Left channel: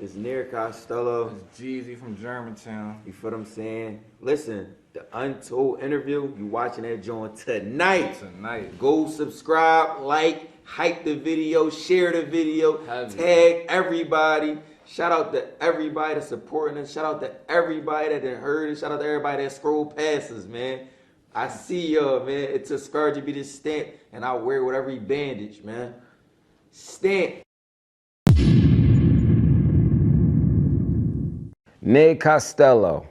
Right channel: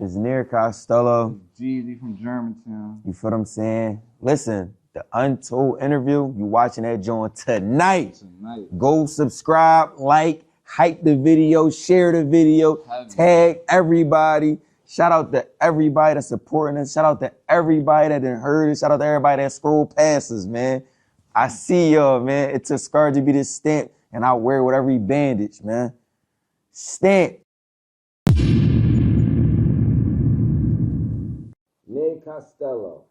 It's Nir Costello. It's Jeezy from Germantown. You feel what I'm saying? Listen, the Untold Interview, you watching that joint tonight. Go subscribe, like, hype the video, share the video, tag everybody. Shout out to everybody that's supporting us. Shout out to everybody that done heard it. Shout out to everybody that scrolled past us, man. I see y'all, man. It took Scar to be this stint, and I wear it with every bandage, man. Stint. Nir Costello.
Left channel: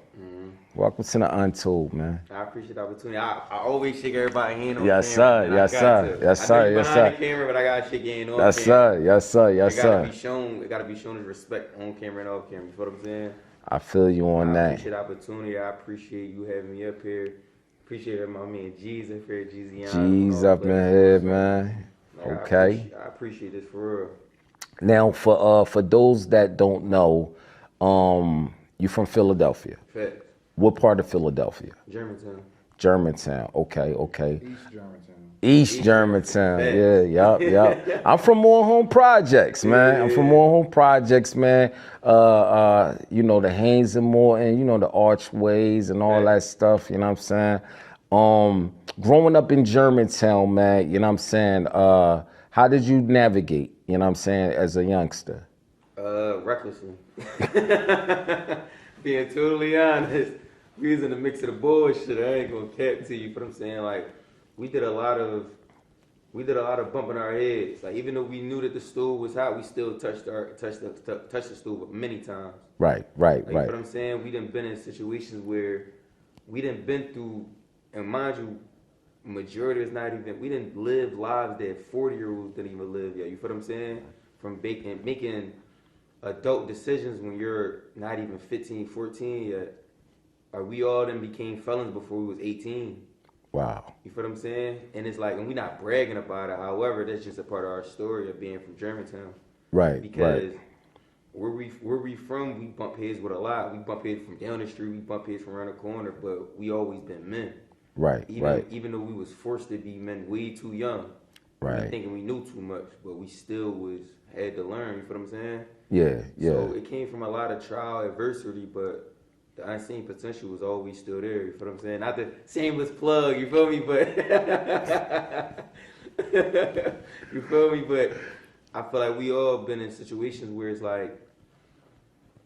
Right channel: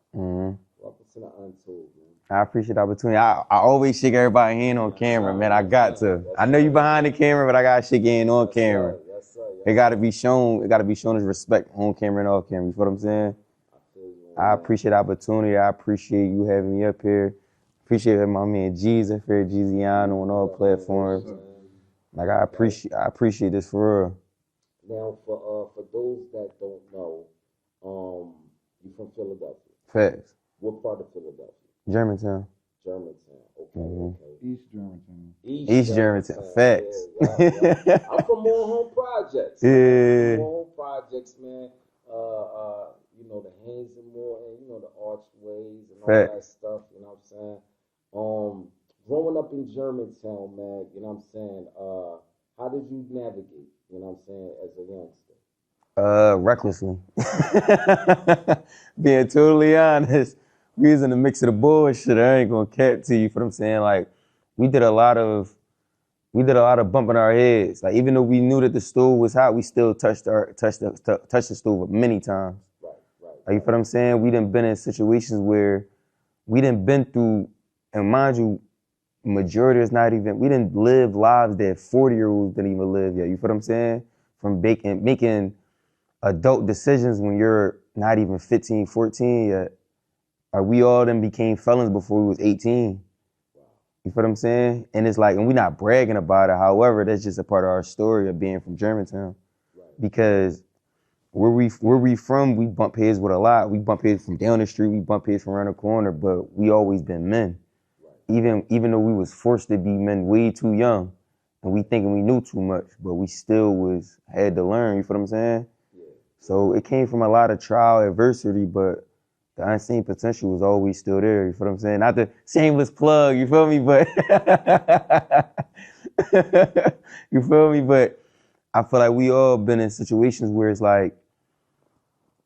Welcome to the Untold, man. I appreciate the opportunity. I always shake everybody's hand on camera, sir. man. Yes, I got sir. to. Yes, I know sir. you behind the camera, but I gotta shake your hand on Yes, camera. sir. Yes, sir. Yes, It gotta sir. be shown. It gotta be shown as respect on camera and off camera. You feel what I'm saying? I feel you on that. I appreciate the opportunity. I appreciate you having me up here. Appreciate having my man G's up here, Jeezy on all up in here, man. Like Okay. I appreciate this for real. Now, for those that don't know, you from Philadelphia. Facts. What part of Philadelphia? Germantown. Germantown. Okay, okay. East Germantown. East Germantown. Facts. Yeah, yeah. I'm from More Home Projects, man. I'm from More Home Projects, man. You know, the Haynes and Morton, you know, the archways and all that stuff, you know what I'm saying? Growing up in Germantown, man, you know what I'm saying? How did you navigate, you know what I'm saying, as a youngster? Recklessly. Being totally honest, we was in the mix of the bullshit. I ain't gonna cap to you for what I'm saying. Like, we did a lot of bumping our heads. Like, even though we knew that the stove was hot, we still touched the stove many times. Right. Like, you feel what I'm saying? We done been in situations where we done been through, and mind you, majority is not even, we didn't live lives that 40-year-olds didn't even live yet. You feel what I'm saying? From making adult decisions when you're not even 15, 14 yet. Like, we all then became felons before we was 18. Wow. You feel what I'm saying? And it's like, and we're not bragging about it. However, that's just a part of our story of being from Germantown. Right. Because where we from, we bump heads with a lot. We bump heads from down the street, we bump heads from around the corner, but we always been men. Right. Even though we was forced to be men way too young. Right. We thinking we knew too much, but we still had to learn, you feel what I'm saying? Yeah. So it came from a lot of trial adversity, but the unseen potential was always still there, you feel what I'm saying? Not the shameless plug, you feel me? But you feel me? But I feel like we all been in situations where it's like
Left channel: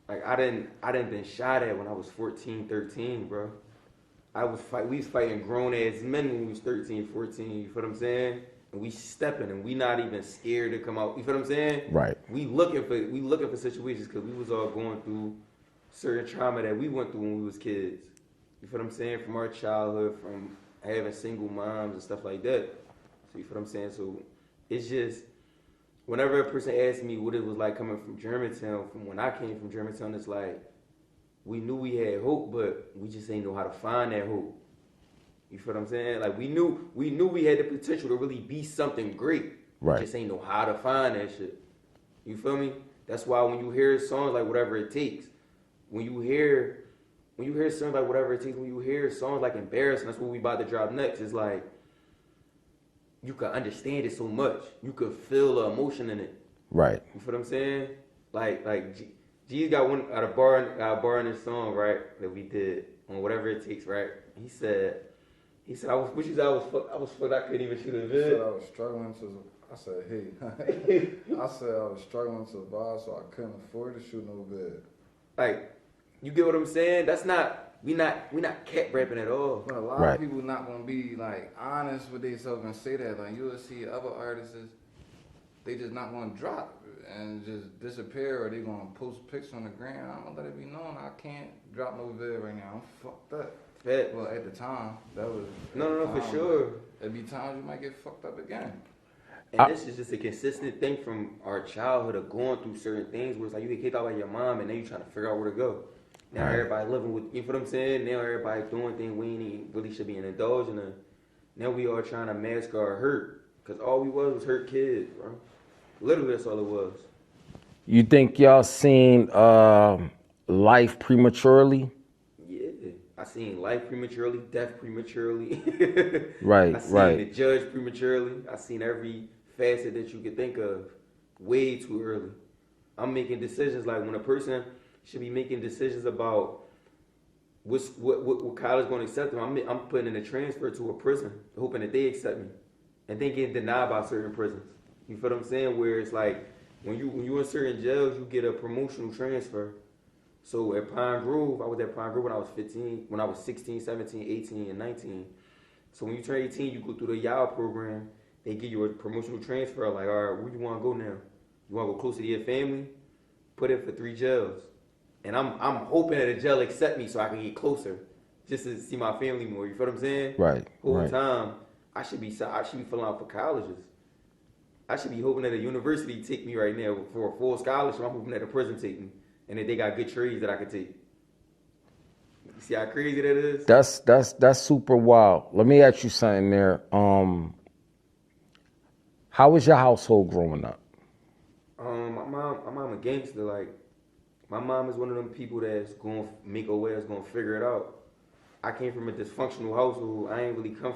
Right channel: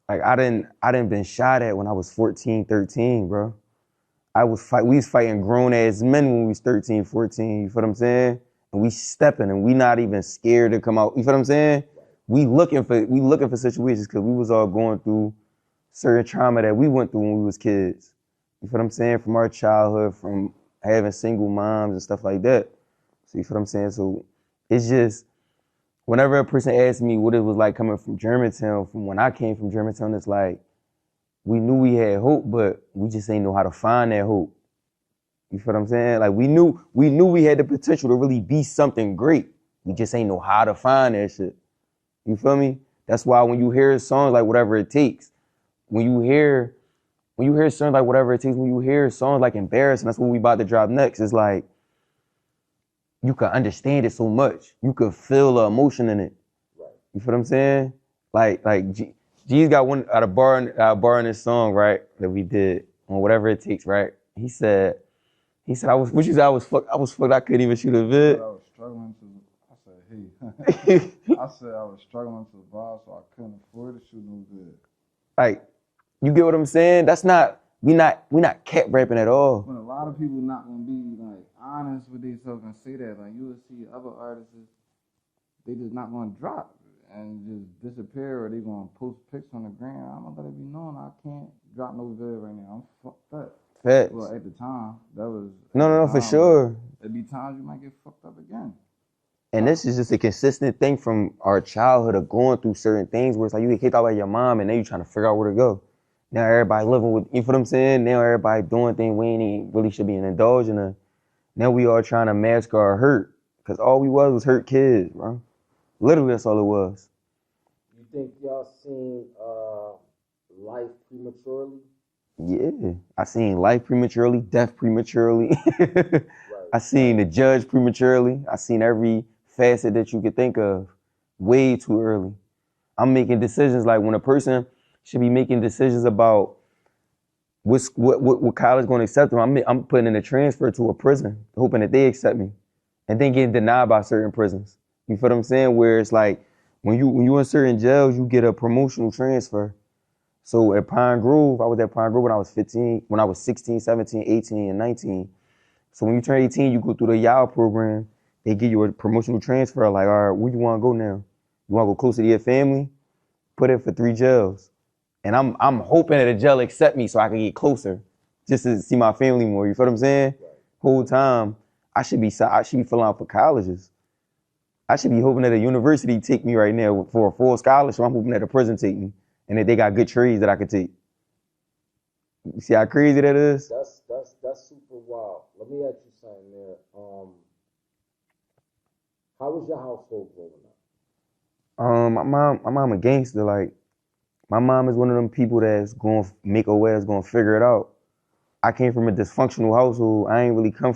I didn't been shot at when I was 14, 13, bro. We was fighting grown ass men when we was 13, 14, you feel what I'm saying? And we stepping and we not even scared to come out, you feel what I'm saying? Right. We looking for situations because we was all going through certain trauma that we went through when we was kids. You feel what I'm saying? From our childhood, from having single moms and stuff like that. So you feel what I'm saying? So it's just, whenever a person asks me what it was like coming from Germantown, from when I came from Germantown, it's like, we knew we had hope, but we just ain't know how to find that hope. You feel what I'm saying? Like, we knew we had the potential to really be something great. We just ain't know how to find that shit. You feel me? That's why when you hear songs like Whatever It Takes, when you hear songs like Whatever It Takes, when you hear songs like Embarrassing, that's what we about to drop next, it's like, you can understand it so much. You could feel the emotion in it. Right. You feel what I'm saying? Like G's got a bar in this song, right, that we did on Whatever It Takes, right? He said, I was fucked, I couldn't even shoot a vid. I was struggling to survive, so I couldn't afford to shoot no vid. Like, you get what I'm saying? That's not, we not cat rapping at all. But a lot of people not gonna be like honest with themselves and say that. Like, you will see other artists, they just not gonna drop and just disappear, or they gonna post pics on the gram. I'm gonna let it be known I can't drop no vid right now. I'm fucked up. Facts. Well, at the time, that was No, for sure. There'd be times you might get fucked up again. And this is just a consistent thing from our childhood of going through certain things where it's like you get kicked out by your mom and then you trying to figure out where to go. Now everybody living with, you feel what I'm saying? Now everybody doing things we ain't even really should be indulging in. Now we all trying to mask our hurt, because all we was hurt kids, bro. Literally, that's all it was. You think y'all seen life prematurely? Yeah, I seen life prematurely, death prematurely. Right. I seen the judge prematurely. I seen every facet that you could think of way too early. I'm making decisions like when a person should be making decisions about what college going to accept them. I'm putting in a transfer to a prison, hoping that they accept me, and then getting denied by certain prisons. You feel what I'm saying? Where it's like when you in certain jails, you get a promotional transfer. So at Pine Grove, I was at Pine Grove when I was 15, when I was 16, 17, 18, and 19. So when you turn 18, you go through the YAL program. They give you a promotional transfer. Like, all right, where you want to go now? You want to go closer to your family? Put in for 3 jails. And I'm hoping that a jail accept me so I can get closer, just to see my family more. You feel what I'm saying? Right. Whole time, I should be filling out for colleges. I should be hoping that a university take me right now for a full scholarship. I'm hoping that a prison take me, and that they got good trades that I could take. You see how crazy that is? That's super wild. Let me ask you something there. How was your household growing up? My mom a gangster. Like, my mom is one of them people that's gonna make a way, that's gonna figure it out. I came from a dysfunctional household. I ain't really come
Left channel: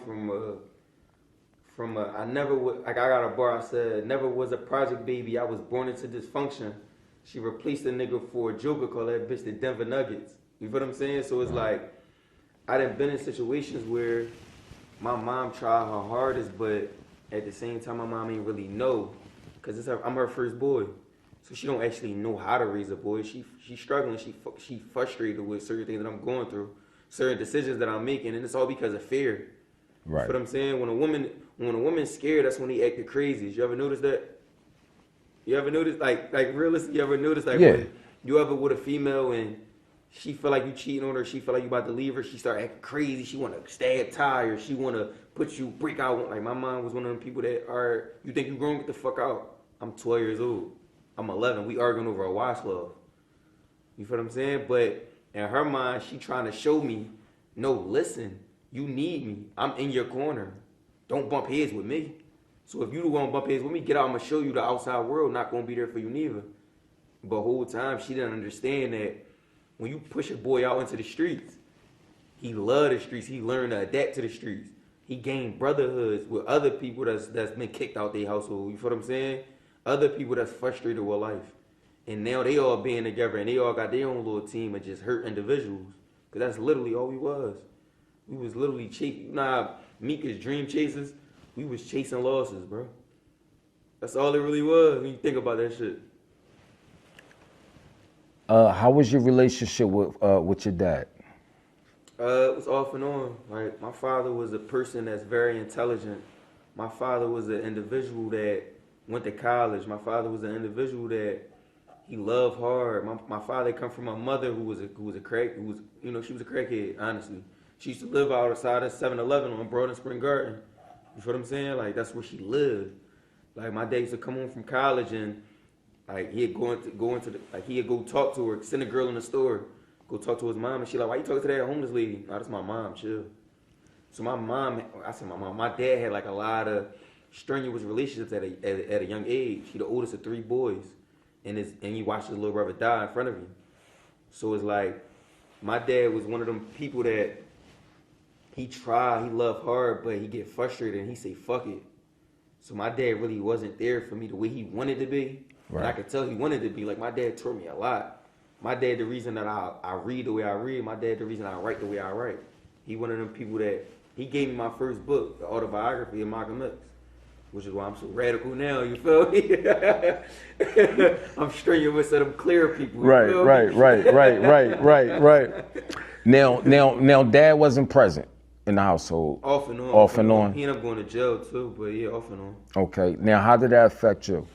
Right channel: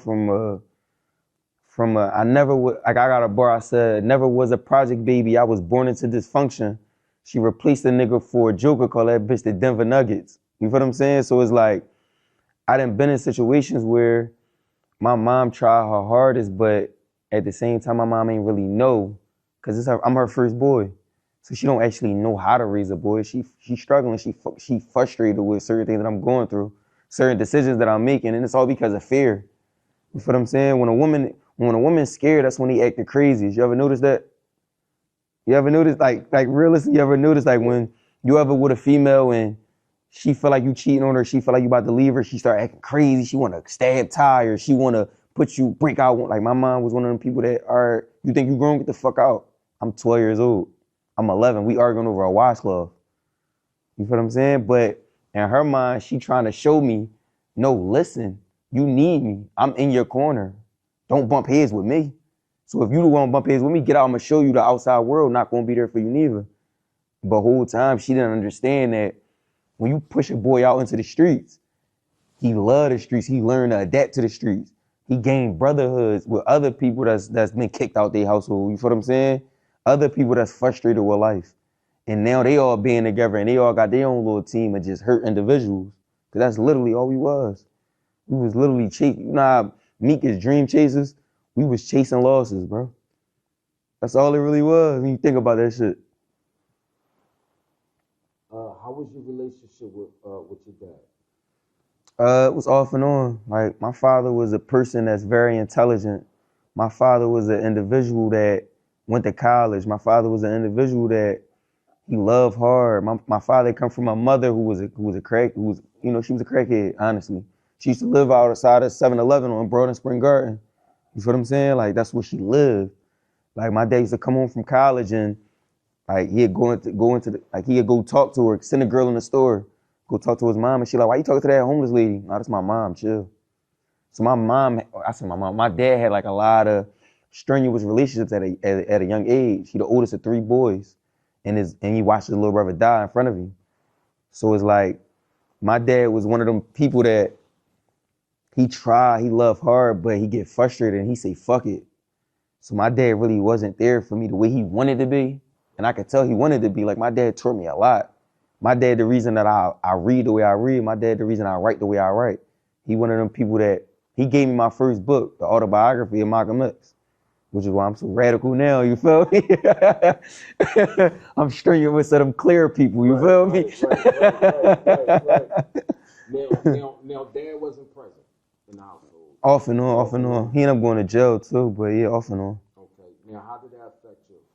I never would, like I got a bar, I said, never was a project baby. I was born into dysfunction. She replaced a nigga for a joker, called that bitch the Denver Nuggets. You feel what I'm saying? So it's like, I done been in situations where my mom tried her hardest, but at the same time, my mom ain't really know, because I'm her first boy. So she don't actually know how to raise a boy. She's struggling, she frustrated with certain things that I'm going through, certain decisions that I'm making, and it's all because of fear. Right. You feel what I'm saying? When a woman's scared, that's when they act the craziest. You ever notice that? You ever notice, like realistically, you ever notice when you ever with a female and she feel like you cheating on her, she feel like you about to leave her, she start acting crazy, she want to stab tie her, she want to break out. Like my mom was one of them people that you think you grown, get the fuck out. I'm 12 years old. I'm 11. We arguing over a washcloth. You feel what I'm saying? But in her mind, she trying to show me, no, listen, you need me. I'm in your corner. Don't bump heads with me. So if you don't want to bump heads with me, get out. I'm going to show you the outside world. Not going to be there for you neither. But the whole time, she didn't understand that when you push a boy out into the streets, he love the streets. He learned to adapt to the streets. He gained brotherhoods with other people that's been kicked out their household. You feel what I'm saying? Other people that's frustrated with life. And now they all being together and they all got their own little team of just hurt individuals. Because that's literally all we was. We was literally chasing. You know how Meek is dream chasers? We was chasing losses, bro. That's all it really was when you think about that shit. How was your relationship with your dad? It was off and on. Like, my father was a person that's very intelligent. My father was an individual that went to college. My father was an individual that he loved hard. My father come from a mother who was a she was a crackhead, honestly. She used to live outside of 7-Eleven on Broad and Spring Garden. You feel what I'm saying? Like, that's where she lived. Like, my dad used to come home from college and like he'd go talk to her, send a girl in the store, go talk to his mom, and she like, why you talking to that homeless lady? No, that's my mom, chill. So my dad had like a lot of strenuous relationships at a young age. He the oldest of 3 boys, and he watched his little brother die in front of him. So it's like, my dad was one of them people that he loved hard, but he get frustrated and he say, fuck it. So my dad really wasn't there for me the way he wanted to be. Right. And I could tell he wanted to be. Like, my dad taught me a lot. My dad, the reason that I read the way I read, my dad, the reason I write the way I write. He one of them people that, he gave me my first book, the autobiography of Malcolm X, which is why I'm so radical now, you feel me? I'm stringing with some clear people, you feel me? Right. Now, dad wasn't present in the household. Off and on. He ended up going to jail too, but yeah, off and on. Okay, now how did that affect you?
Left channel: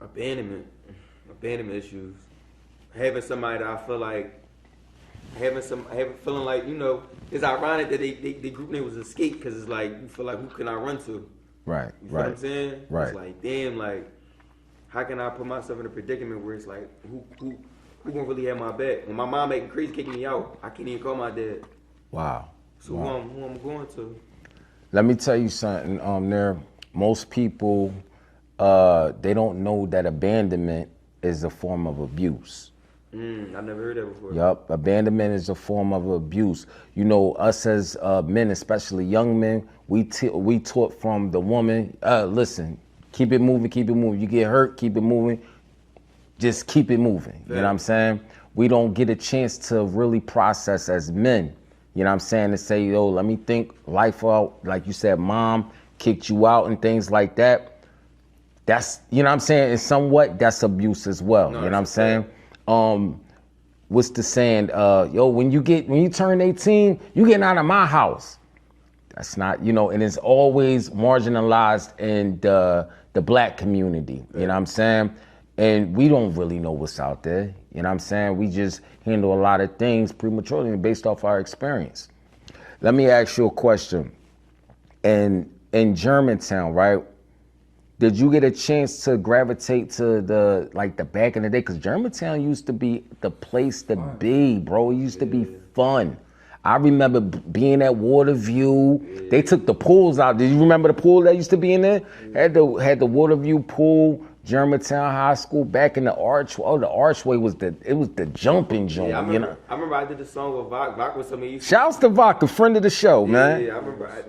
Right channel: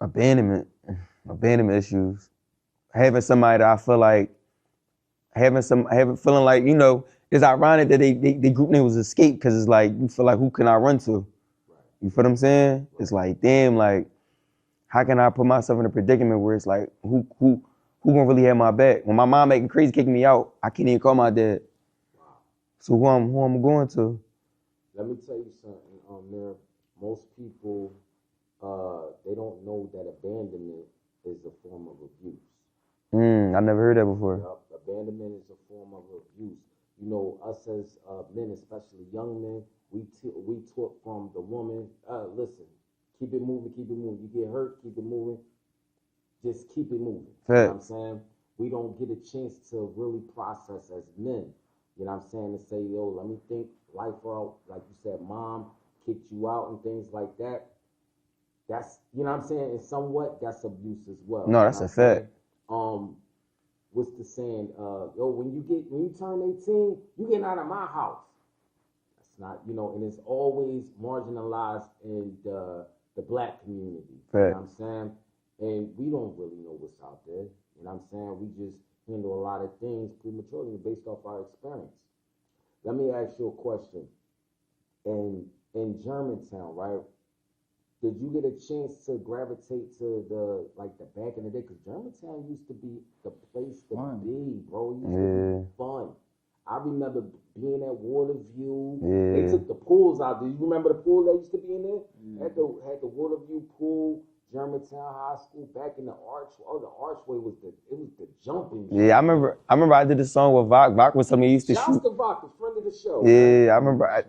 Abandonment issues. Having somebody that I feel like, feeling like, you know, it's ironic that they group name was Escape, because it's like, you feel like, who can I run to? Right. You feel what I'm saying? Right. It's like, damn, like, how can I put myself in a predicament where it's like, who gonna really have my back? When my mom making crazy, kicking me out, I can't even call my dad. Wow. So who I'm going to? Let me tell you something, most people, they don't know that abandonment is a form of abuse. I never heard that before. Yup, abandonment is a form of abuse. You know, us as men, especially young men, we taught from the woman, listen, keep it moving. You get hurt, keep it moving. just keep it moving. You know what I'm saying? We don't get a chance to really process as men. You know what I'm saying? To say, yo, let me think life out. Like you said, mom kicked you out and things like that. That's, you know what I'm saying? And somewhat, that's abuse as well. No, you know what I'm saying? What's the saying? Yo, when you turn 18, you getting out of my house. That's not, you know, and it's always marginalized in the black community. You know what I'm saying? And we don't really know what's out there. You know what I'm saying? We just handle a lot of things prematurely based off our experience. Let me ask you a question. In Germantown, right? Did you get a chance to gravitate to the back in the day? Because Germantown used to be the place to be, bro. It used to be fun. I remember being at Waterview. They took the pools out. Did you remember the pool that used to be in there? Had the Waterview pool, Germantown High School, back in the archway. Oh, the archway was the jumping joint. Yeah, I remember I did a song with Vok. Vok was something he used to Shouts to Vok, a friend of the show, man. Yeah, I remember.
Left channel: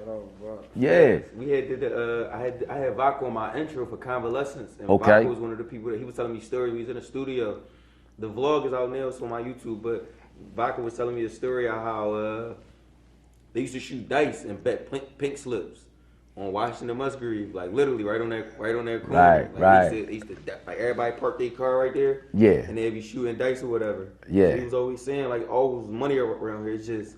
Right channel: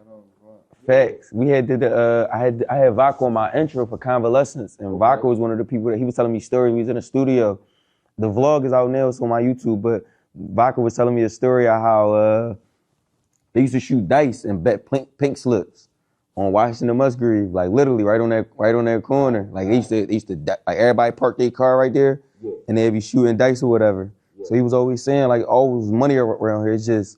Yeah, we had did the I had Vok on my intro for Convalescence, and Vok was one of the people that he was telling me stories. We was in the studio. The vlog is out now, it's on my YouTube, but Vok was telling me a story of how they used to shoot dice and bet pink slips on Washington Musgrave, like literally right on that corner. They used to like everybody parked their car right there. Yeah. And they'd be shooting dice or whatever. Yeah. So he was always saying like always money around here. It's just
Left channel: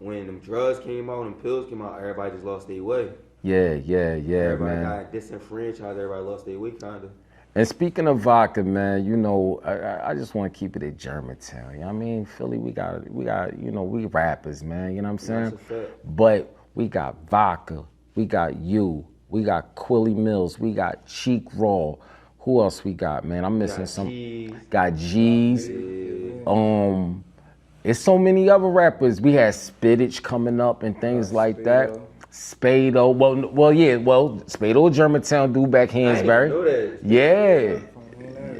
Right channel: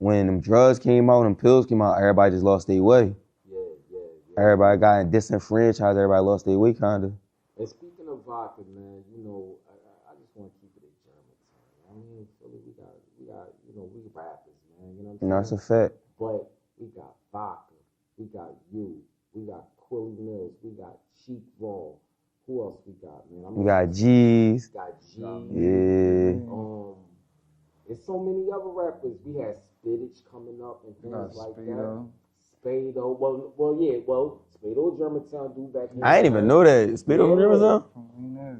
when them drugs came out, them pills came out, everybody just lost their way. Yeah. Everybody got disenfranchised, everybody lost their way kinda. And speaking of vodka, man, you know, I just want to keep it at Germantown. You know what I mean? Philly, we got, you know, we rappers, man. You know what I'm saying? That's a fact. But we got vodka, we got you, we got Quilly Mills, we got Cheek Raw. Who else we got, man? I'm missing some. G's. Got G's. Yeah. It's so many other rappers. We had Spittage coming up and things like that. Spado. Spado, Germantown dude back Hansberry. I didn't even know that. Spado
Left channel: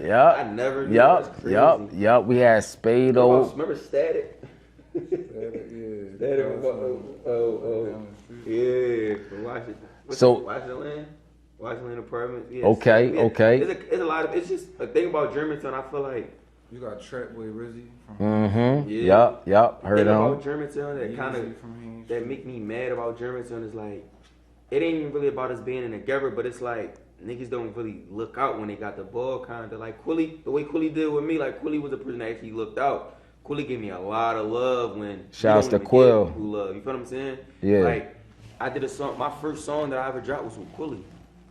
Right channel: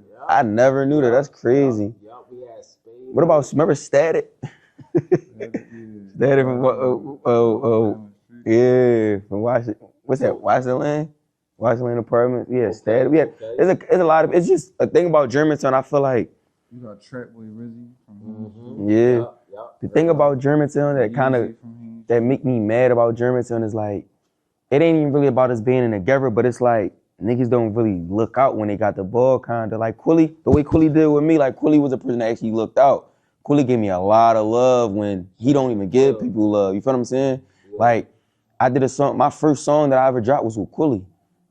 Yeah. I never knew that. That's crazy. Yep. We had Spado. What about, remember Static? Static from, from Washington. What's that, Washington apartment? Yeah. Okay. It's a lot of, it's just a thing about Germantown, I feel like. You got Trapway Rizzy from Yeah. Yep. The thing about Germantown that make me mad about Germantown is like, it ain't even really about us being in together, but it's like, niggas don't really look out when they got the ball, kinda. Like Quilly, the way Quilly did with me, like Quilly was a person that actually looked out. Quilly gave me a lot of love when he don't even give people love. You feel what I'm saying? Yeah. Like, I did a song, my first song that I ever dropped was with Quilly.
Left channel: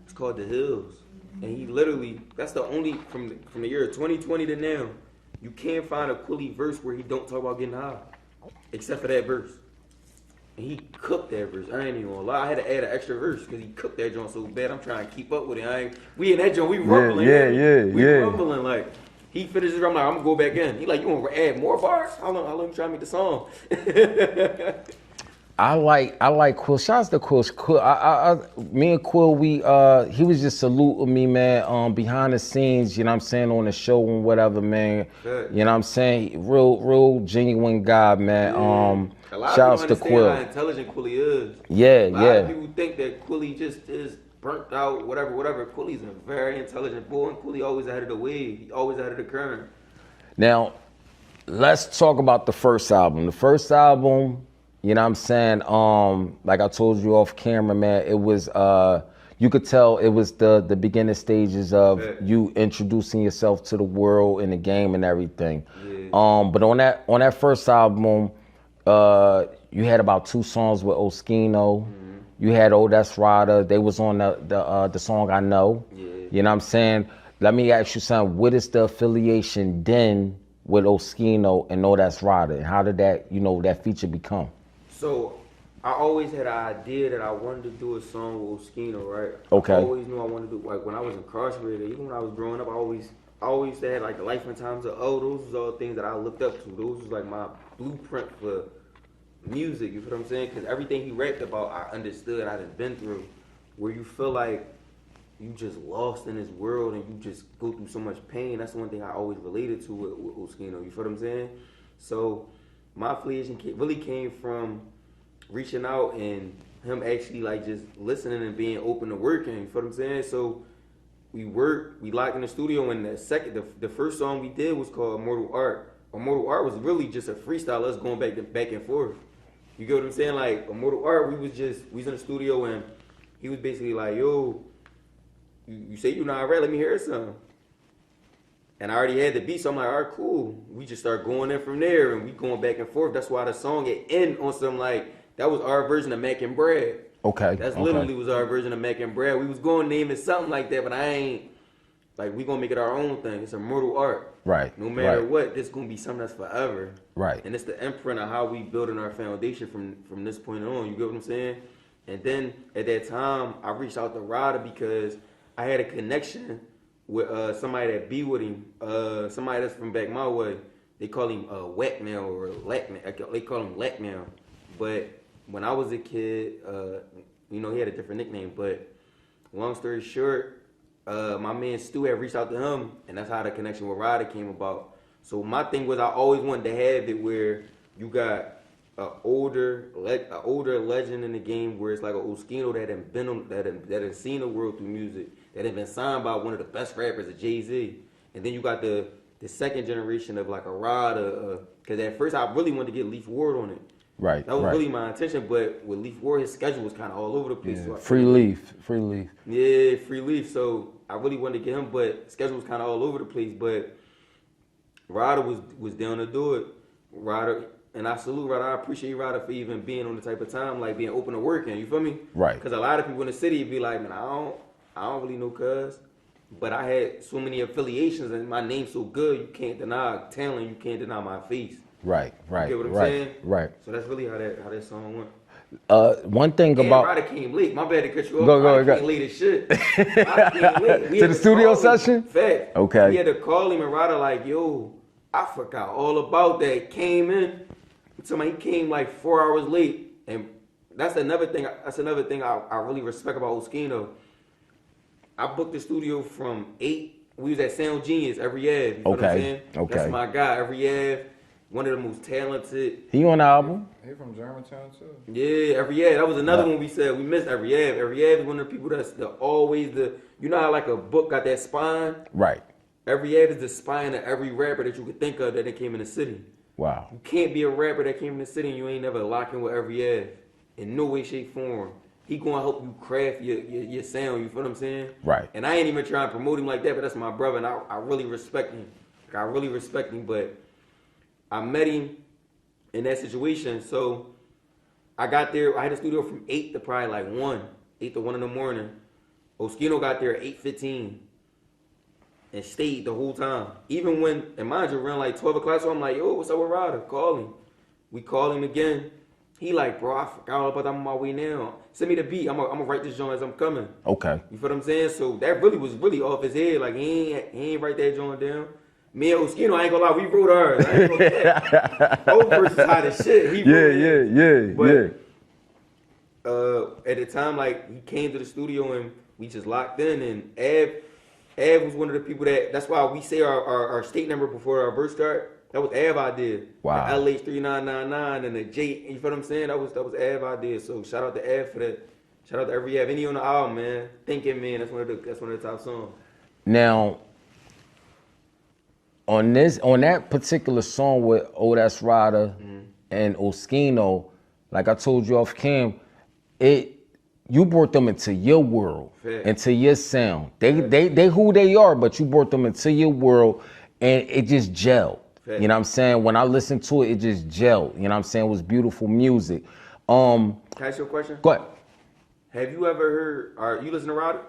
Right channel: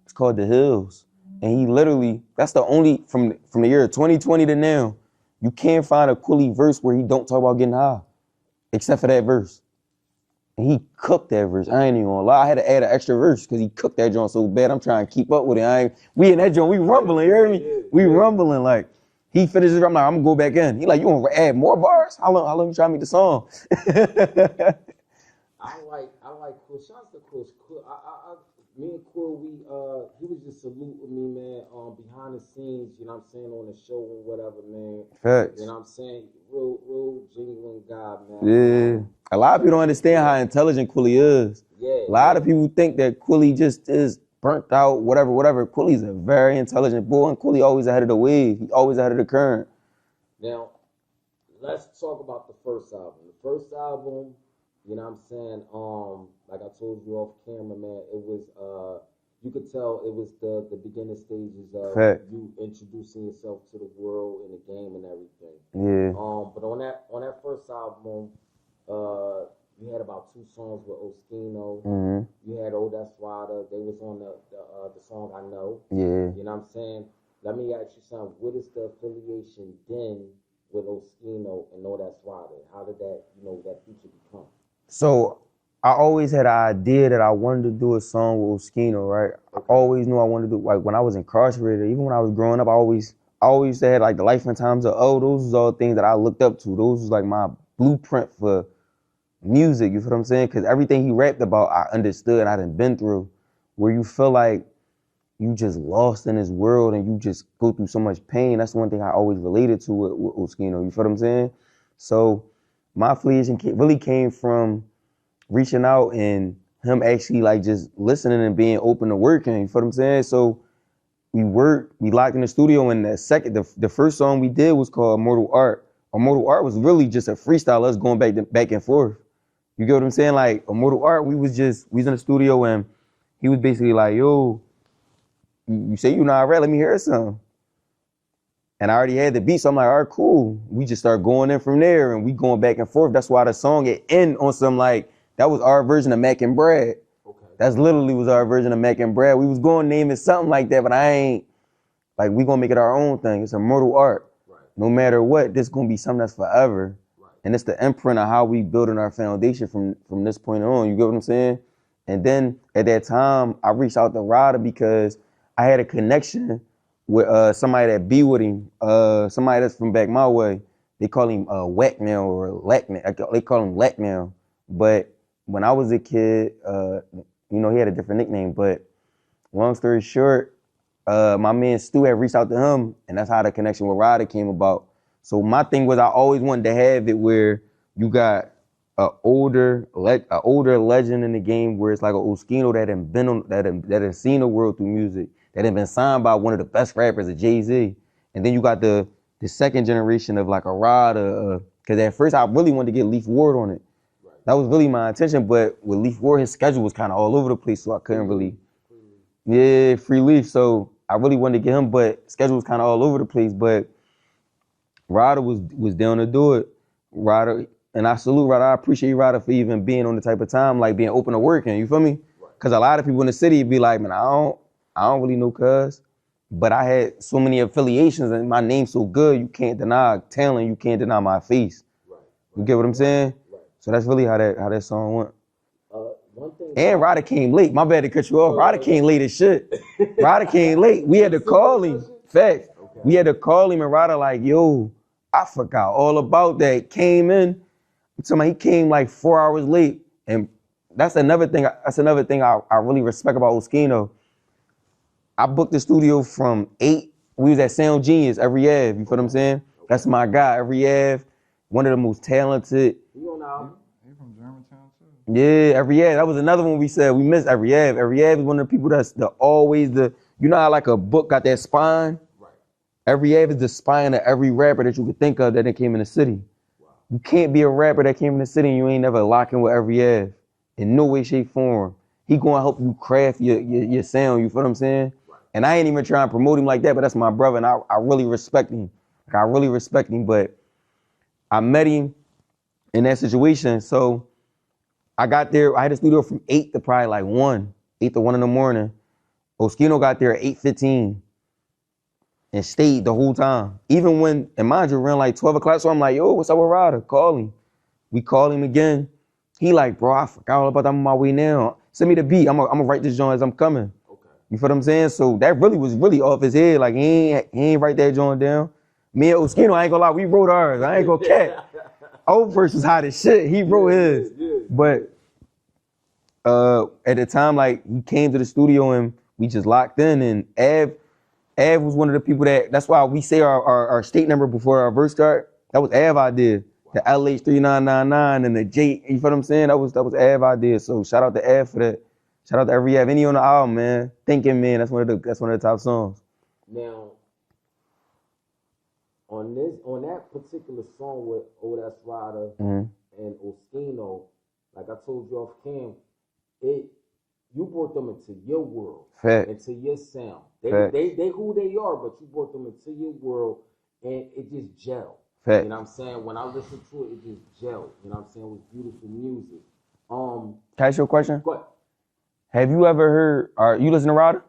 It's called The Hills. And he literally, that's the only, from the year 2020 to now, you can't find a Quilly verse where he don't talk about getting high, except for that verse. And he cooked that verse. I ain't even gonna lie. I had to add an extra verse because he cooked that joint so bad. I'm trying to keep up with it. We in that joint, we rumbling. We rumbling. Like, he finishes, I'm like, I'm gonna go back in. He like, you wanna add more bars? How long you try to make the song? I like Quill. Shouts to Quill. Me and Quill, he was just saluting me, man, behind the scenes, you know what I'm saying, on the show and whatever, man. Good. You know what I'm saying? Real genuine guy, man. Yeah. A lot of people don't understand how intelligent Quilly is. Yeah, A lot of people think that Quilly just is burnt out, whatever. Quilly's a very intelligent boy, and Quilly always ahead of the wave. He always ahead of the current. Now, let's talk about the first album. The first album, you know what I'm saying? Like I told you off camera, man, it was you could tell it was the beginning stages of you introducing yourself to the world and the game and everything. Yeah. But on that first album, you had about 2 songs with Oschino. Mm-hmm. You had Oh That's Rada. They was on the song I Know. Yeah. You know what I'm saying? Let me ask you something. What is the affiliation then with Oschino and Oh That's Rada? And how did that, that feature become? So I always had an idea that I wanted to do a song with Oschino, right? Okay. I always knew I wanted to do, like when I was incarcerated, even when I was growing up, I always had like the life and times of those was all things that I looked up to. Those was like my blueprint for music, you feel what I'm saying? Because everything he rapped about, I understood and I done been through. Where you feel like you just lost in this world and you just go through so much pain. That's one thing I always related to with Oschino, you feel what I'm saying? So my affiliation really came from reaching out and him actually like just listening and being open to working, you feel what I'm saying? So we worked, we locked in the studio, and the first song we did was called Immortal Art. Immortal Art was really just a freestyle, us going back and forth. You get what I'm saying? Like, Immortal Art, we was in the studio, and he was basically like, yo, you say you not rap, let me hear something. And I already had the beat, so I'm like, all right, cool. We just start going in from there, and we going back and forth. That's why the song it end on some like, that was our version of Mac and Brad. Okay. That's literally was our version of Mac and Brad. We was going to name it something like that, but I ain't, like, we gonna make it our own thing. It's Immortal Art. Right. No matter what, this gonna be something that's forever. Right. And it's the imprint of how we building our foundation from this point on. You get what I'm saying? And then at that time, I reached out to Ryder because I had a connection with somebody that be with him, somebody that's from back my way. They call him Whack now or Lack now. They call him Lack now. But when I was a kid, he had a different nickname. But long story short, my man Stu had reached out to him, and that's how the connection with Ryder came about. So my thing was I always wanted to have it where you got an older legend in the game where it's like an Oschino that had seen the world through music, that had been signed by one of the best rappers, Jay-Z. And then you got the second generation of like a Ryder, because at first I really wanted to get Leaf Ward on it. Right. That was really my intention, but with Leaf Ward, his schedule was kind of all over the place. Yeah, so free Leaf. Yeah, Free Leaf. So I really wanted to get him, but schedule was kind of all over the place. But Ryder was down to do it. Ryder, and I salute Ryder. I appreciate Ryder for even being on the type of time, like being open to working. You feel me? Right. Because a lot of people in the city would be like, man, I don't really know cuz. But I had so many affiliations and my name's so good, you can't deny talent, you can't deny my face. Right. You get what I'm saying? Right. So that's really how that song went. One thing and about Ryder came late. My bad to cut you off. Go, Ryder came late as shit. Ryder came late. We had the to studio call him. session? Fact. Okay. We had to call him and Ryder like, yo, I forgot all about that. Came in. Somebody, he came like 4 hours late. And that's another thing I really respect about Oschino. I booked the studio from 8. We was at Sound Genius every Ave. You feel what I'm saying? Okay. That's my guy every Ave. One of the most talented. He on the album? He from Germantown too. Yeah, every Ave. That was another one we said we missed. Every Ave. Every Ave is one of the people that's always you know how like a book got that spine? Right. Every Ave is the spine of every rapper that you could think of that came in the city. Wow. You can't be a rapper that came in the city and you ain't never locking with every Ave. In no way, shape, form. He gonna help you craft your sound, you feel what I'm saying? Right. And I ain't even trying to promote him like that, but that's my brother and I really respect him. I really respect him, but I met him in that situation. So I got there, I had a studio from 8 to probably like 1, 8 to 1 in the morning. Oschino got there at 8:15 and stayed the whole time. Even when, and mind you, around like 12 o'clock, so I'm like, yo, what's up with Ryder? Call him. We called him again. He like, bro, I forgot all about that. I'm on my way now. Send me the beat. I'm gonna write this joint as I'm coming. Okay. You feel what I'm saying? So that really was off his head. Like he ain't write that joint down. Me and Oschino, I ain't gonna lie, we wrote ours. I ain't gonna cap. Old versus hot as shit. He wrote his. Yeah. But at the time, like he came to the studio and we just locked in. And Av was one of the people that's why we say our state number before our verse start. That was Av idea. Wow. The LH3999 and the J, you feel what I'm saying? That was Av idea. So shout out to Av for that. Shout out to every Av. Any on the album, man. Thinking Man, that's one of the top songs. Now, on that particular song with That's Ryder and Oschino, like I told you off cam, you brought them into your world, into your sound. They who they are, but you brought them into your world, and it just gelled. You know what I'm saying? When I listened to it, it just gelled. You know what I'm saying? It was beautiful music. Can I ask you a question? Go ahead. Have you ever heard, you listen to Ryder?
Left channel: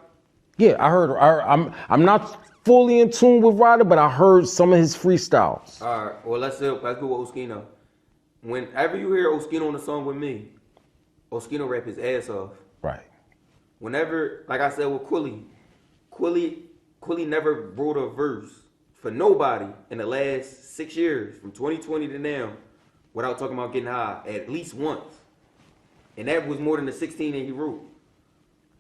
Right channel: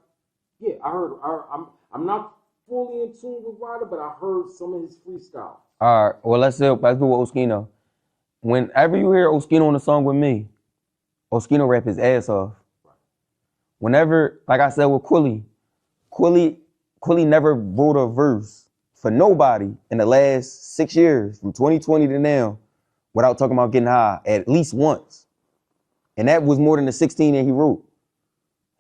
Yeah, I heard. I'm not fully in tune with Ryder, but I heard some of his freestyles. All right, well, let's do with Oschino. Whenever you hear Oschino on a song with me, Oschino rap his ass off. Right. Whenever, like I said with Quilly never wrote a verse for nobody in the last 6 years, from 2020 to now, without talking about getting high at least once. And that was more than the 16 that he wrote.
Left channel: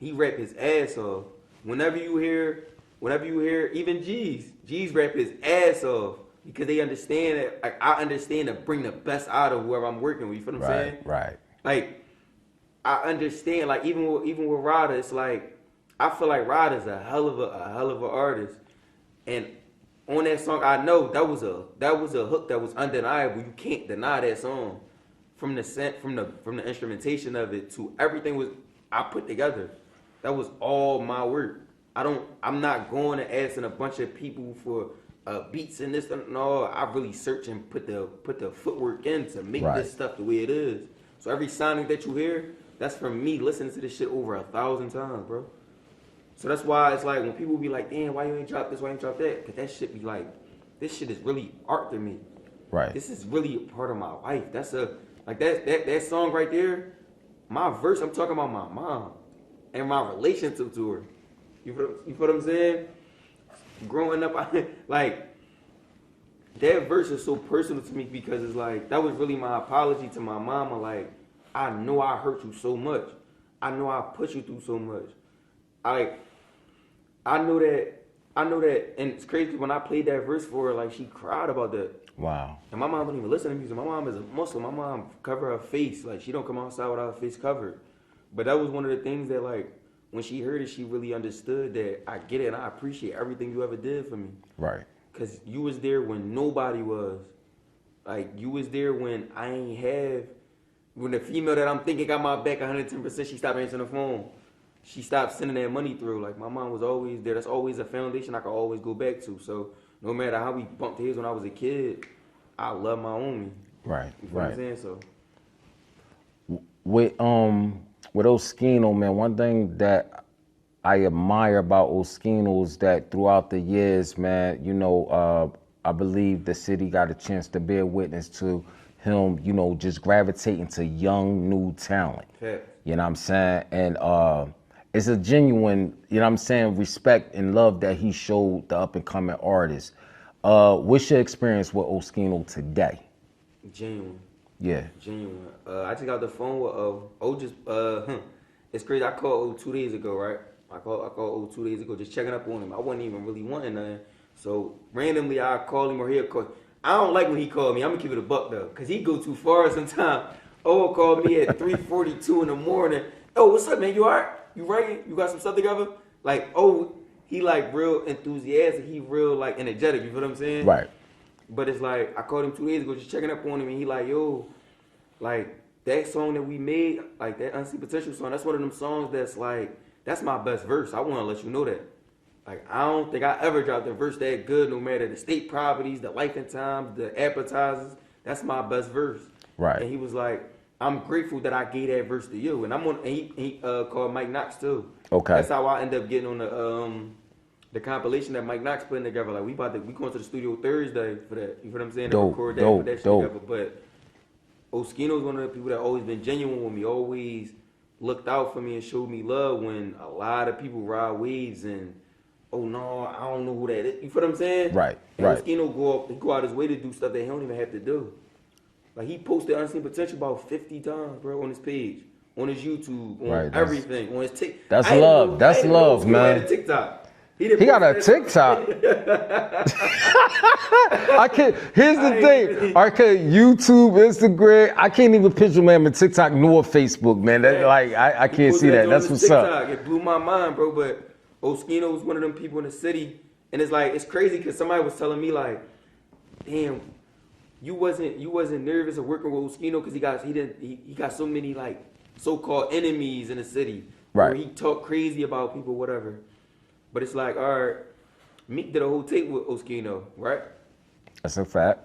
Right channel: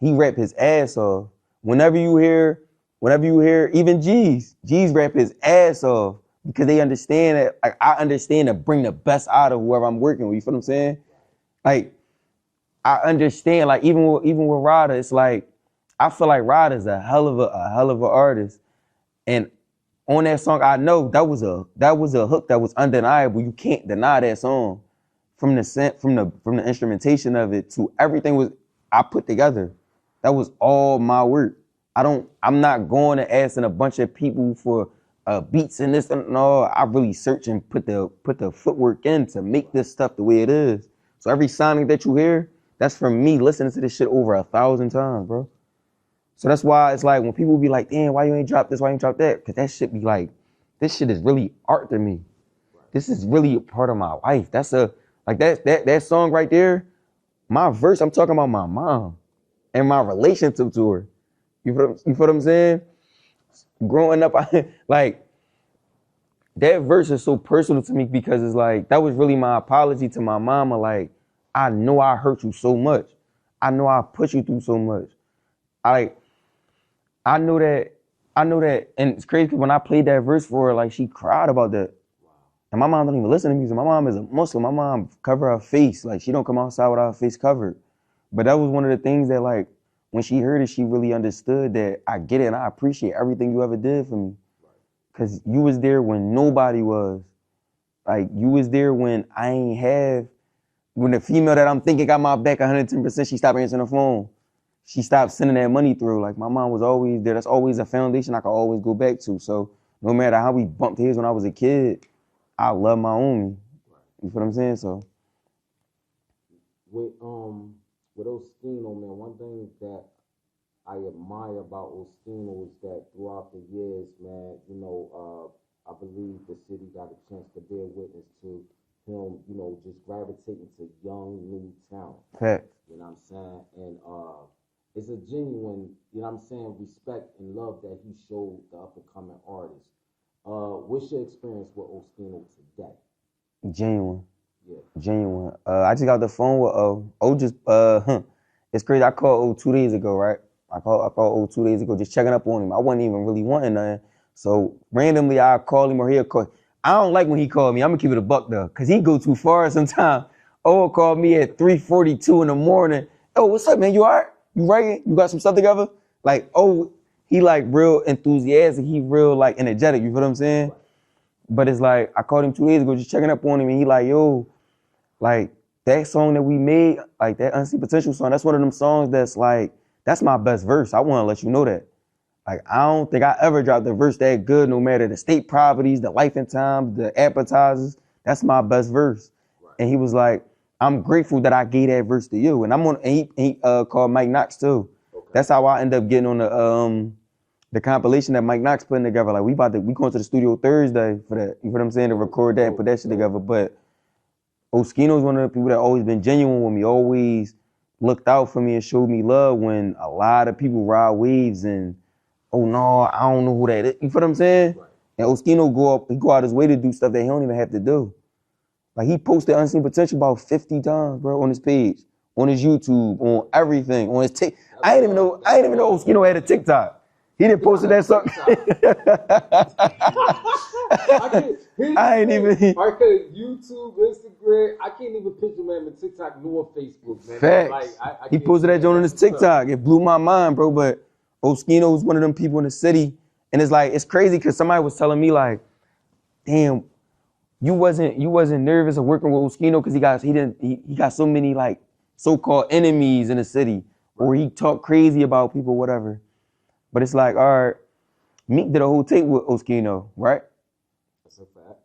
He rapped his ass off. Whenever you hear even G's rap his ass off because they understand that, like, I understand to bring the best out of whoever I'm working with, you feel what I'm saying? Right. Like, I understand, like, even with Ryder, it's like, I feel like Rod is a hell of a artist, and on that song, I know that was a hook that was undeniable. You can't deny that song, from the instrumentation of it to everything I put together. That was all my work. I'm not going and asking a bunch of people for beats and this and no. I really search and put the footwork in to make this stuff the way it is. So every sounding that you hear, that's from me listening to this shit over 1,000 times, bro. So that's why it's like when people be like, damn, why you ain't drop this, why you ain't drop that? Because that shit be like, this shit is really art to me. Right. This is really a part of my life. That's that song right there, my verse, I'm talking about my mom and my relationship to her. You feel what I'm saying? Growing up, like, that verse is so personal to me because it's like, that was really my apology to my mama. Like, I know I hurt you so much. I know I put you through so much. I know that, and it's crazy when I played that verse for her, like, she cried about that. Wow. And my mom don't even listen to music. My mom is a Muslim. My mom cover her face. Like, she don't come outside without her face covered. But that was one of the things that, like, when she heard it, she really understood that I get it and I appreciate everything you ever did for me. Right. Because you was there when nobody was. Like, you was there when I ain't have, when the female that I'm thinking got my back 110%, she stopped answering the phone. She stopped sending that money through. Like, my mom was always there. That's always a foundation I could always go back to. So no matter how we bumped heads when I was a kid, I love my own. Right. You know what I'm saying? So with Oschino, man, one thing that I admire about Oschino is that throughout the years, man, you know, I believe the city got a chance to bear witness to him, you know, just gravitating to young, new talent. Fact. You know what I'm saying? And it's a genuine, you know what I'm saying, respect and love that he showed the up-and-coming artists. What's your experience with Oschino today? Genuine. Yeah. Genuine. I just got the phone with it's crazy. I called 2 days ago, right? I called 2 days ago, just checking up on him. I wasn't even really wanting nothing. So randomly I call him or he'll call. I don't like when he called me. I'm gonna keep it a buck though, cause he go too far sometimes. Called me at 3:42 in the morning. Oh, what's up, man? You all right? You writing? You got some stuff together? Like, he like real enthusiastic. He real like energetic. You feel what I'm saying? Right. But it's like, I called him 2 days ago, just checking up on him, and he like, yo, like, that song that we made, like, that Unseen Potential song, that's one of them songs that's like, that's my best verse. I want to let you know that. Like, I don't think I ever dropped a verse that good, no matter the state properties, the life and times, the appetizers. That's my best verse. Right. And he was like, I'm grateful that I gave that verse to you. And he called Mike Knox too. Okay. That's how I end up getting on the compilation that Mike Knox putting together. Like, we going to the studio Thursday for that. You know what I'm saying? To record that, put that shit together. But Oschino's one of the people that always been genuine with me, always looked out for me and showed me love when a lot of people ride waves and, oh no, I don't know who that is. You feel what I'm saying? Right. And right. Oschino go out his way to do stuff that he don't even have to do. Like, he posted Unseen Potential about 50 times, bro, on his page, on his YouTube, on everything, on his TikTok. That's I love. That's love, Oschino had a TikTok. He didn't post that TikTok. Here's the thing. I can't YouTube, Instagram. I can't even picture man with TikTok nor Facebook, man. I can't he posted see that. on That's his what's TikTok. up. It blew my mind, bro. But Oschino was one of them people in the city, and it's like, it's crazy because somebody was telling me like, damn, you wasn't nervous of working with Oschino because he got so many like so-called enemies in the city, where he talk crazy about people, whatever. But it's like, all right, Meek did a whole tape with Oschino, right? That's a fact.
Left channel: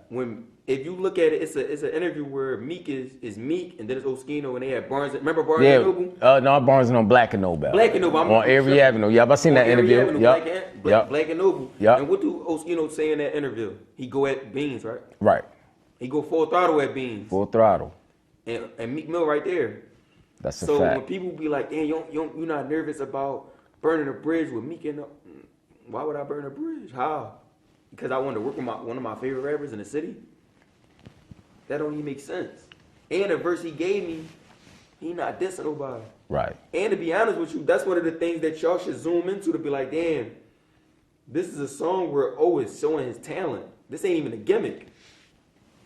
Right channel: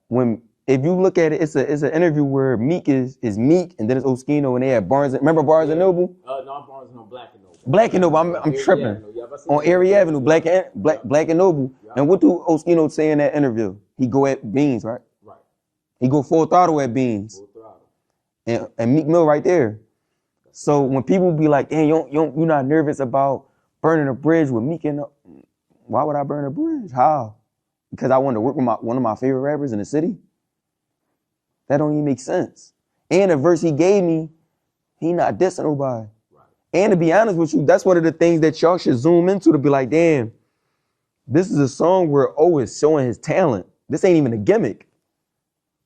If you look at it, it's an interview where Meek is Meek, and then it's Oschino, and they had remember Barnes and Noble? No, Barnes and Noble, Black and Noble. Black and Noble. I'm on Avery Avenue. Yeah, I've seen that interview. On Avery Avenue, Black and Noble. Yep. And what do Oschino say in that interview? He go at Beans, right? Right. He go full throttle at Beans. Full throttle. And Meek Mill right there. That's a so fact. when people be like, "Hey, you're not nervous about burning a bridge with Meek and why would I burn a bridge? How? Because I want to work with one of my favorite rappers in the city? That don't even make sense. And the verse he gave me, he not dissing nobody. Right. And to be honest with you, that's one of the things that y'all should zoom into to be like, damn, this is a song where O is showing his talent. This ain't even a gimmick.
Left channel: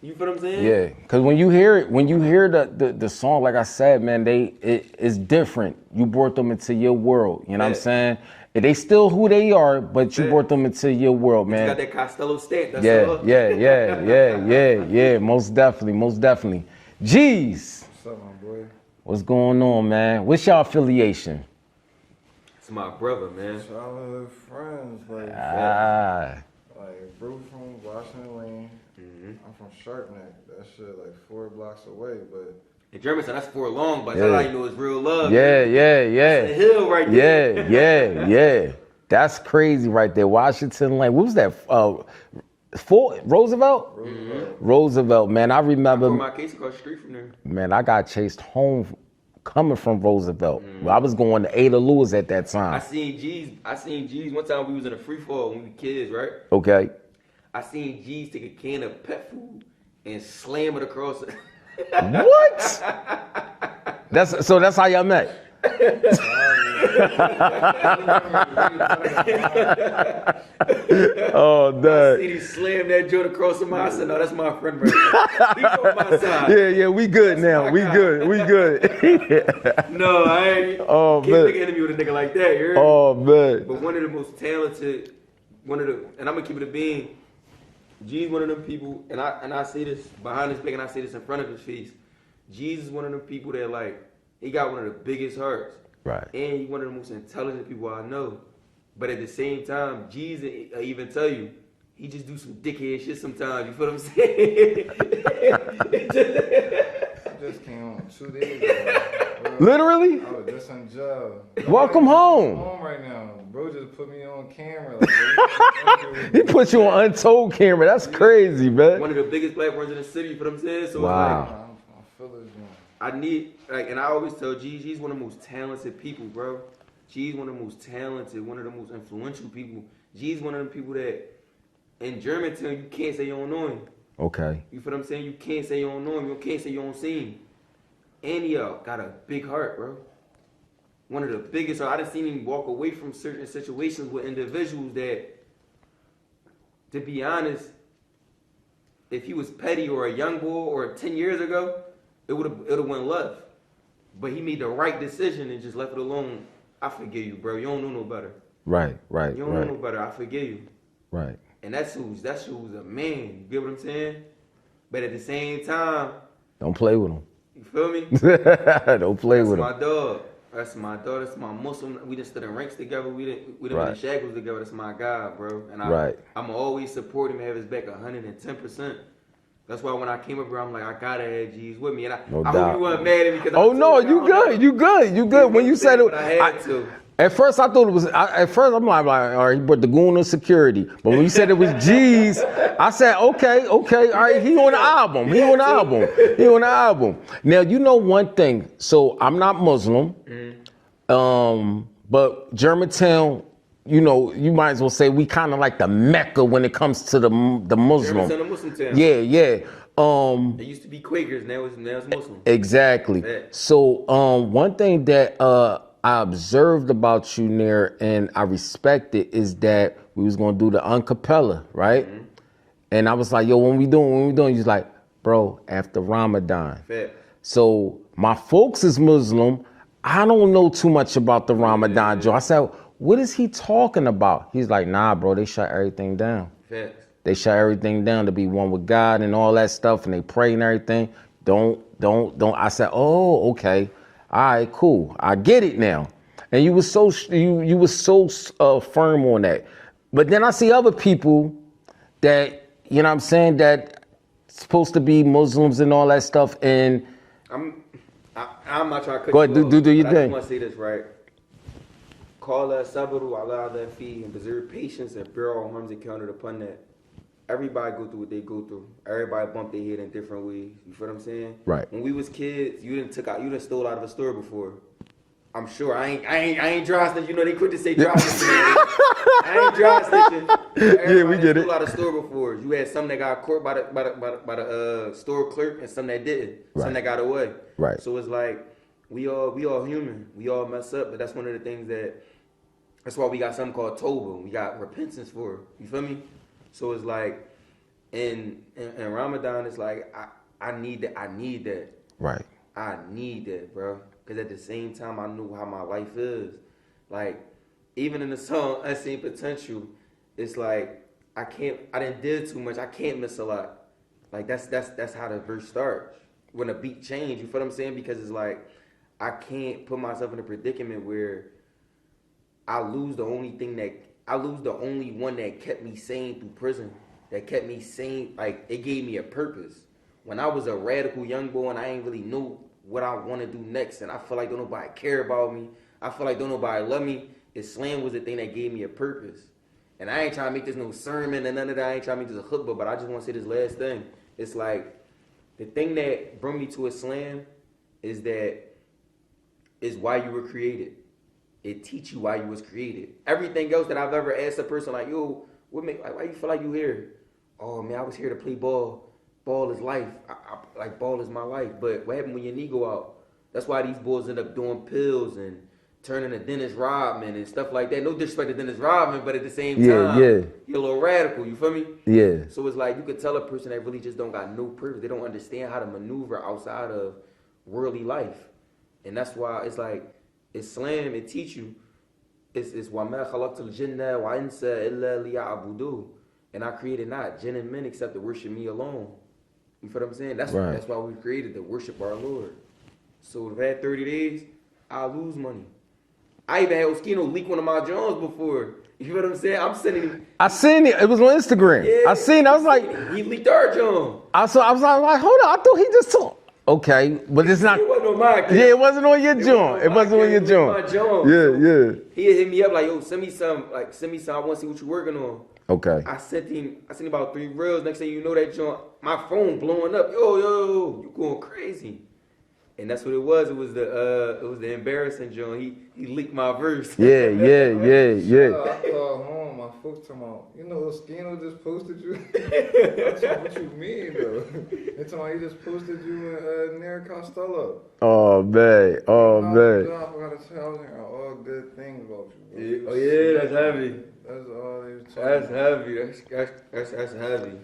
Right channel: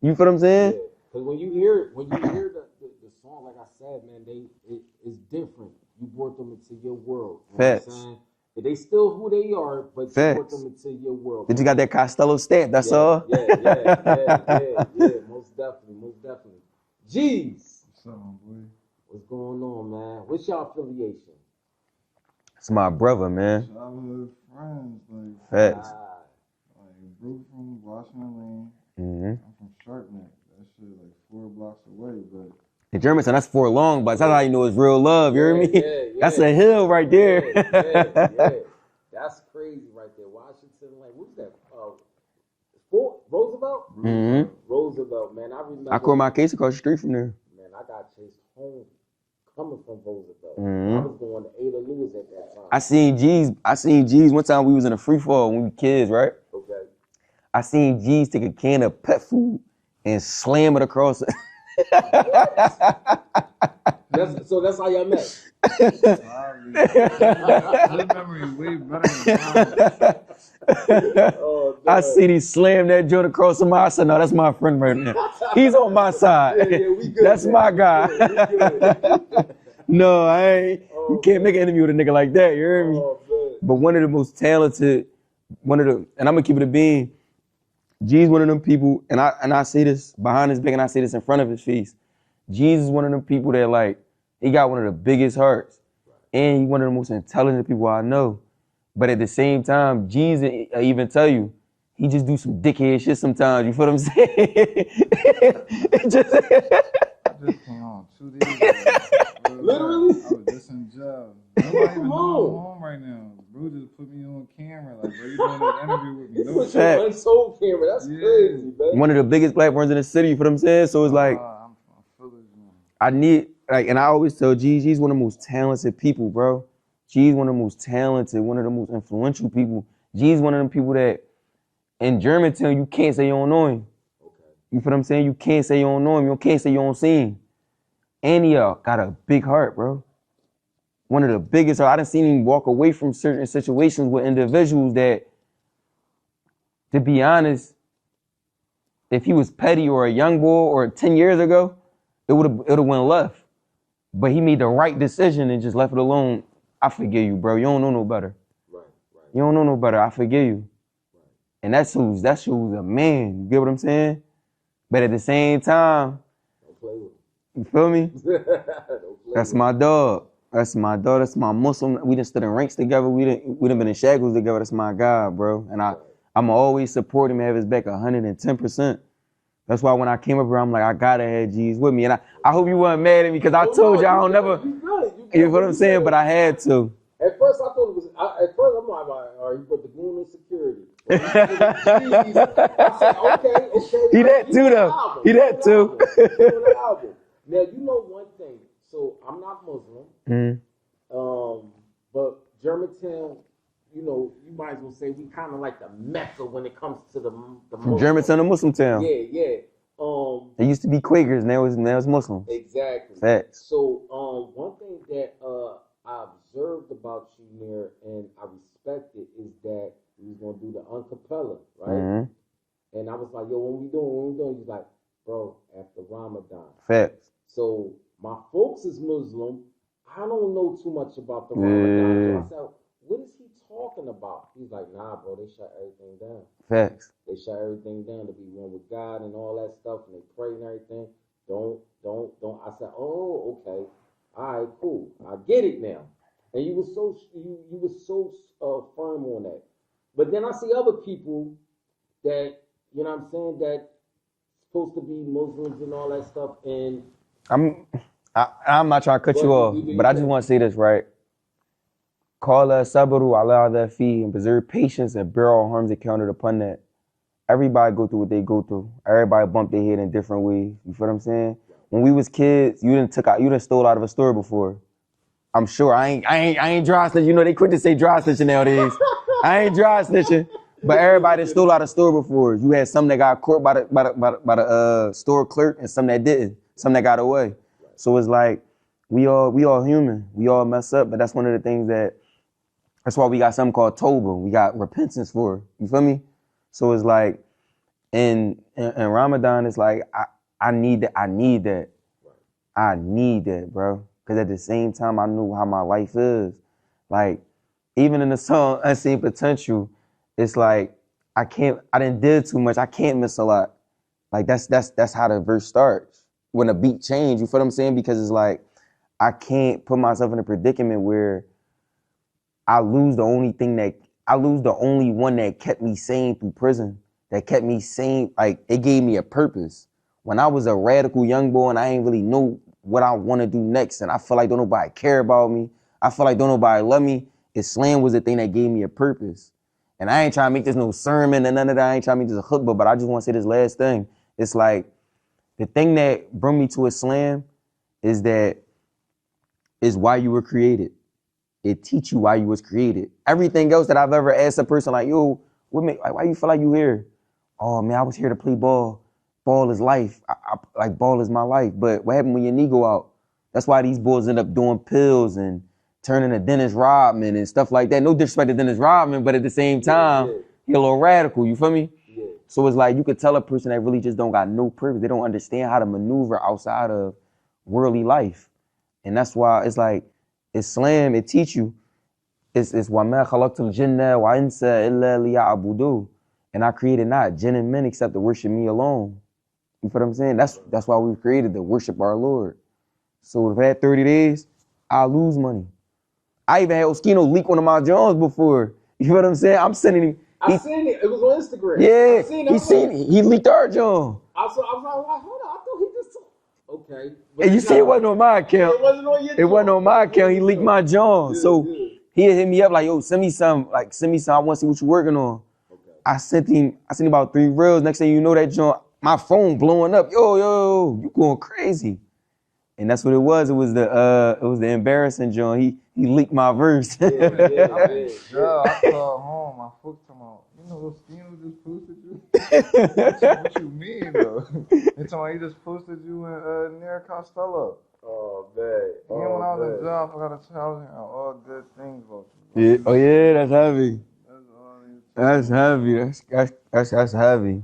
You feel what I'm saying? Yeah, because when you hear the song, like I said, man, it's different. You brought them into your world. You know what I'm saying? They still who they are, but you brought them into your world, man. You got that Costello stamp, that's yeah, all. yeah, most definitely. Jeez. What's up, my boy? What's going on, man? What's your affiliation? It's my brother, man. Childhood friends, like bro from Washington Lane. I'm from Sharpneck. That shit like 4 blocks away, but In Germantown, that's for long, but that's how you know it's real love. Yeah. That's a hill right there. Yeah. That's crazy right there. Washington Lane. What was that? Fort Roosevelt? Roosevelt, man. I remember. I caught my case across the street from there. Man, I got chased home coming from Roosevelt. I was going to Ada Lewis at that time. I seen G's. One time we was in a free fall when we kids, right? Okay. I seen G's take a can of pet food and slam it across. What? That's how y'all met. Oh, I seen he slam that joint across somebody. I said, no, that's my friend right now. He's on my side. Yeah, we good That's now. my We guy. good. No, I ain't. Oh, You can't man. make an interview with a nigga like that. You heard me? Oh, man. But one of the most talented, and I'm gonna keep it a bean. G's one of them people, and I say this behind his back, and I say this in front of his face. G's is one of them people that like, he got one of the biggest hearts. Right. And he's one of the most intelligent people I know. But at the same time, G's, I even tell you, he just do some dickhead shit sometimes. You feel what I'm saying? just came home 2 days ago. Literally? I was just on job. Welcome I'm home. home right now. Bro just put me on camera. Like, He put you on Untold camera. That's crazy, man. One of the biggest black ones in the city, you feel what I'm saying? So it's like, I'm feeling you. I need, like, and I always tell G's one of the most talented people, bro. G's one of the most talented, one of the most influential people. G's one of them people that, in Germantown, you can't say you don't know him. Okay. You feel what I'm saying? You can't say you don't know him. You can't say you don't see him. And he got a big heart, bro. One of the biggest. I done seen him walk away from certain situations with individuals that, to be honest, if he was petty or a young boy or 10 years ago, it would have went left. But he made the right decision and just left it alone. I forgive you, bro. You don't know no better. Right. You don't know no better. I forgive you. Right. And that shows a man. You get what I'm saying? But at the same time, Don't play with him. you feel me? Don't play That's with my him. dog. That's my dog. That's my Muslim. We done stood in ranks together. We done been in shackles together. That's my guy, bro. And I'm always support him and have his back 110%. That's why when I came up here, I'm like, I gotta have G's with me. And I hope you weren't mad at me because I told you I don't never. You good. You know what I'm saying? But I had to. At first, I thought it was. At first, I'm like, all right, but the goon of security. But when you said it was G's, I said, okay, all right, he on the album. He on the album. Now, you know one thing. So I'm not Muslim, but Germantown, you know, you might as well say we kind of like the Mecca when it comes to the Muslim. Germantown, a Muslim town. Yeah. It used to be Quakers, now it's Muslim. Exactly. So one thing that I observed about you, Nir, and I respect it, is that we was gonna do the uncappella, right? And I was like, yo, when we doing? He's like, bro, after Ramadan. So my folks is Muslim. I don't know too much about the Ramadan joint. I said, what is he talking about? He's like, nah, bro, they shut everything down. They shut everything down to be one with God and all that stuff, and they pray and everything. Don't. I said, oh, okay. All right, cool. I get it now. And you was so firm on that. But then I see other people that, you know what I'm saying, that supposed to be Muslims and all that stuff. And I'm not trying to cut you off, do but I just thing. want to say this, right? Qala sabru ala that fee, and preserve patience and bear all harms encountered upon that. Everybody go through what they go through. Everybody bump their head in different ways. You feel what I'm saying? Right. When we was kids, you done stole out of a store before. I'm sure. I ain't dry snitching. You know they quit to say dry snitching nowadays. I ain't dry snitching. But everybody that stole out of a store before. You had some that got caught by the store clerk and some that didn't. Some that got away. Right. So it's like we all human. We all mess up, but that's one of the things that's why we got something called Toba. We got repentance for it. You feel me? So it's like, And Ramadan is like, I need that. Right. I need that, bro. Because at the same time, I knew how my life is. Like, even in the song Unseen Potential, it's like, I didn't did too much. I can't miss a lot. Like, that's how the verse starts. When the beat change, you feel what I'm saying? Because it's like, I can't put myself in a predicament where I lose the only one that kept me sane through prison, that kept me sane. Like, it gave me a purpose. When I was a radical young boy and I ain't really know what I want to do next, and I feel like don't nobody care about me, I feel like don't nobody love me, Islam was the thing that gave me a purpose. And I ain't trying to make this no sermon and none of that. I ain't trying to make this a khutbah, but I just want to say this last thing. It's like, the thing that brought me to Islam is why you were created. It teach you why you was created. Everything else that I've ever asked a person, like, yo, why you feel like you here? Oh man, I was here to play ball. Ball is life. Like, ball is my life. But what happened when your knee go out? That's why these boys end up doing pills and turning to Dennis Rodman and stuff like that. No disrespect to Dennis Rodman, but at the same time, you're a little radical, you feel me? Yeah. So it's like, you could tell a person that really just don't got no purpose. They don't understand how to maneuver outside of worldly life. And that's why it's like, Islam, it teach you, it's وَمَا خَلَقْتُ الْجِنَّ وَإِنْسَ إِلَّا لِيَعْبُدُونَ. And I created not jinn and men except to worship me alone. You feel what I'm saying? That's why we created, to worship our Lord. So if I had 30 days, I'll lose money. I even had Oschino leak one of my Jones before. You know what I'm saying? I'm sending him. I seen it. It was on Instagram. Yeah, I seen it. I was like, he leaked our John. I was like, hold on. I thought he just told. Okay, but and it's you not. say it wasn't on my account. Yeah, it wasn't on your John. It wasn't on my account. He leaked my John. Yeah, so he hit me up like, yo, send me some. I want to see what you're working on. Okay. I sent him about 3 reels. Next thing you know, that John, my phone blowing up. Yo, you going crazy. And that's what it was. It was the embarrassing John. He leaked my verse. Yeah. I called home. My folks told me, you know, Oschino just posted you. What you mean, though? They told me he just posted you and Nir Costello. Oh man. I forgot to tell you all good things about you. Yeah. Oh yeah, that's heavy. That's all they was That's heavy. That's heavy.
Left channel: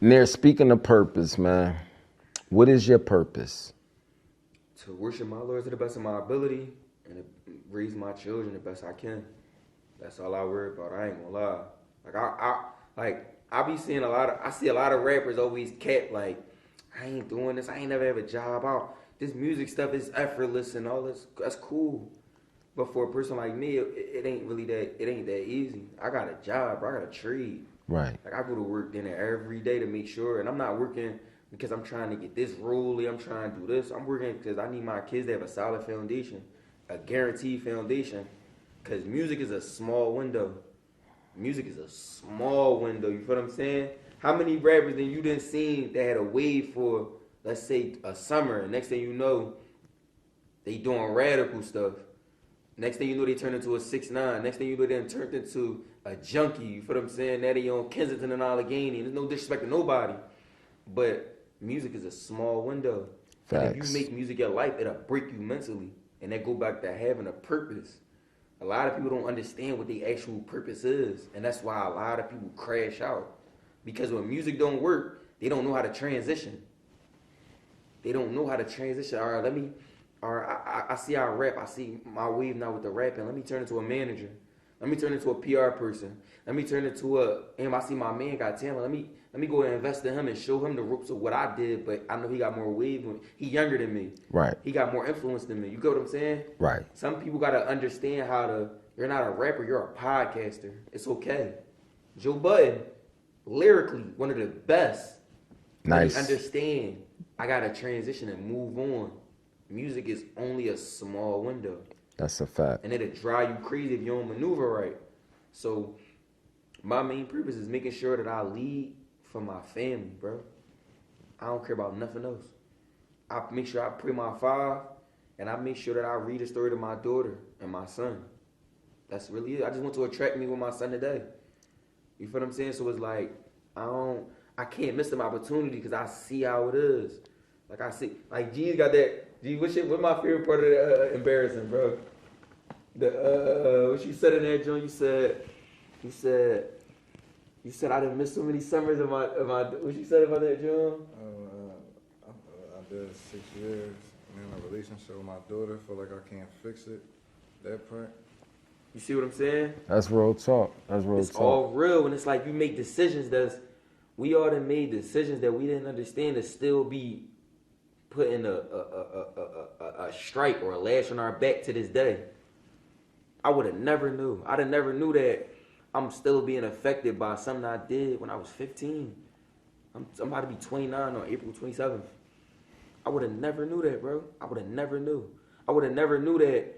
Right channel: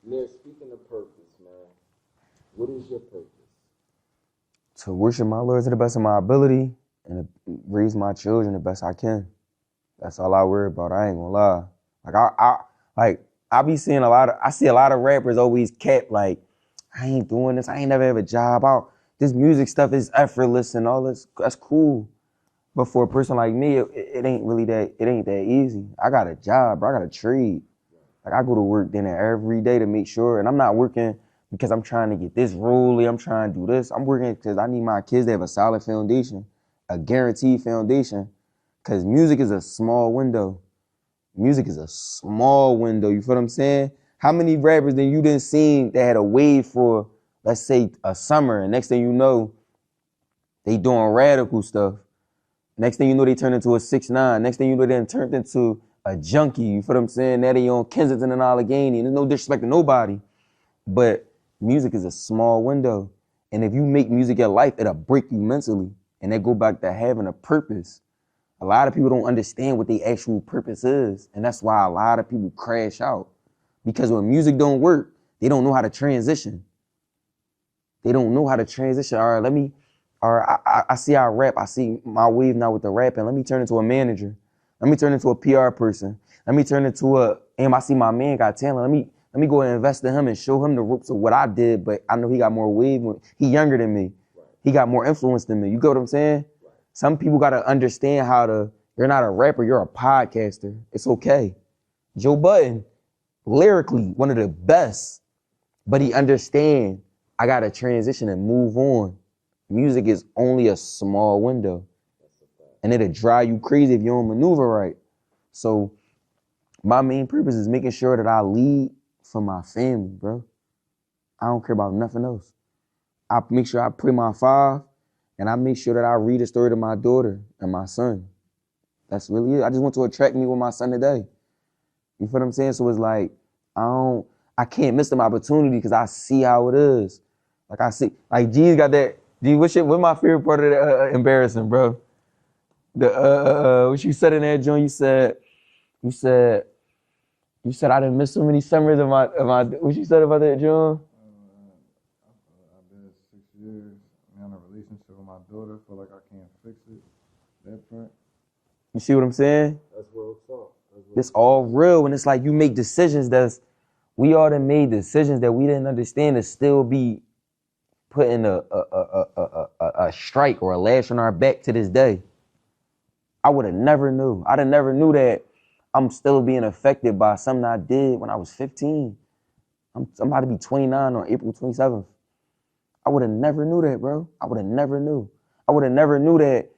Nir, speaking of purpose, man, what is your purpose? To worship my Lord to the best of my ability and to raise my children the best I can. That's all I worry about. I ain't gonna lie. I be seeing I see a lot of rappers always kept like, I ain't doing this. I ain't never have a job. This music stuff is effortless and all this. That's cool. But for a person like me, it ain't really that. It ain't that easy. I got a job, bro. I got a trade. Right. Like, I go to work dinner every day to make sure, and I'm not working because I'm trying to get this rolly, I'm trying to do this. I'm working because I need my kids to have a solid foundation, a guaranteed foundation, because music is a small window. Music is a small window, you feel what I'm saying? How many rappers that you didn't see that had a wave for, let's say, a summer, and next thing you know, they doing radical stuff. Next thing you know, they turn into a 6ix9ine. Next thing you know, they turned into a junkie, you feel what I'm saying? Now they on Kensington and Allegheny, and there's no disrespect to nobody. But music is a small window. Facts. And if you make music your life, it'll break you mentally. And that go back to having a purpose. A lot of people don't understand what their actual purpose is. And that's why a lot of people crash out. Because when music don't work, they don't know how to transition. They don't know how to transition. All right, I see I rap. I see my wave now with the rapping. Let me turn into a manager. Let me turn into a PR person. Let me turn into I see my man got talent. Let me go and invest in him and show him the ropes of what I did, but I know he got more wave. He younger than me. Right. He got more influence than me. You get what I'm saying? Right. Some people got to understand you're not a rapper, you're a podcaster. It's okay. Joe Budden, lyrically, one of the best. Nice. But he understand I got to transition and move on. Music is only a small window. That's a fact. And it'll drive you crazy if you don't maneuver right. So my main purpose is making sure that I lead for my family, bro. I don't care about nothing else. I make sure I pray my 5, and I make sure that I read a story to my daughter and my son. That's really it. I just want to attract me with my son today. You feel what I'm saying? So it's like, I can't miss them opportunity because I see how it is. Like I see, like G's got that. G, what's my favorite part of the embarrassing, bro? What you said in there, John? You said, You said I didn't miss so many summers of my. What you said about that, John? I did 6 years and in a relationship with my daughter. Feel like I can't fix it. That part. You see what I'm saying? That's real talk. It's all real, and it's like you make decisions we all done made decisions that we didn't understand to still be putting a strike or a lash on our back to this day. I would have never knew. I'd have never knew that I'm still being affected by something I did when I was 15. I'm about to be 29 on April 27th. I would have never knew that, bro. I would have never knew. I would have never knew that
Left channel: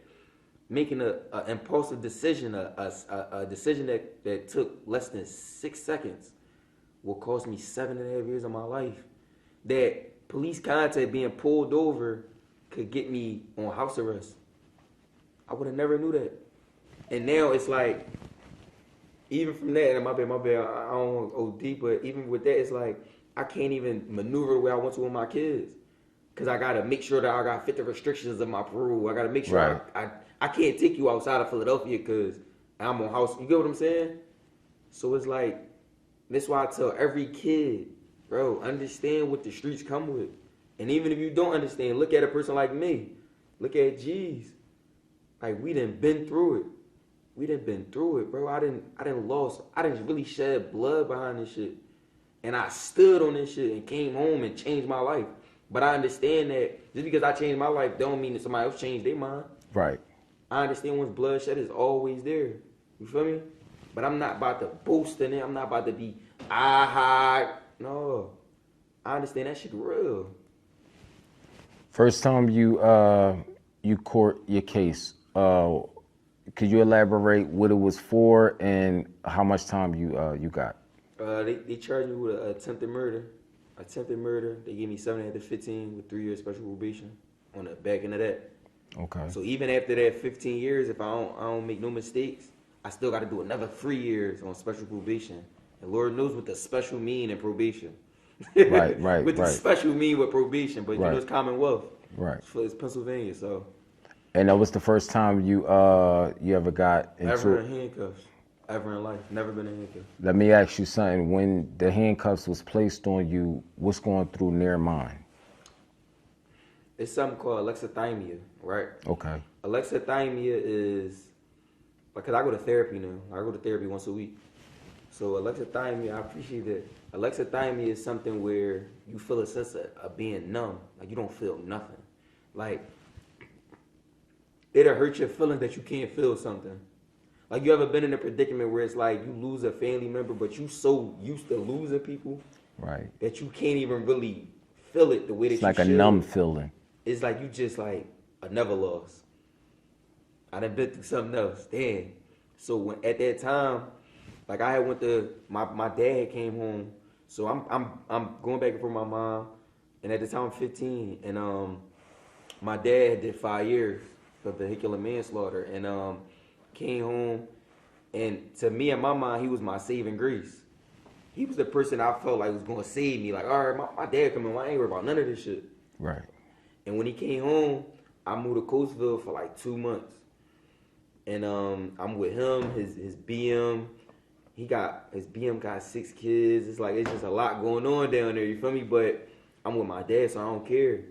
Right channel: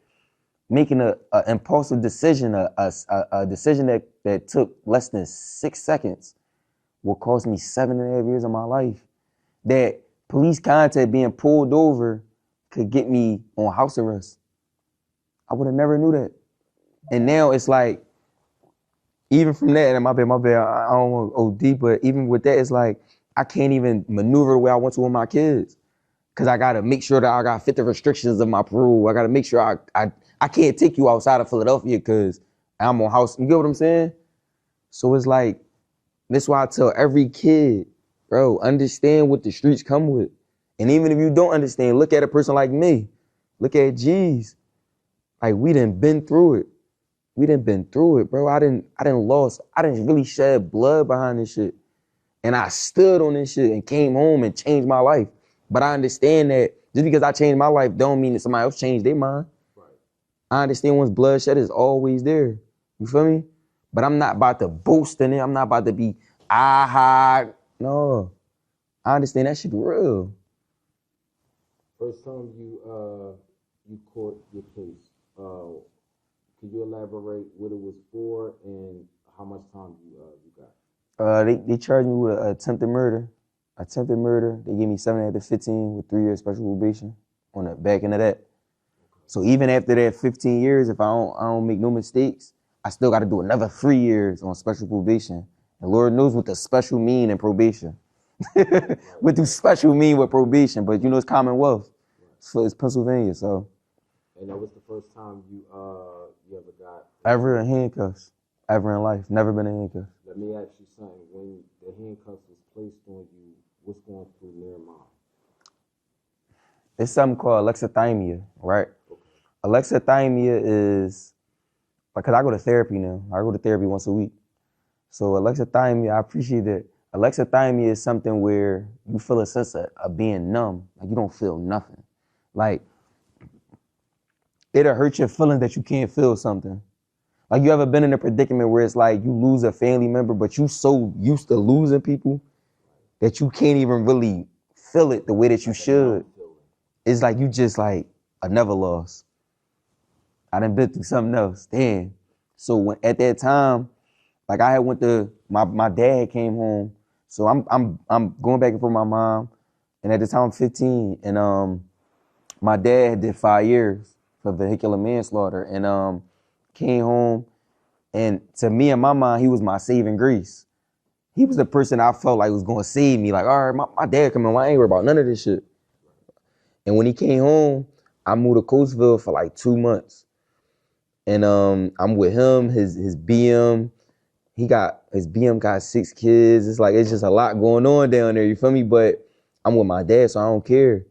making an impulsive decision, a decision that took less than 6 seconds will cost me 7.5 years of my life. That police contact being pulled over could get me on house arrest. I would have never knew that. And now it's like, even from that, and my bad, I don't want to OD, but even with that, it's like, I can't even maneuver the way I want to with my kids. Cause I gotta make sure that I gotta fit the restrictions of my parole. I gotta make sure I can't take you outside of Philadelphia cause I'm on house, you get what I'm saying? So it's like, that's why I tell every kid, bro, understand what the streets come with. And even if you don't understand, look at a person like me. Look at G's. Like, we done been through it. We done been through it, bro. I didn't really shed blood behind this shit. And I stood on this shit and came home and changed my life. But I understand that just because I changed my life don't mean that somebody else changed their mind. Right. I understand once bloodshed is always there. You feel me? But I'm not about to boast in it. I'm not about to be, no. I understand that shit real. First time you court your case, could you elaborate what it was for and how much time you got? They charged me with attempted murder. They gave me 7 to 15 with 3 years special probation on the back end of that. Okay. So even after that 15 years, if I don't make no mistakes, I still got to do another 3 years on special probation. And Lord knows what the special mean in probation. Right. What the special mean with probation, but you know it's Commonwealth. Right. So it's Pennsylvania, so. And that was the first time you ever got into Ever in handcuffs. Ever in life. Never been in handcuffs. Let me ask you something. When the handcuffs was placed on you, what's going through Nir mind? It's something called alexithymia, right? Okay. Alexithymia is, because I go to therapy now. I go to therapy once a week. So alexithymia, I appreciate that. Alexithymia is something where you feel a sense of being numb. Like you don't feel nothing. Like, it'll hurt your feeling that you can't feel something. Like, you ever been in a predicament where it's like you lose a family member, but you so used to losing people that you can't even really feel it the way that you should. Like a numb feeling. It's like you just like, I never lost. I done been through something else. Damn. So at that time, like I had went to, my dad came home. So I'm going back and forth with my mom. And at the time I'm 15. And my dad did 5 years for vehicular manslaughter. And came home, and to me and my mind, he was my saving grace. He was the person I felt like was gonna save me. Like, all right, my dad coming, I ain't worried about none of this shit. Right. And when he came home, I moved to Coatesville for like 2 months. And I'm with him, his BM. His BM got 6 kids. It's like, it's just a lot going on down there, you feel me? But I'm with my dad, so I don't care.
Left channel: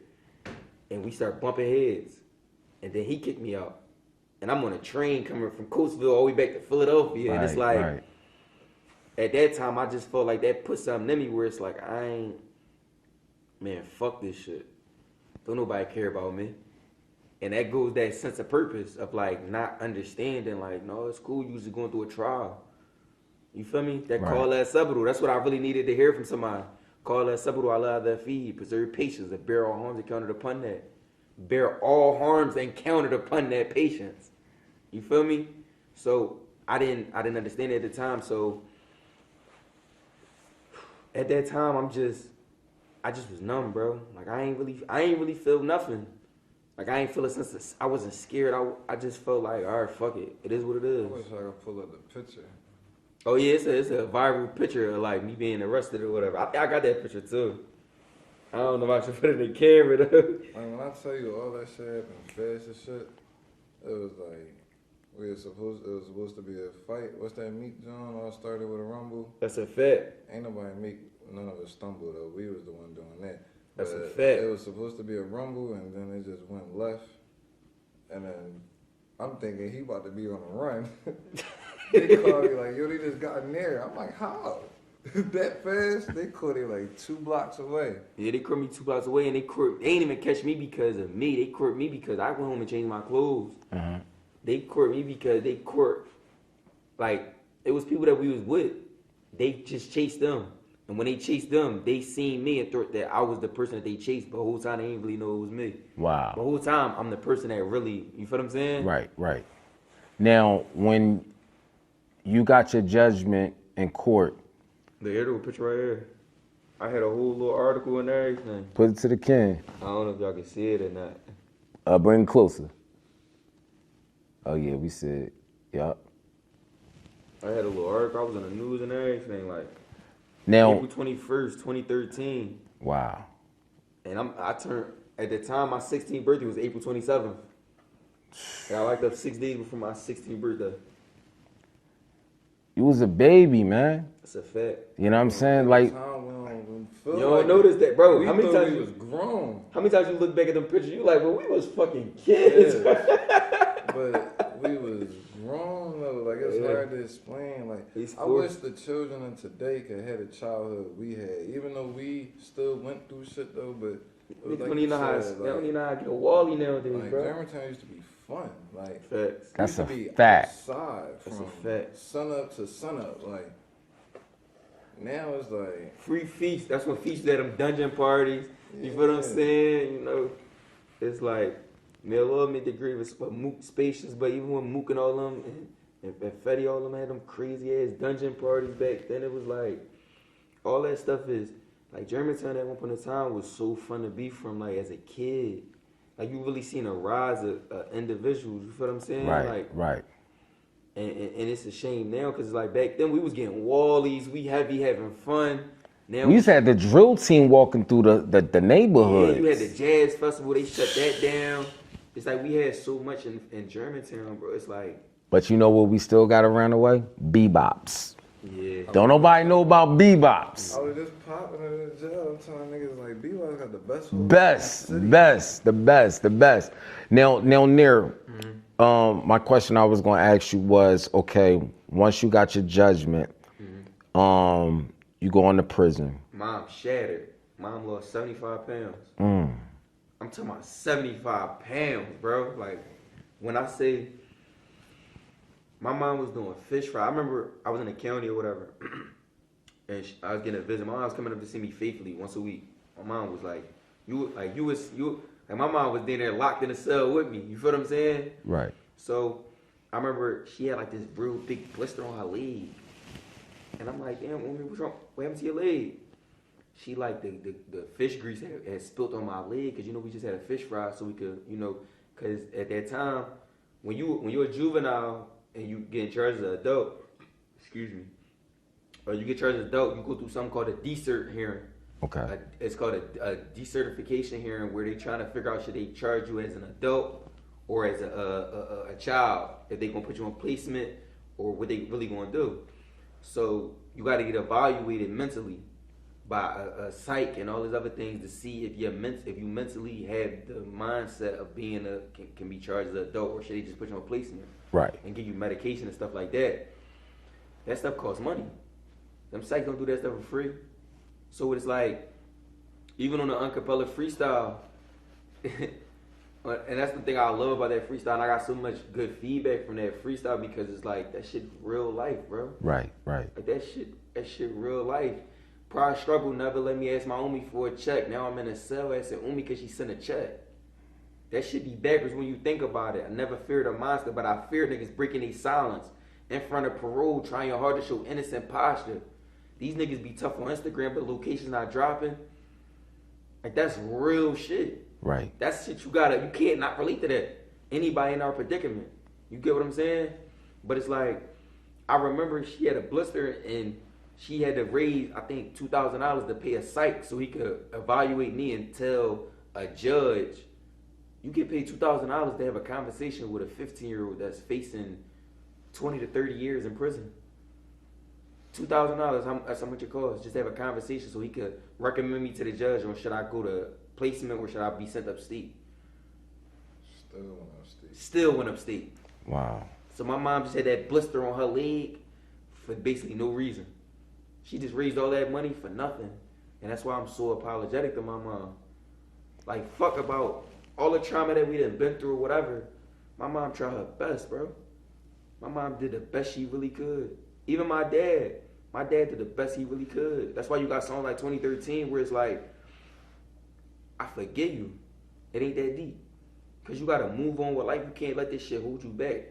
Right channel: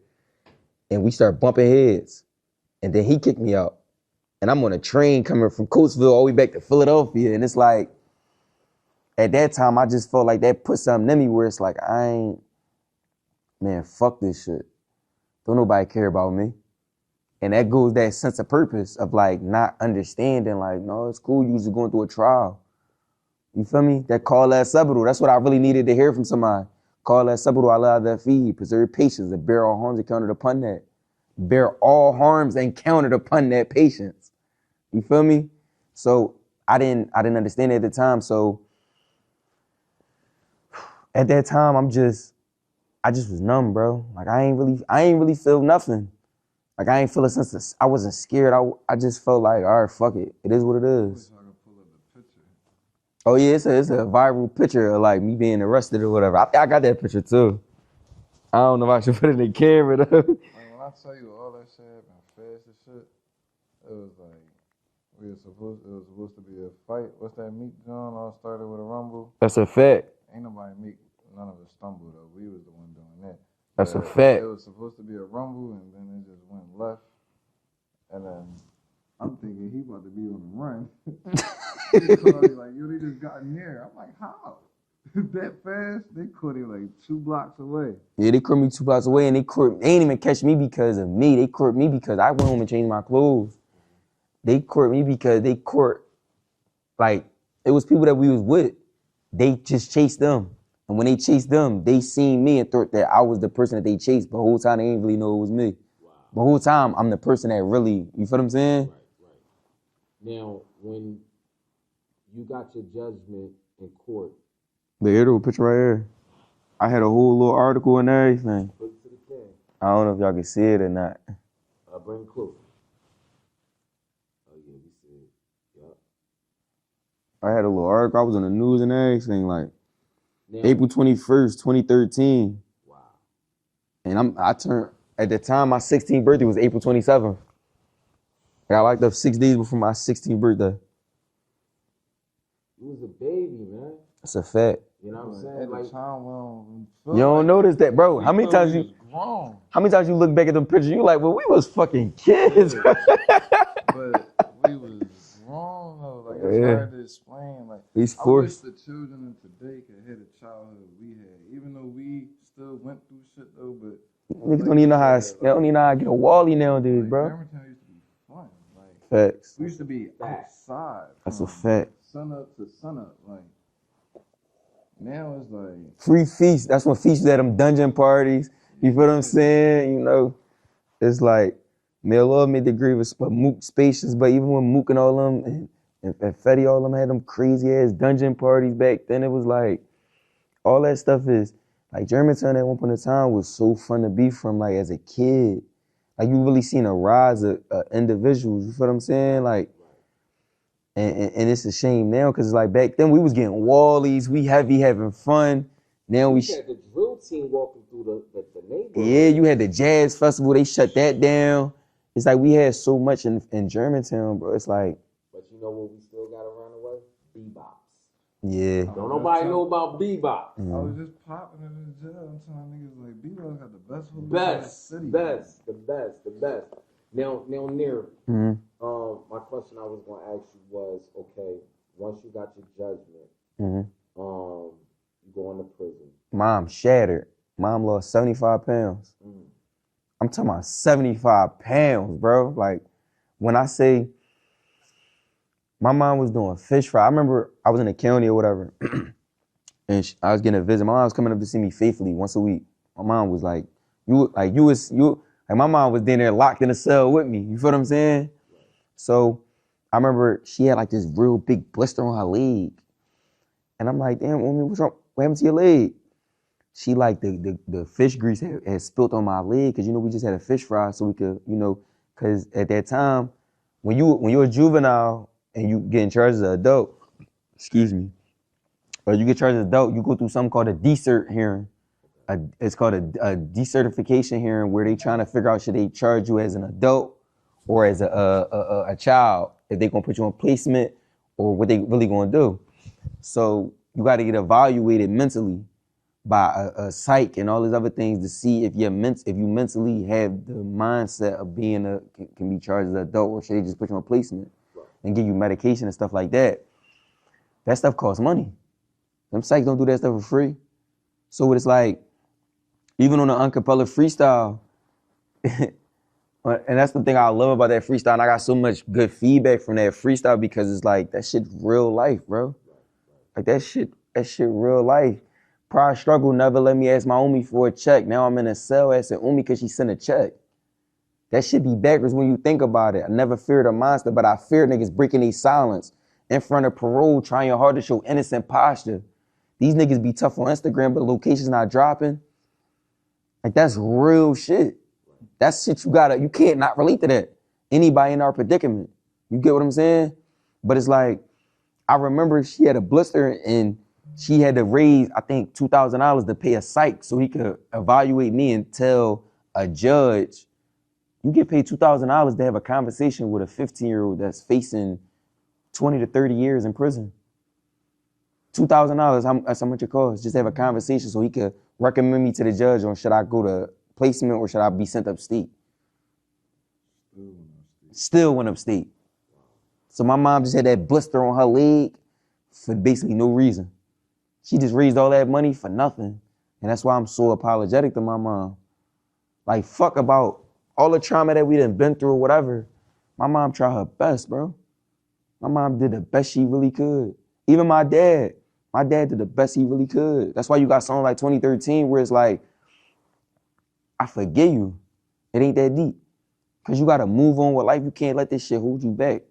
And we start bumping heads. And then he kicked me out. And I'm on a train coming from Coatesville all the way back to Philadelphia. And it's like, at that time, I just felt like that put something in me where it's like, man, fuck this shit. Don't nobody care about me. And that goes that sense of purpose of like not understanding, like, no, it's cool, you just going through a trial. You feel me? That call that sabado, that's what I really needed to hear from somebody. Call that sabado, Allah that feed, preserve patience, and bear all harms encountered upon that. Bear all harms encountered upon that patience. You feel me? So I didn't understand it at the time. So at that time, I just was numb, bro. Like I ain't really feel nothing. Like I ain't feel a sense of, I wasn't scared. I just felt like, all right, fuck it. It is what it is. I wish I could pull up the picture. Oh yeah, it's a viral picture of like me being arrested or whatever. I think I got that picture too. I don't know if I should put it in the camera though. I mean, when I tell you all that shit happened fast as shit, it was like, it was supposed to be a fight. What's that meat, John? All started with a rumble. That's a fact. Ain't nobody none of us stumbled though. We was the one doing that. That's but a fact. It was supposed to be a rumble, and then it just went left. And then I'm thinking he about to be on the run. They called me like, yo, they just got near. I'm like, how? That fast? They caught him like 2 blocks away. Yeah, they caught me 2 blocks away, and they ain't even catch me because of me. They caught me because I went home and changed my clothes. They caught me because they caught, like, it was people that we was with. They just chased them. And when they chased them, they seen me and thought that I was the person that they chased. But the whole time, they didn't really know it was me. Wow. The whole time, I'm the person that really, you feel what I'm saying? Right. Now, when you got your judgment in court. The little picture right here. I had a whole little article and everything. Put it to the king. I don't know if y'all can see it or not. Bring it closer. Oh yeah, we see it. Yup. I had a little article. I was on the news and everything, like now, April 21st, 2013. Wow. And I turned, at the time, my 16th birthday was April 27th. I got locked up 6 days before my 16th birthday. You was a baby, man. That's a fact. You know what I'm saying? Like, you don't notice that, bro. How many times you look back at the picture, you like, well, we was fucking kids. But we was grown though. Like, it's hard to explain. Like, I wish the children of today could have the childhood we had. Even though we still went through shit though, but niggas don't even know how to get a Wally nowadays, like, bro. Germantown used to be fun. Like, facts. That's a fact. That's a fact. Sun up to sun up. Like, now it's like free feasts. That's when feasts at them dungeon parties. You feel what I'm saying? You know, it's like, may Allah made the grievous, but Mook spacious, but even when Mook and all them and Fetty, all them had them crazy ass dungeon parties back then, it was like, all that stuff is, like Germantown at one point in time was so fun to be from, like as a kid. Like you really seen a rise of individuals, you feel what I'm saying? Right. And it's a shame now, cause like back then we was getting wallies, we having fun. Now we just had the drill team walking through the neighborhood. Yeah, you had the jazz festival, they shut that down. It's like we had so much in Germantown, bro. It's like. But you know what we still got around the way? Bebops. Yeah. Don't nobody know about bebops. I was just popping in the jail. I'm telling niggas like bebops got the the best. Now, Nir, my question I was gonna ask you was, okay, once you got your judgment, you go into prison. Mom shattered. Mom lost 75 pounds. I'm talking about 75 pounds, bro. Like, when I say, my mom was doing fish fry. I remember I was in the county or whatever, and I was getting a visit. My mom was coming up to see me faithfully once a week. My mom was like, my mom was in there locked in a cell with me. You feel what I'm saying? Right. So I remember she had like this real big blister on her leg. And I'm like, damn, woman, what's wrong? What happened to your leg? She like the fish grease had spilt on my leg, because we just had a fish fry, so we could, because at that time, when you're a juvenile and you get charged as an adult, or you get charged as an adult, you go through something called a decert hearing. Okay. It's called a decertification hearing, where they trying to figure out should they charge you as an adult or as a child, if they gonna put you on placement or what they really gonna do. So you got to get evaluated mentally by a psych and all these other things to see if you mentally have the mindset of being can be charged as an adult, or should they just put you on placement, right, and give you medication and stuff like that. That stuff costs money. Them psychs don't do that stuff for free. So it's like, even on the Uncapella freestyle, and that's the thing I love about that freestyle, and I got so much good feedback from that freestyle, because it's like, that shit real life, bro. Right. Like that shit real life. Prior struggle never let me ask my Umi for a check. Now I'm in a cell asking Umi because she sent a check. That shit be backwards when you think about it. I never feared a monster, but I fear niggas breaking their silence in front of parole, trying hard to show innocent posture. These niggas be tough on Instagram, but locations not dropping. Like, that's real shit. Right. That's shit you can't not relate to that. Anybody in our predicament. You get what I'm saying? But it's like, I remember she had a blister and she had to raise, I think, $2,000 to pay a psych so he could evaluate me and tell a judge, you get paid $2,000 to have a conversation with a 15-year-old that's facing 20 to 30 years in prison. $2,000, that's how much it costs. Just have a conversation so he could recommend me to the judge on should I go to placement or should I be sent upstate. Still went upstate. Wow. So my mom just had that blister on her leg for basically no reason. She just raised all that money for nothing. And that's why I'm so apologetic to my mom. Like, fuck about all the trauma that we done been through or whatever. My mom tried her best, bro. My mom did the best she really could. Even my dad did the best he really could. That's why you got songs like 2013 where it's like, I forgive you. It ain't that deep. Cause you gotta move on with life. You can't let this shit hold you back.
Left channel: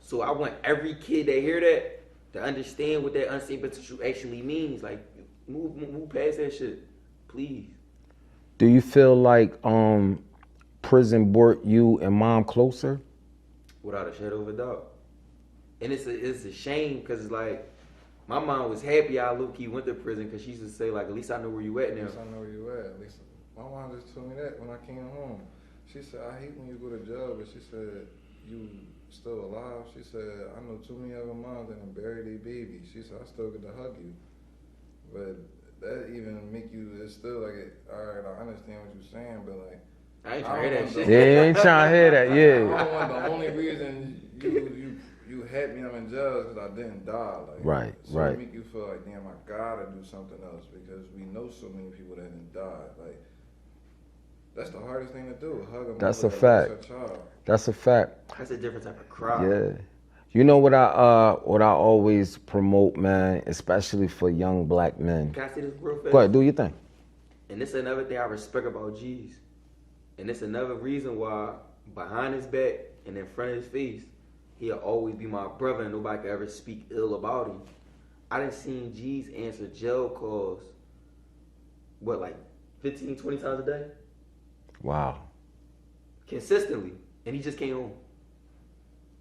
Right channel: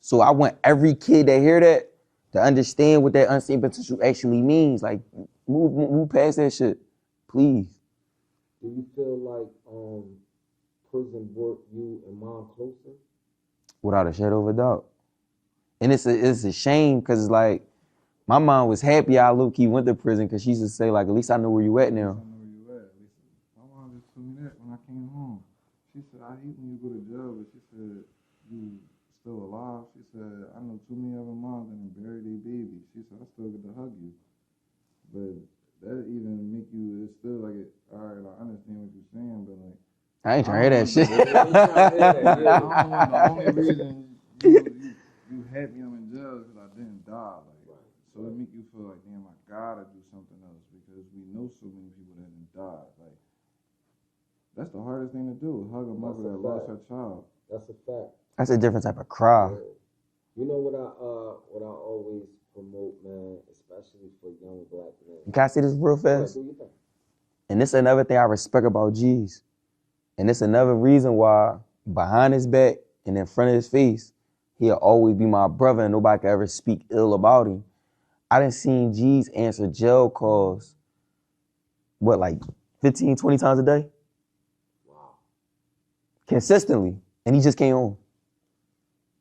So I want every kid that hear that to understand what that unseen potential actually means. Like, move past that shit, please. Do you feel like prison brought you and mom closer? Without a shadow of a doubt. And it's a shame because it's like, my mom was happy I low-key went to prison because she used to say like, at least I know where you at now. At least I know where you at. At least my mom just told me that when I came home. She said, I hate when you go to jail, but she said, you still alive? She said, I know too many other moms that buried their baby. She said, I still get to hug you. But that even make you, it's still like, all right, I understand what you're saying, but like, I ain't trying to hear that shit. Yeah, you ain't trying to hear that, yeah. The only reason you had me I'm in jail is because I didn't die. Like, Right, so right. it make you feel like, damn, I gotta do something else because we know so many people that didn't die. Like, that's the hardest thing to do. Hug a mother That's a that fact. lost her child. That's a fact. That's a different type of cry. Yeah. You know what I always promote, man, especially for young black men. Can I say this real fast? Go ahead, do your thing. And this is another thing I respect about G's. And it's another reason why behind his back and in front of his face, he'll always be my brother and nobody can ever speak ill about him. I done seen G's answer jail calls, what, like 15, 20 times a day? Wow. Consistently. And he just came home.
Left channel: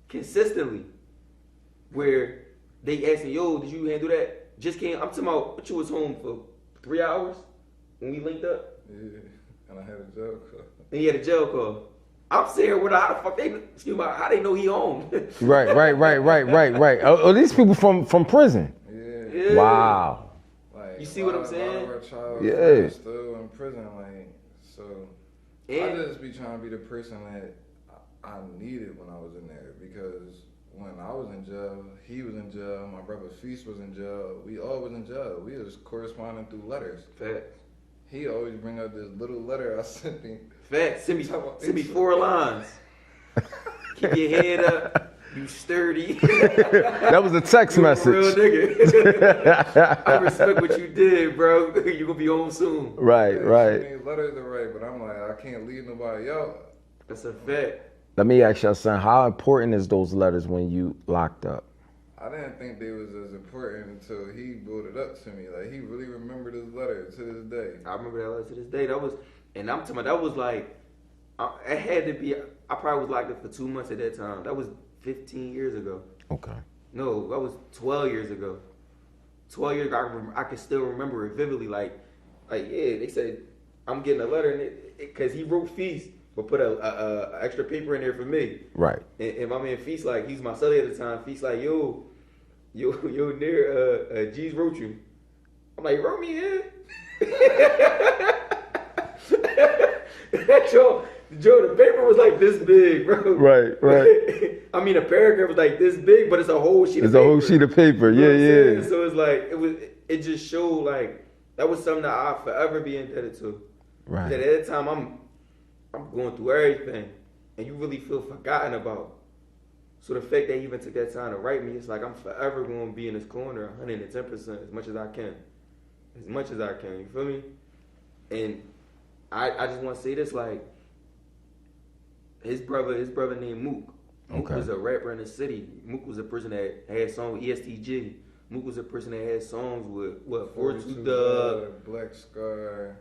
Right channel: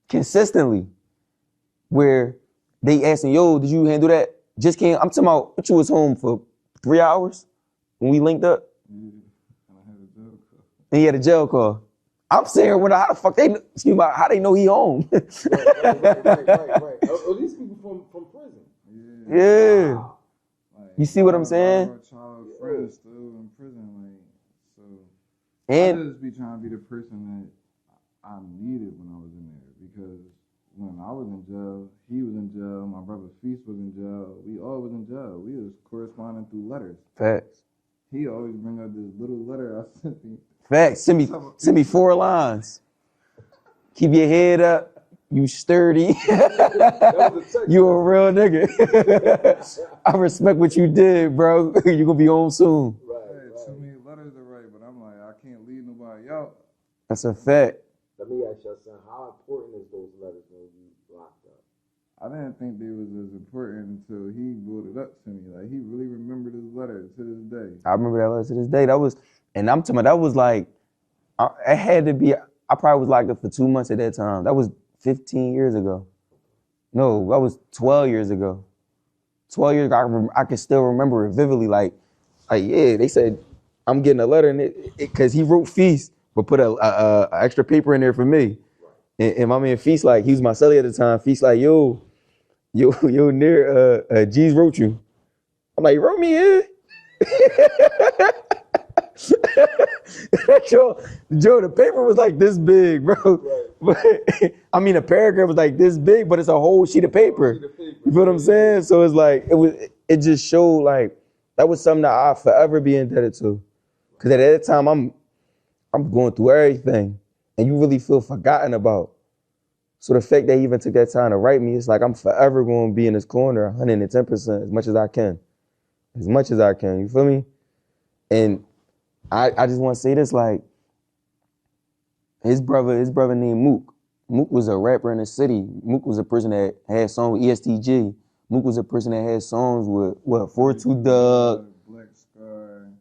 Consistently. Where they asking, yo, did you handle that? Just came, I'm talking about, what, you was home for 3 hours when we linked up? Yeah, and I had a jail call. And he had a jail call. I'm saying, how the fuck how they know he home? Right. Oh, these people from prison. Yeah. Wow. Like, You see what I'm saying? Yeah. Still in prison, like, so. And I just be trying to be the person that I needed when I was in there because when I was in jail, he was in jail, my brother Feast was in jail, we all was in jail. We was corresponding through letters. facts. He always bring up this little letter I sent him. Facts. Send me 4 lines. Keep your head up. You sturdy. That was a text You message. a real nigga. I respect what you did, bro. You gonna be home soon. Right. So many letters to write, but I'm like, I can't leave nobody out. That's a fact. Let me ask y'all something. How important is those letters when you locked up? I didn't think they was as important until he brought it up to me. Like, he really remembered his letter to this day. I remember that letter to this day. And I'm talking about, that was like, it had to be, I probably was locked up for 2 months at that time. That was 15 years ago. Okay. No, that was 12 years ago. 12 years ago, I can still remember it vividly. Like, yeah, they said, I'm getting a letter, and because he wrote Feast, but put a extra paper in there for me. Right. And my man Feast, like, he was my cellie at the time. Feast like, yo, Nir, G's wrote you. I'm like, you wrote me in? Joe, the paper was like this big, bro. Right. I mean, a paragraph was like this big, but it's a whole sheet of paper. It's a whole sheet of paper. You know what I'm saying? So it's like, it just showed like, that was something that I'll forever be indebted to. Right. Because at that time, I'm going through everything, and you really feel forgotten about. So the fact that he even took that time to write me, it's like I'm forever going to be in his corner 110% as much as I can. As much as I can, you feel me? And I just want to say this, like, his brother named Mook. Mook was a rapper in the city. Mook was a person that had songs with ESTG. Mook was a person that had songs with, 42 Doug. Black Scar.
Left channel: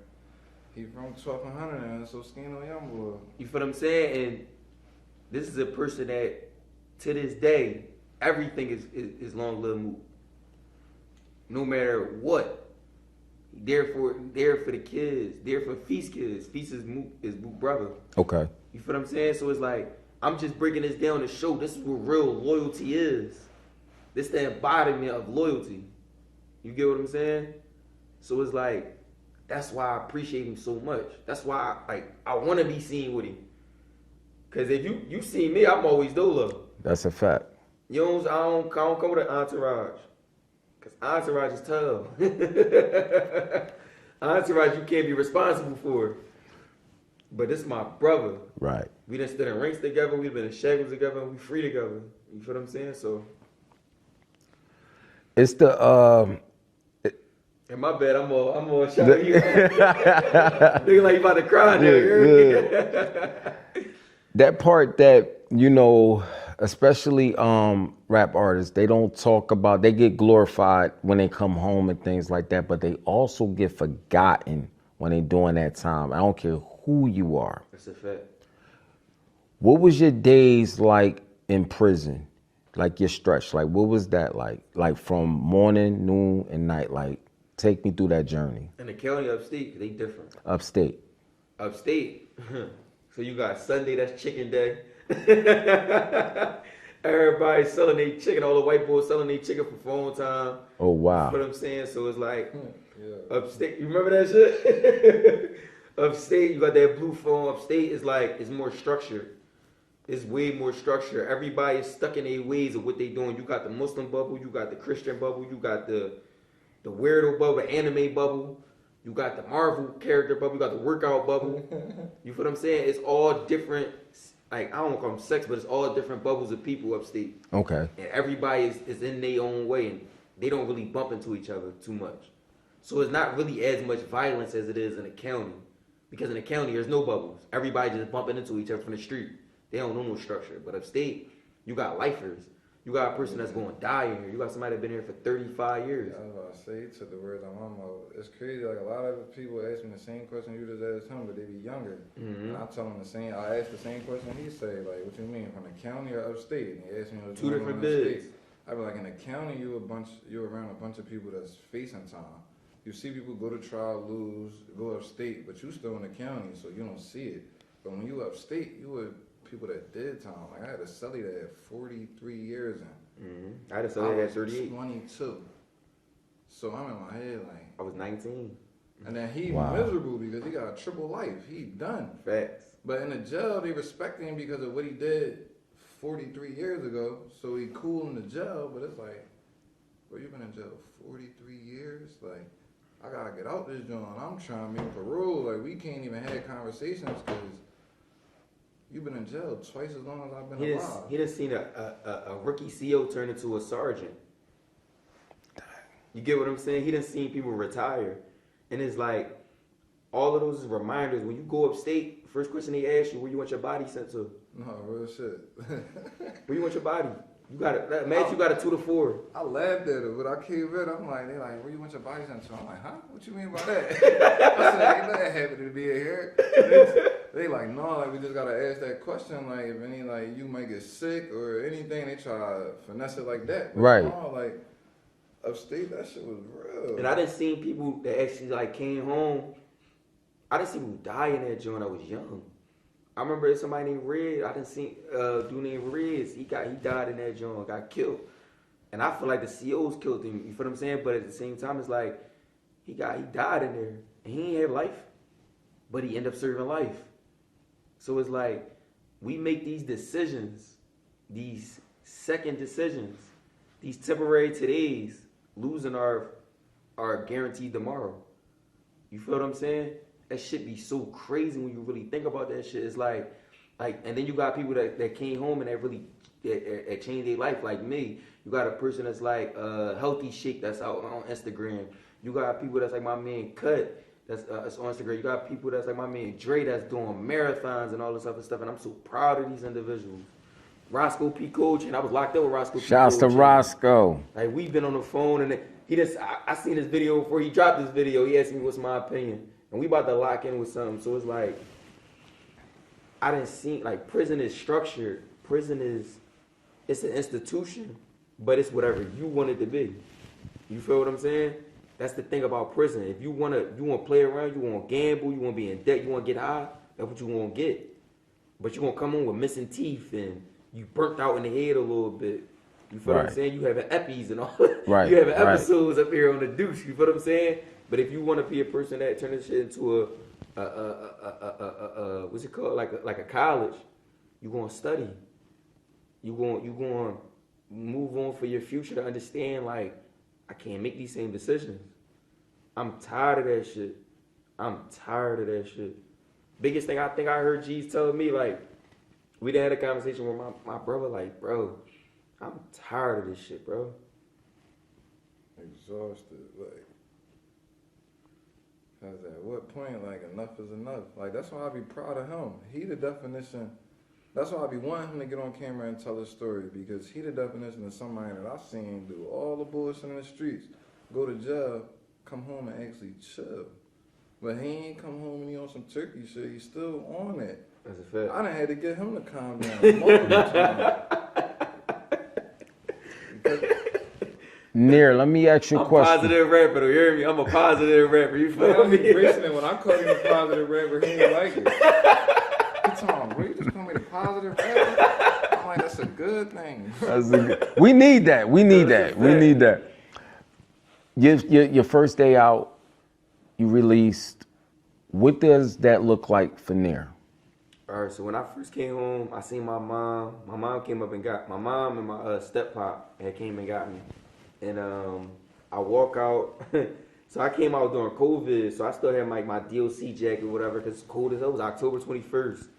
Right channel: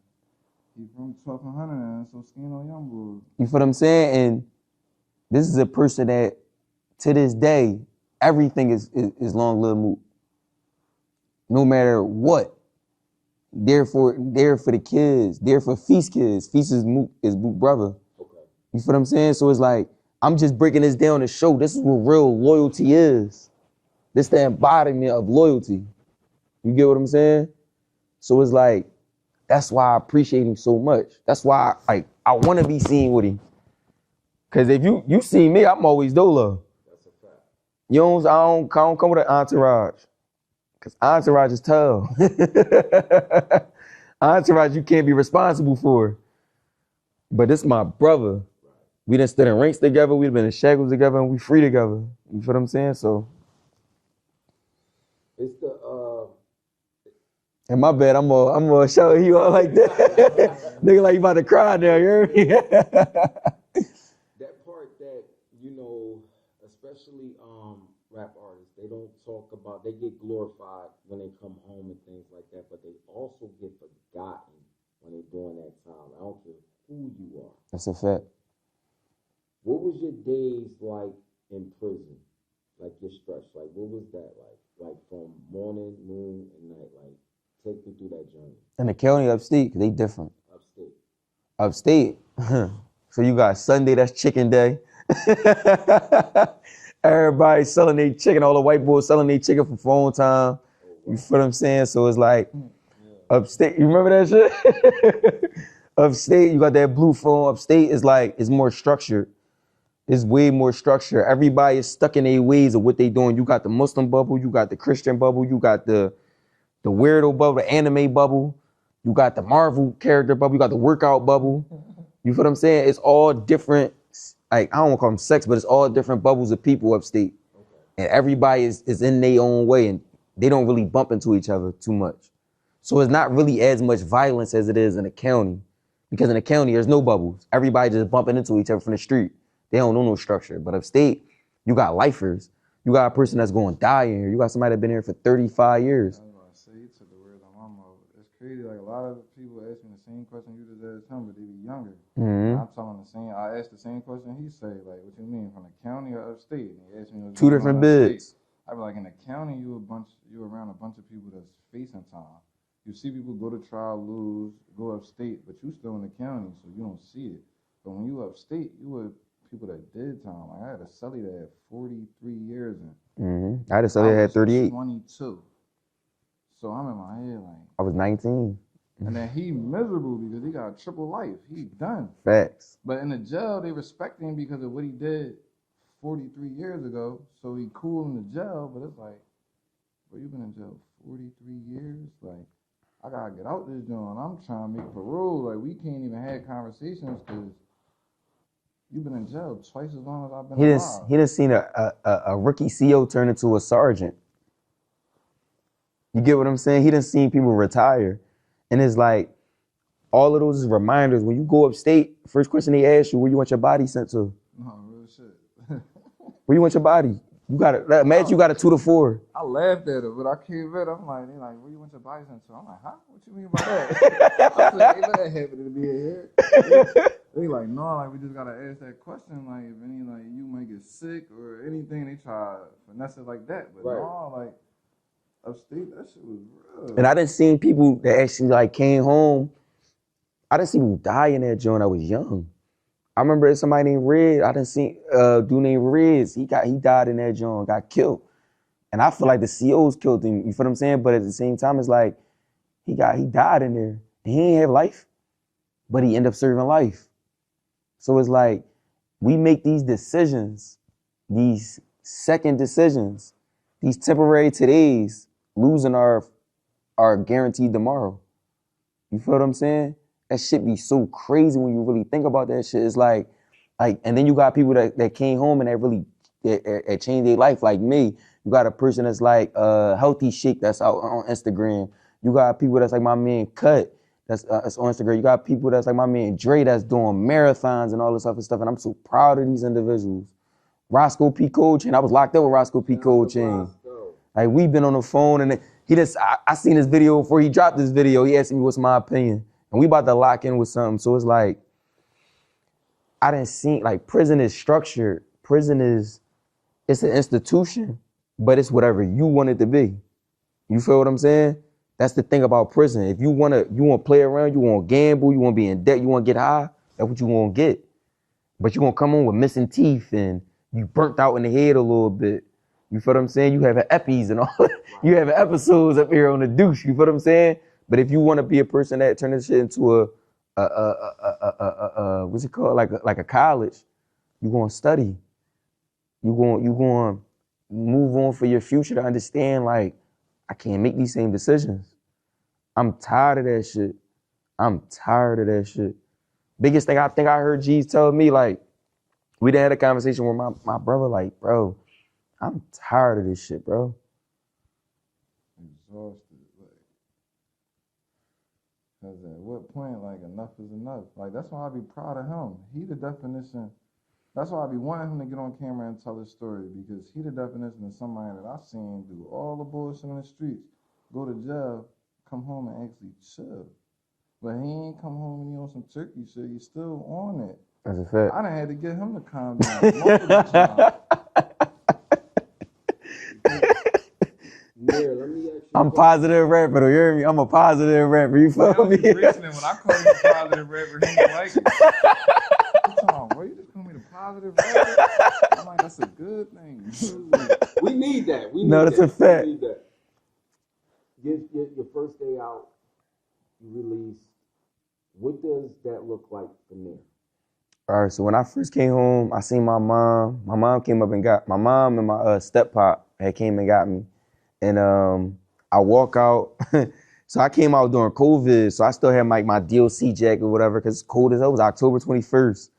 He from 1200 and so Oschino Youngboy. You feel what I'm saying? And this is a person that, to this day, everything is long live Mook. No matter what. There for the kids, there for Feast kids. Feast is Mook brother. Okay. You feel what I'm saying? So it's like, I'm just breaking this down to show this is what real loyalty is. This the embodiment of loyalty. You get what I'm saying? So it's like, that's why I appreciate him so much. That's why I want to be seen with him. Cause if you see me, I'm always dolo. That's a fact. I don't come with an entourage. Cause entourage is tough. Entourage you can't be responsible for. But this my brother. Right. We done stood in ranks together, we've been in shackles together, and we free together. You feel what I'm saying? So it's the and my bad, I'm gonna shout you out like that. Nigga like you about to cry now, that part that, you know, especially rap artists, they don't talk about, they get glorified when they come home and things like that, but they also get forgotten when they doing that time. I don't care who you are. That's a fact. What was your days like in prison? Like your stretch, like what was that like? Like from morning, noon, and night, like take me through that journey. In the county upstate, they different. Upstate. Upstate, so you got Sunday, that's chicken day. Everybody selling their chicken, all the white boys selling their chicken for phone time. Oh, wow. You feel what I'm saying? So it's like, upstate, you remember that shit? Upstate, you got that blue phone. Upstate is like, it's more structured. It's way more structured. Everybody is stuck in their ways of what they doing. You got the Muslim bubble, you got the Christian bubble, you got the weirdo bubble, the anime bubble, you got the Marvel character bubble, you got the workout bubble. You feel what I'm saying? It's all different, like, I don't want to call them sex, but it's all different bubbles of people upstate. Okay. And everybody is in their own way, and they don't really bump into each other too much. So it's not really as much violence as it is in the county. Because in the county, there's no bubbles. Everybody just bumping into each other from the street. They don't know no structure. But upstate, you got lifers. You got a person that's going to die in here. You got somebody that's been here for 35 years. I was about to say, you took the words out my mouth. It's crazy, like a lot of people ask me the same question you just asked him, but they be younger. Mm-hmm. I tell him I asked the same question he say, like, what you mean, from the county or upstate? And he asked me, two different bids. I be like, in the county, you around a bunch of people that's facing time. You see people go to trial, lose, go upstate, but you still in the county, so you don't see it. But when you upstate, you with people that did time. Like I had a cellie that had 43 years in. Mm-hmm. I had a cellie that had 38. 22. So I'm in my head like. I was 19. And then he miserable because he got a triple life. He done. Facts. But in the jail, they respect him because of what he did 43 years ago. So he cool in the jail, but it's like, bro, you been in jail 43 years? Like, I gotta get out this joint. I'm trying to make parole. Like, we can't even have conversations because you've been in jail twice as long as I've been alive. He done seen a rookie CO turn into a sergeant. You get what I'm saying? He done seen people retire. And it's like, all of those is reminders. When you go upstate, first question they ask you, where you want your body sent to? No, real shit. Where you want your body? You got it. Imagine you got a 2 to 4. I laughed at it, but I came back. I'm like, they like, where you want your body sent to? I'm like, huh? What you mean by that? I said, ain't that happy to be here. They like, no, like, we just gotta ask that question. Like, if any, like, you might get sick or anything, they try to finesse it like that. But right. No, like, upstate, that shit was real. And I done seen people that actually like came home. I done seen people die in that joint. I was young. I remember somebody named Red. I done seen a dude named Reds. He died in that joint, got killed. And I feel like the COs killed him. You feel what I'm saying? But at the same time, it's like he died in there. He ain't have life, but he ended up serving life. So it's like we make these decisions, these second decisions, these temporary todays, losing our guaranteed tomorrow. You feel what I'm saying? That shit be so crazy when you really think about that shit. It's like, and then you got people that came home and that really that changed their life, like me. You got a person that's like Healthy Shake that's out on Instagram. You got people that's like my man Cut that's on Instagram. You got people that's like my man Dre that's doing marathons and all this other stuff. And I'm so proud of these individuals. Roscoe P. Coach, and I was locked up with Roscoe P. Coach. Shouts to Roscoe. Like we've been on the phone and I seen this video before he dropped this video. He asked me what's my opinion. And we about to lock in with something. So it's like, I didn't see, like prison is structured. Prison it's an institution, but it's whatever you want it to be. You feel what I'm saying? That's the thing about prison. If you want to play around, you want to gamble, you want to be in debt, you want to get high, that's what you want to get. but you're gonna come home with missing teeth and you burnt out in the head a little bit. You feel what I'm saying? You have epi's and all. Right. You have episodes up here on the douche. You feel what I'm saying? But if you want to be a person that turn this shit into what's it called? Like a college, you gonna study. You going move on for your future to understand, like, I can't make these same decisions. I'm tired of that shit. Biggest thing I think I heard G's tell me, like, we done had a conversation with my brother, like, bro, I'm tired of this shit, bro. Exhausted, like, cause at what point, like, enough is enough. Like, that's why I be proud of him. He the definition. That's why I be wanting him to get on camera and tell his story, because he the definition of somebody that I seen do all the bullshit in the streets, go to jail, come home and actually chill. But he ain't come home and he on some turkey shit. He's still on it. That's a fact. I done had to get him to calm down multiple times. Nir, let me ask you a I'm question. positive rapper, though, you hear me? I'm a positive rapper, you feel me? When I call him a positive rapper, he ain't like it. He's talking, well, you just call me the positive rapper? I'm like, that's a good thing. We need that. We need that. We need that. Your first day out, you released. What does that look like for Nir? All right, so when I first came home, I seen my mom. My mom came up and got, my mom and my step-pop had came and got me. And I walk out. So I came out during COVID, so I still had my DLC jacket or whatever, because it's cold as hell. It was October 21st.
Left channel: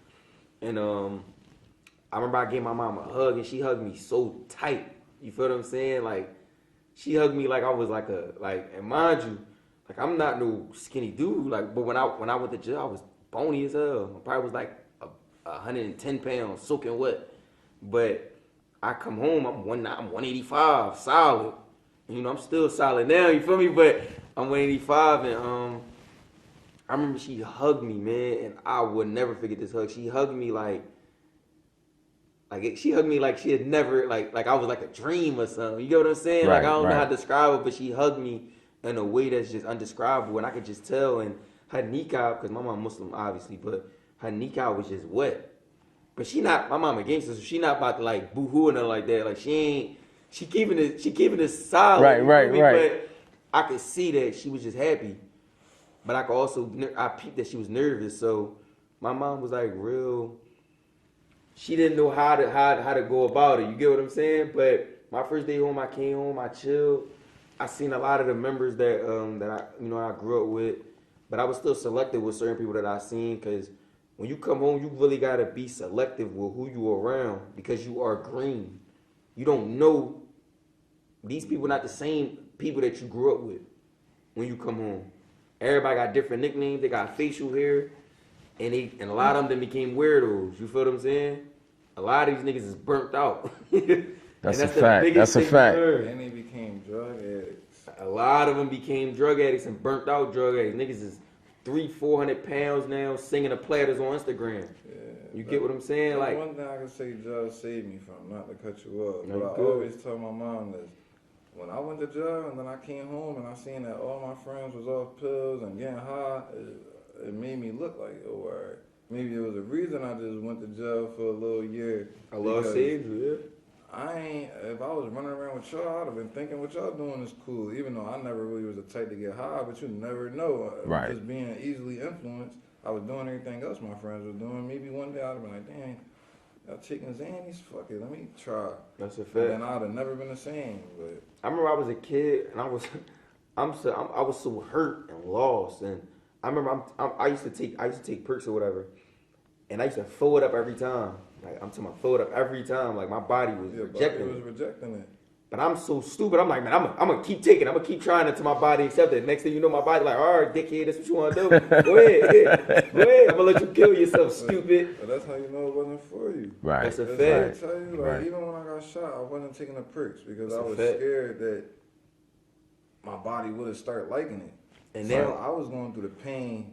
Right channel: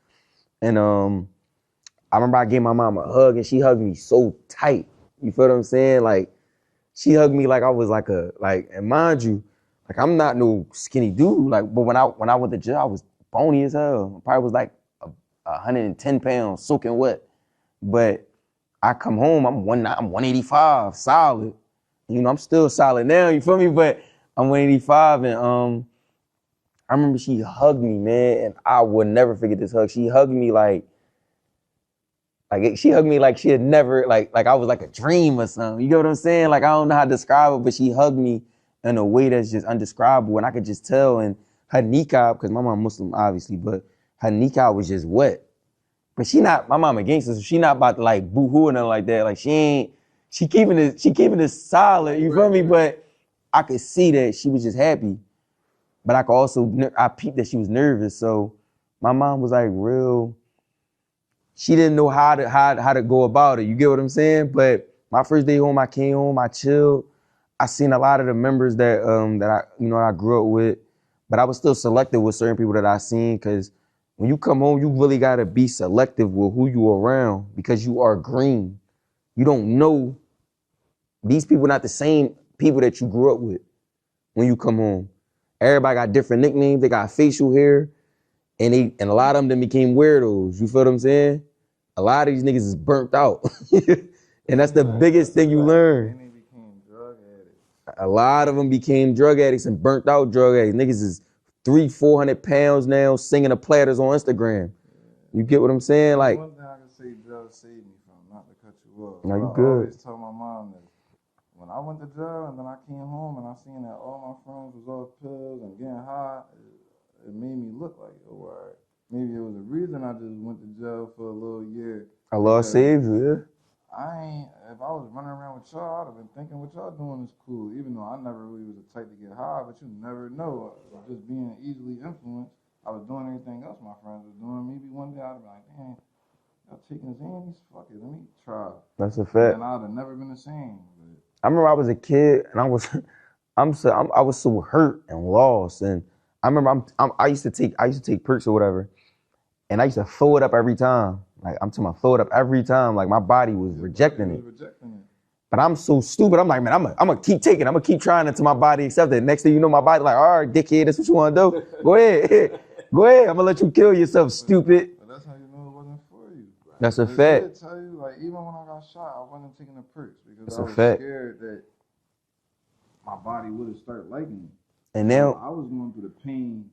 And I remember I gave my mom a hug, and she hugged me so tight. You feel what I'm saying? Like, she hugged me like I was and mind you, like, I'm not no skinny dude. Like, but when I went to jail, I was bony as hell. I probably was like 110 pounds, soaking wet. But I come home, I'm 185, solid. You know, I'm still solid now, you feel me? But I'm 185, and I remember she hugged me, man, and I will never forget this hug. She hugged me like she hugged me like she had never, like I was like a dream or something. You get what I'm saying? Like, I don't know how to describe it, but she hugged me in a way that's just undescribable, and I could just tell. And her niqab, because my mom Muslim, obviously, but her niqab was just wet. But my mom a gangster, so she not about to like boo-hoo or nothing like that. Like, she keeping it solid, you feel me? But I could see that she was just happy. But I peeped that she was nervous. So my mom was like she didn't know how to go about it. You get what I'm saying? But my first day home, I came home, I chilled. I seen a lot of the members that I grew up with, but I was still selective with certain people that I seen, because when you come home, you really gotta be selective with who you around, because you are green. You don't know, these people not the same people that you grew up with when you come home. Everybody got different nicknames, they got facial hair, and a lot of them became weirdos. You feel what I'm saying? A lot of these niggas is burnt out. And that's the biggest thing you learn. And they became drug addicts. A lot of them became drug addicts and burnt out drug addicts. Niggas is 300-400 pounds now, singing the platters on Instagram. Yeah, you get what I'm saying? Like, one thing I can say Joe saved me from, not to cut you off. No, you I good. always tell my mom this. When I went to jail and then I came home and I seen that all my friends was off pills and getting high, it made me look like, oh, all right. Maybe it was a reason I just went to jail for a little year. Allah saved you, yeah. If I was running around with y'all, I'd have been thinking what y'all doing is cool, even though I never really was the type to get high, but you never know. Right. Just being easily influenced, I was doing everything else my friends were doing. Maybe one day I'd be like, dang, y'all taking Xannies? Fuck it, let me try. That's a fact. And I'd have never been the same. But I remember I was a kid and I was so hurt and lost, and I remember I used to take perks or whatever, and I used to throw it up every time. Like, I'm talking about throw it up every time. Like, my body was rejecting it. But I'm so stupid. I'm like, man, I'm gonna keep taking it. I'm gonna keep trying until my body accepts it. Next thing you know, my body like, all right, dickhead, that's what you want to do. Go ahead. Go ahead. I'm gonna let you kill yourself, stupid. But that's how you know it wasn't for you. Right. That's a I fact. tell you, like, even when I got shot, I wasn't taking the perks because That's I a was fact. scared that my body would have started liking it. And So now I was going through the pain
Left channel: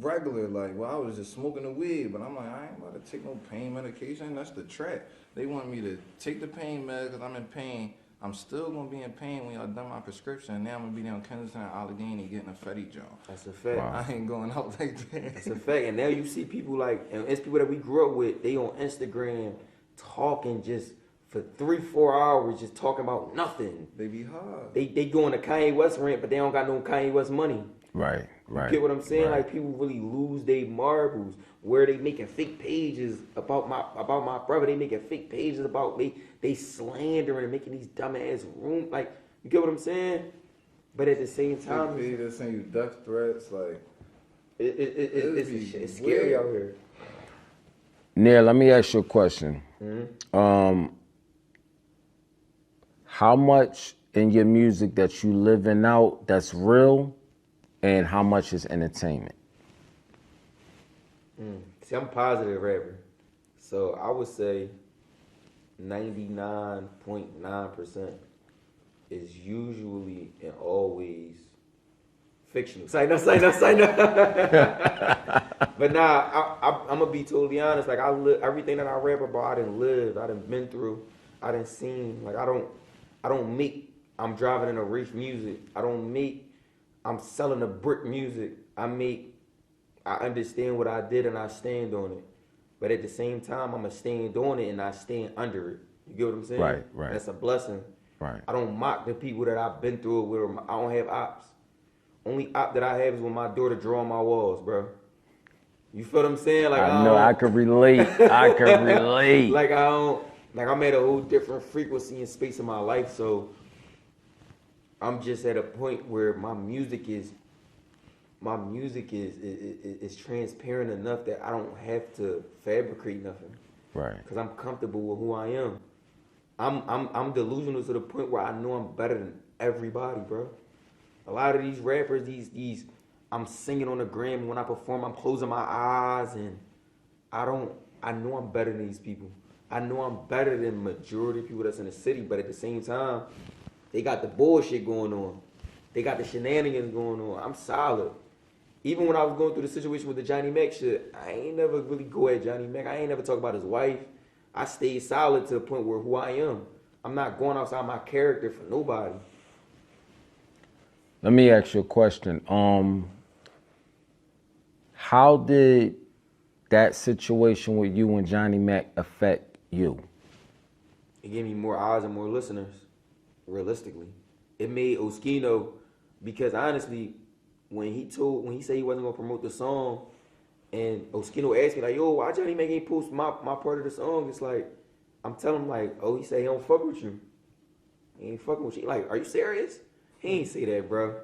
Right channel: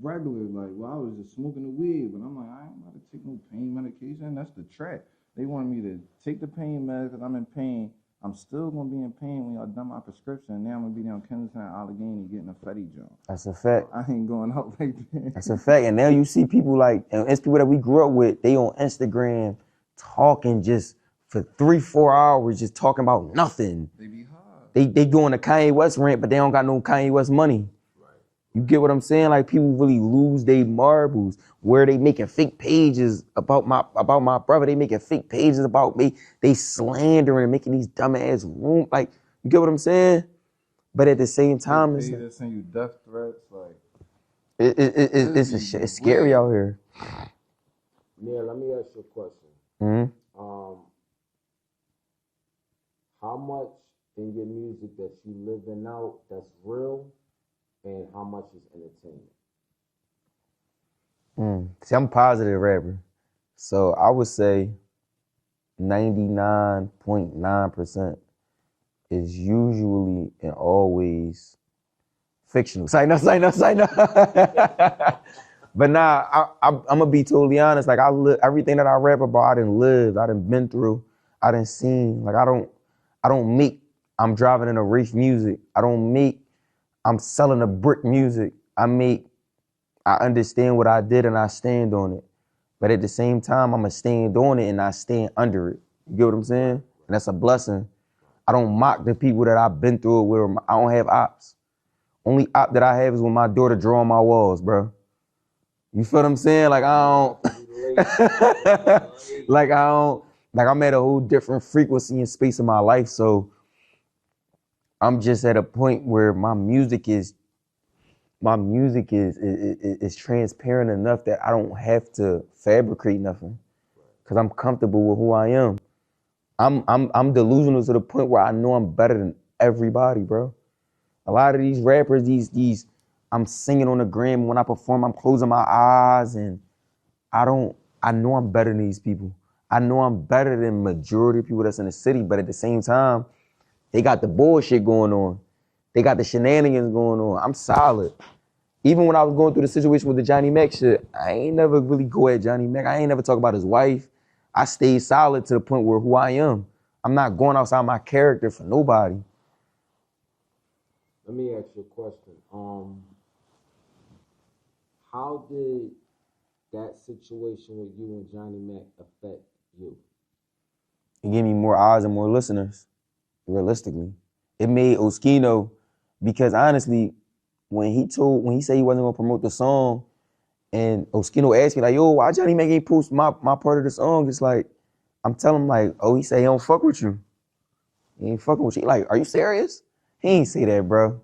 regular, like, well, I was just smoking the weed, but I'm like, I ain't about to take no pain medication. That's the trap. They want me to take the pain med because I'm in pain I'm still gonna be in pain when y'all done my prescription, and now I'm gonna be down Kensington and Allegheny getting a Fetty joint. That's a fact. I ain't going out like that. That's a fact. And now you see people like, and it's people that we grew up with, they on Instagram talking just for 3-4 hours, just talking about nothing. They be hard. They doing a Kanye West rant, but they don't got no Kanye West money. Right. You get what I'm saying? Like people really lose their marbles. Where they making fake pages about my brother. They making fake pages about me. They slandering, making these dumbass room. Like, you get what I'm saying? But at the same time, they just send you death threats. Like, it's scary out here. Nir, let me ask you a question. Mm-hmm. How much in your music that you living out that's real, and how much is entertainment? See, I'm a positive rapper. So I would say 99.9% is usually and always fictional. Say no. But nah, I'm gonna be totally honest. Like everything that I rap about, I done lived, I done been through, I done seen. Like I don't make, I'm driving in a race music. I'm selling a brick music. I understand what I did and I stand on it. But at the same time, I'm going to stand on it and I stand under it. You get what I'm saying? Right. And that's a blessing. Right. I don't mock the people that I've been through it with. I don't have ops. Only op that I have is when my daughter draw on my walls, bro. You feel what I'm saying? Like I can relate. Like I'm at a whole different frequency and space in my life. So I'm just at a point where my music is transparent enough that I don't have to fabricate nothing. Right. Because I'm comfortable with who I am. I'm delusional to the point where I know I'm better than everybody, bro. A lot of these rappers, these I'm singing on the gram. When I perform, I'm closing my eyes and I know I'm better than these people. I know I'm better than majority of people that's in the city, but at the same time, they got the bullshit going on. They got the shenanigans going on. I'm solid. Even when I was going through the situation with the Johnnie Mac shit, I ain't never really go at Johnnie Mac. I ain't never talk about his wife. I stayed solid to the point where who I am. I'm not going outside my character for nobody. Let me ask you a question. How did that situation with you and Johnnie Mac affect you? It gave me more eyes and more listeners, realistically. It made Oschino, because honestly, when he said he wasn't gonna promote the song, and Oschino asked me like, yo, why Johnnie Mac ain't post my part of the song? It's like, I'm telling him like, oh, he said he don't fuck with you. He ain't fucking with you. He like, are you serious? He ain't say that, bro.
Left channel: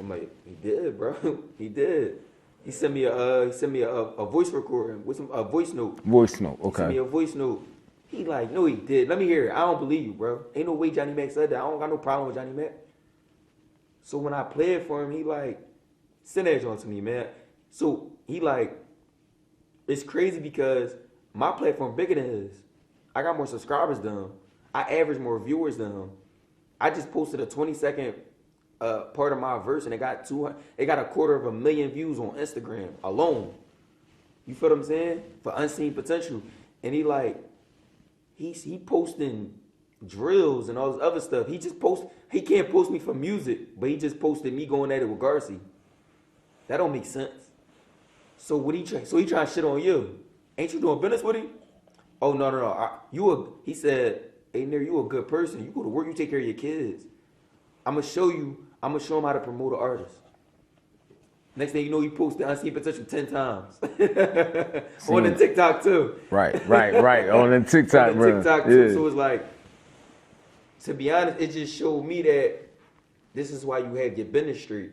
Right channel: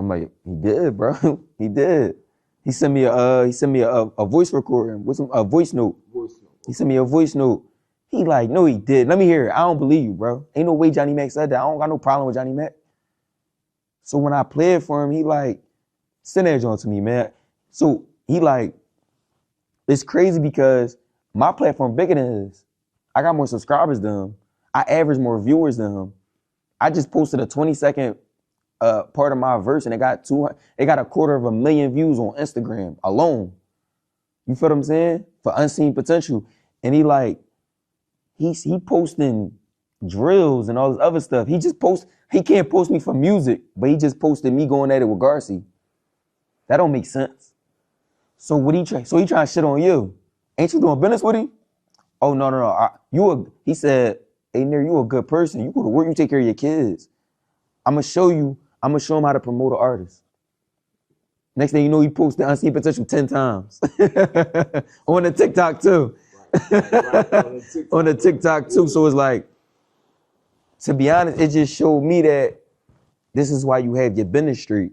I'm like, he did, bro. He did. He sent me a voice recording with a voice note. Voice note, okay. He sent me a voice note. He like, no, he did. Let me hear it. I don't believe you, bro. Ain't no way Johnnie Mac said that. I don't got no problem with Johnnie Mac. So when I played for him, he like, send that joint to me, man. So he like, it's crazy because my platform bigger than his. I got more subscribers than him. I average more viewers than him. I just posted a 20-second part of my verse and it got 250,000 views on Instagram alone. You feel what I'm saying? For Unseen Potential. And he like, he posting drills and all this other stuff. He can't post me for music, but he just posted me going at it with Garci. That don't make sense. So what he trying to shit on you? Ain't you doing business with him? Oh, no. He said, hey, Nir, you a good person. You go to work, you take care of your kids. I'm gonna show him how to promote an artist. Next thing you know, he posted Unseen Potential 10 times. On the TikTok too. Right. On the TikTok. On the TikTok too. Yeah. So it's like, to be honest, it just showed me that this is why you have your business streak.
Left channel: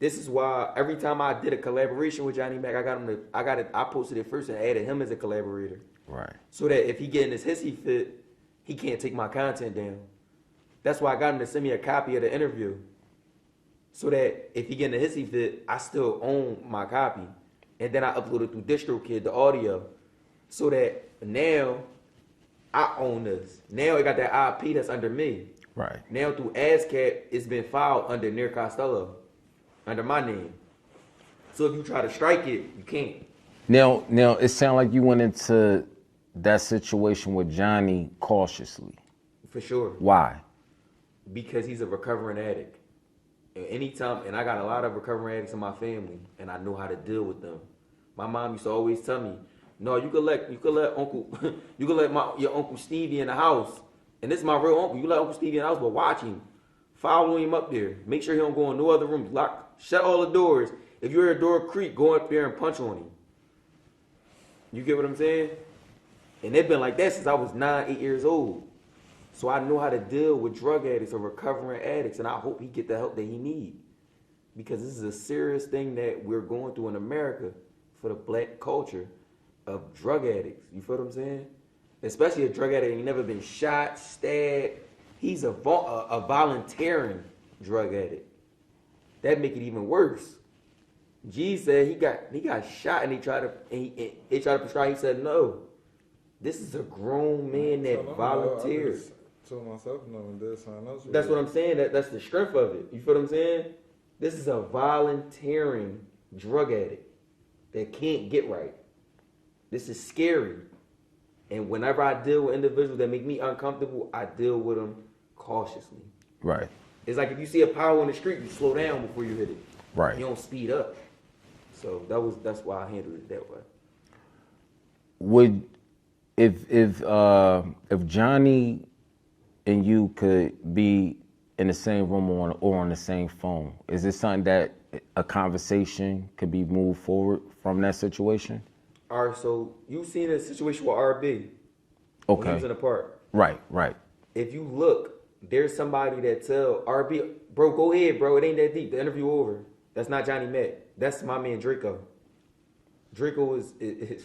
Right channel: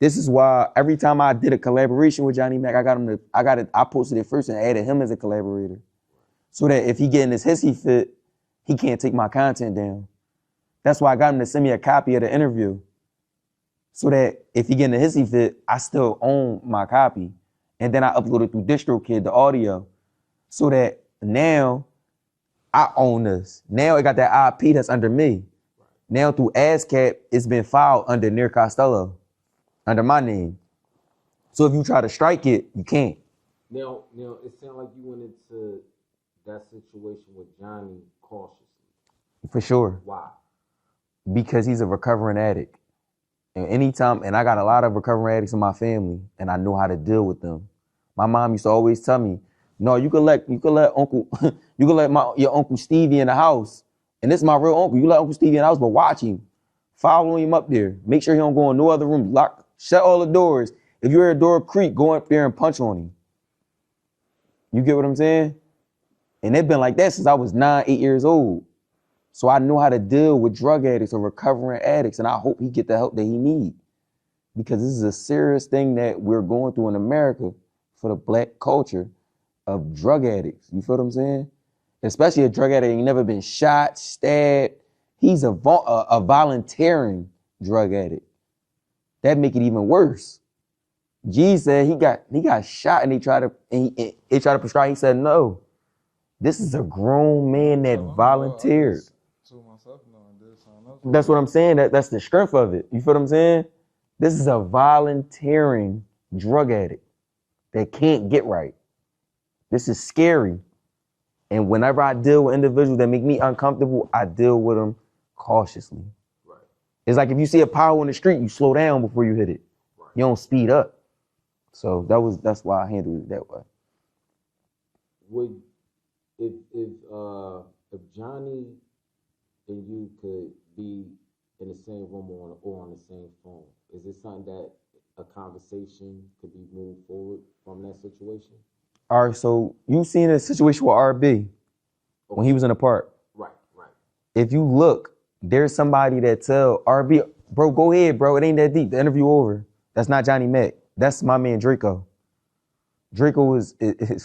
This is why every time I did a collaboration with Johnnie Mac, I posted it first and added him as a collaborator. Right. So that if he get in his hissy fit, he can't take my content down. That's why I got him to send me a copy of the interview. So that if he get in a hissy fit, I still own my copy. And then I upload it through DistroKid, the audio. So that now I own this. Now it got that IP that's under me. Right. Now through ASCAP, it's been filed under Nir Costello, under my name. So if you try to strike it, you can't. Now it sounds like you went into that situation with Johnny cautiously. For sure. Why? Because he's a recovering addict. And and I got a lot of recovering addicts in my family, and I know how to deal with them. My mom used to always tell me, no, you can let Uncle, you can let your Uncle Stevie in the house. And this is my real uncle. You let Uncle Stevie in the house, but watch him. Follow him up there. Make sure he don't go in no other room. Shut all the doors. If you hear a door creak, go up there and punch on him. You get what I'm saying? And they've been like that since I was 9, 8 years old. So I know how to deal with drug addicts or recovering addicts, and I hope he get the help that he needs. Because this is a serious thing that we're going through in America for the black culture of drug addicts. You feel what I'm saying? Especially a drug addict ain't never been shot, stabbed. He's a volunteering drug addict. That make it even worse. G said he got shot and they tried to prescribe. He said no. This is a grown man that volunteered. That's what I'm saying. That's the strength of it. You feel what I'm saying? This is a volunteering drug addict that can't get right. This is scary. And whenever I deal with individuals that make me uncomfortable, I deal with them cautiously. Right. It's like if you see a pothole in the street, you slow down before you hit it. Right. You don't speed up. So that's why I handled it that way. Would if Johnny and you could be in the same room or on the same phone, is this something that a conversation could be moved forward from that situation? All right, so you seen a situation with RB when he was in the park. Right, right. If you look, there's somebody that tell RB, bro, go ahead, bro. It ain't that deep. The interview over. That's not Johnnie Mac. That's my man Draco. Draco is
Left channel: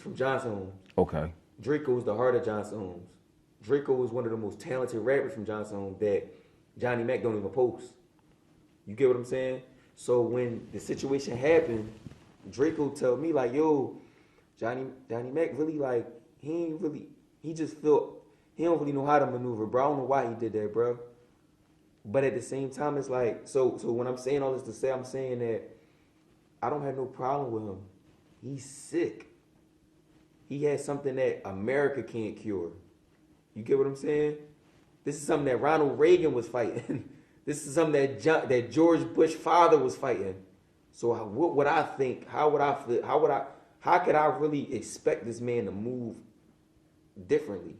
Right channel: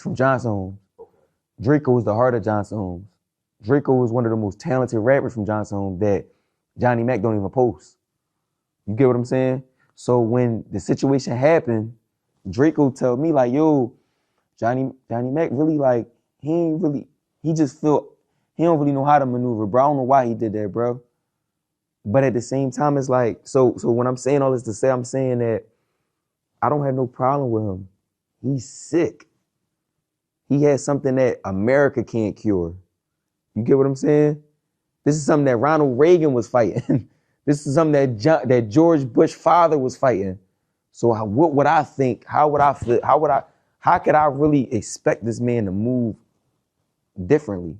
from Johnson Homes. Okay. Draco is the heart of Johnson Homes. Draco is one of the most talented rappers from Johnson Homes that Johnnie Mac don't even post. You get what I'm saying? So when the situation happened, Draco tell me like, yo, Johnnie Mac really like, he just feel, he don't really know how to maneuver, bro. I don't know why he did that, bro. But at the same time, it's like, so when I'm saying all this to say, I'm saying that I don't have no problem with him. He's sick. He has something that America can't cure. You get what I'm saying? This is something that Ronald Reagan was fighting. This is something that George Bush father was fighting. So what would I think? How would I feel? How could I really expect this man to move differently?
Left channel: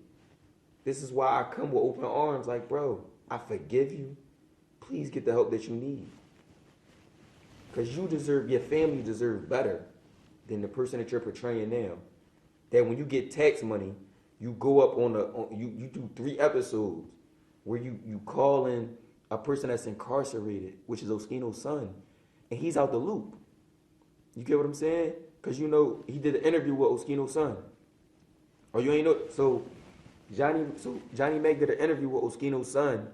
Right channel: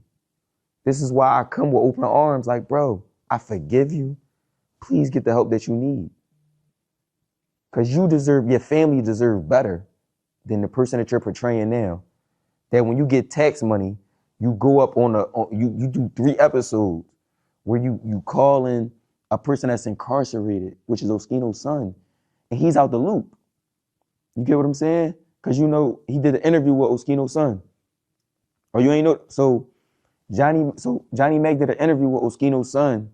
This is why I come with open arms like, bro, I forgive you. Please get the help that you need. Because your family deserve better than the person that you're portraying now. That when you get tax money, you go up you do 3 episodes where you call in a person that's incarcerated, which is Oschino's son, and he's out the loop. You get what I'm saying? Because you know, he did an interview with Oschino's son. Or you ain't know, so Johnnie Mac did an interview with Oschino's son,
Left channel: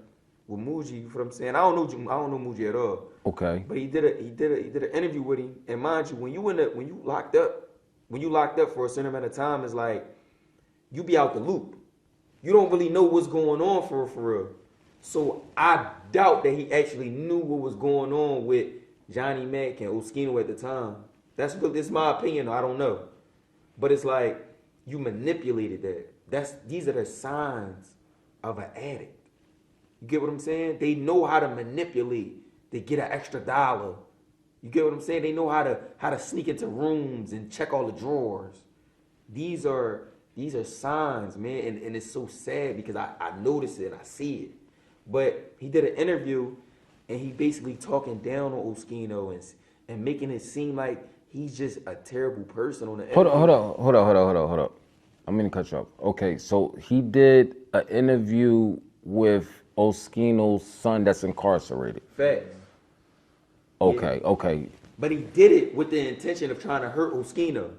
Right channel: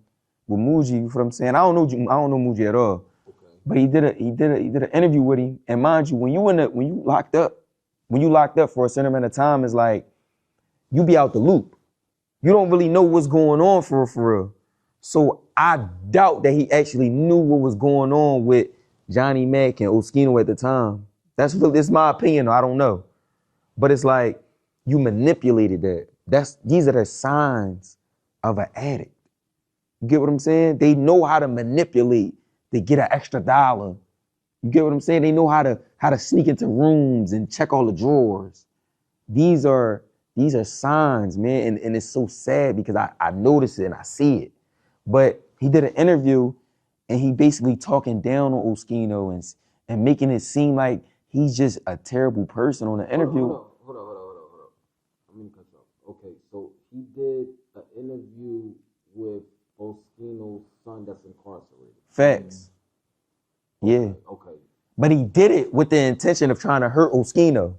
with Muji, you feel what I'm saying? I don't know Muji at all. Okay. But he did an interview with him, and mind you, when you locked up for a certain amount of time, it's like you be out the loop. You don't really know what's going on for real. So I doubt that he actually knew what was going on with Johnnie Mac and Oschino at the time. This is my opinion, I don't know. But it's like you manipulated that. These are the signs of an addict. You get what I'm saying? They know how to manipulate to get an extra dollar. You get what I'm saying? They know how to sneak into rooms and check all the drawers. These are signs, man, and it's so sad because I notice it and I see it. But he did an interview and he basically talking down on Oschino and making it seem like he's just a terrible person on the interview. Hold up. I'm gonna cut you off. Okay, so he did an interview with Oschino's son that's incarcerated. Facts. Okay, Yeah. okay. But he did it with the intention of trying to hurt Oschino.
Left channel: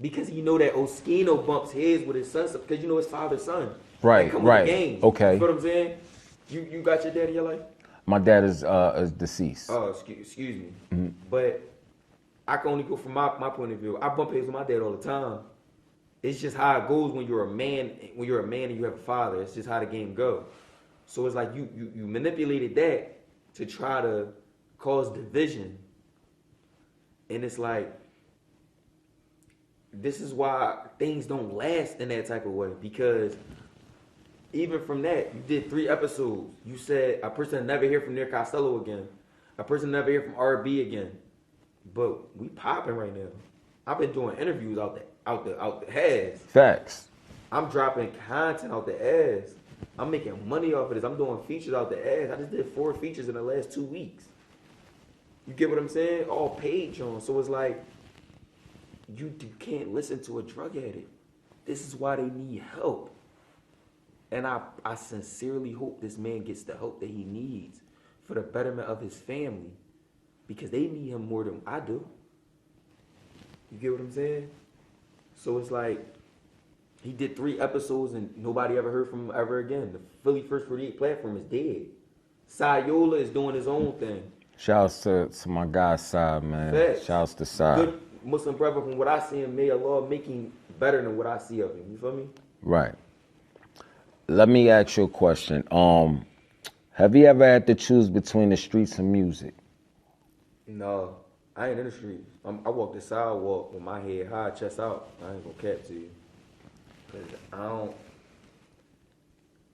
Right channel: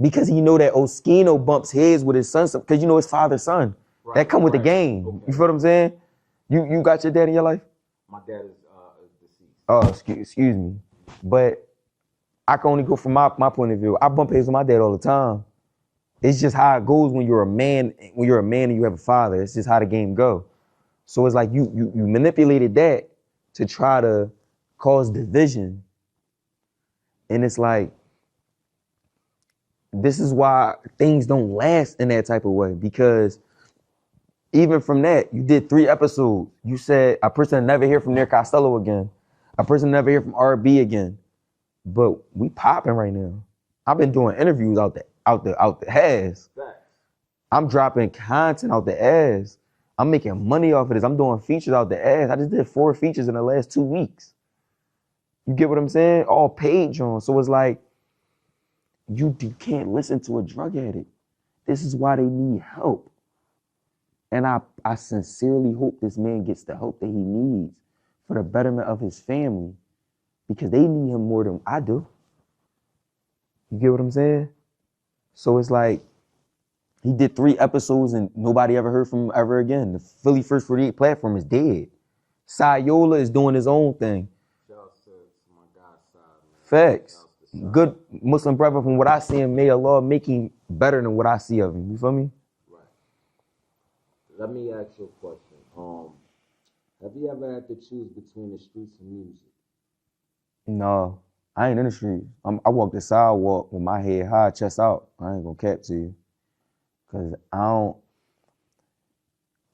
Because he know that Oschino bumps heads with his son, because you know his father's son. Right, that come with the game. Okay. You feel what I'm saying? You got your dad in your life? My dad is deceased. Oh, excuse me. Mm-hmm. But I can only go from my point of view. I bump heads with my dad all the time. It's just how it goes when you're a man. When you're a man and you have a father, it's just how the game go. So it's like you manipulated that to try to cause division. And it's like, this is why things don't last in that type of way, because even from that, you did 3 episodes. You said a person never hear from Nir Costello again. A person never hear from RB again. But we popping right now. I've been doing interviews out the ass. Facts. I'm dropping content out the ass. I'm making money off of this. I'm doing features out the ass. I just did 4 features in the last 2 weeks. You get what I'm saying? All paid, John. So it's like, you can't listen to a drug addict. This is why they need help. And I sincerely hope this man gets the help that he needs for the betterment of his family, because they need him more than I do. You get what I'm saying? So it's like, he did 3 episodes and nobody ever heard from him ever again. The Philly First 48 platform is dead. Sayola is doing his own thing. Shouts to my guy Side, man. Facts. Shouts to Side. Good Muslim brother. From what I see him, may Allah make him better than what I see of him. You feel me? Right. Let me ask you a question. Have you ever had to choose between the streets and music? No, I ain't in the streets. I walk the sidewalk with my head high, chest out. I ain't gonna cap to you. Cause I don't.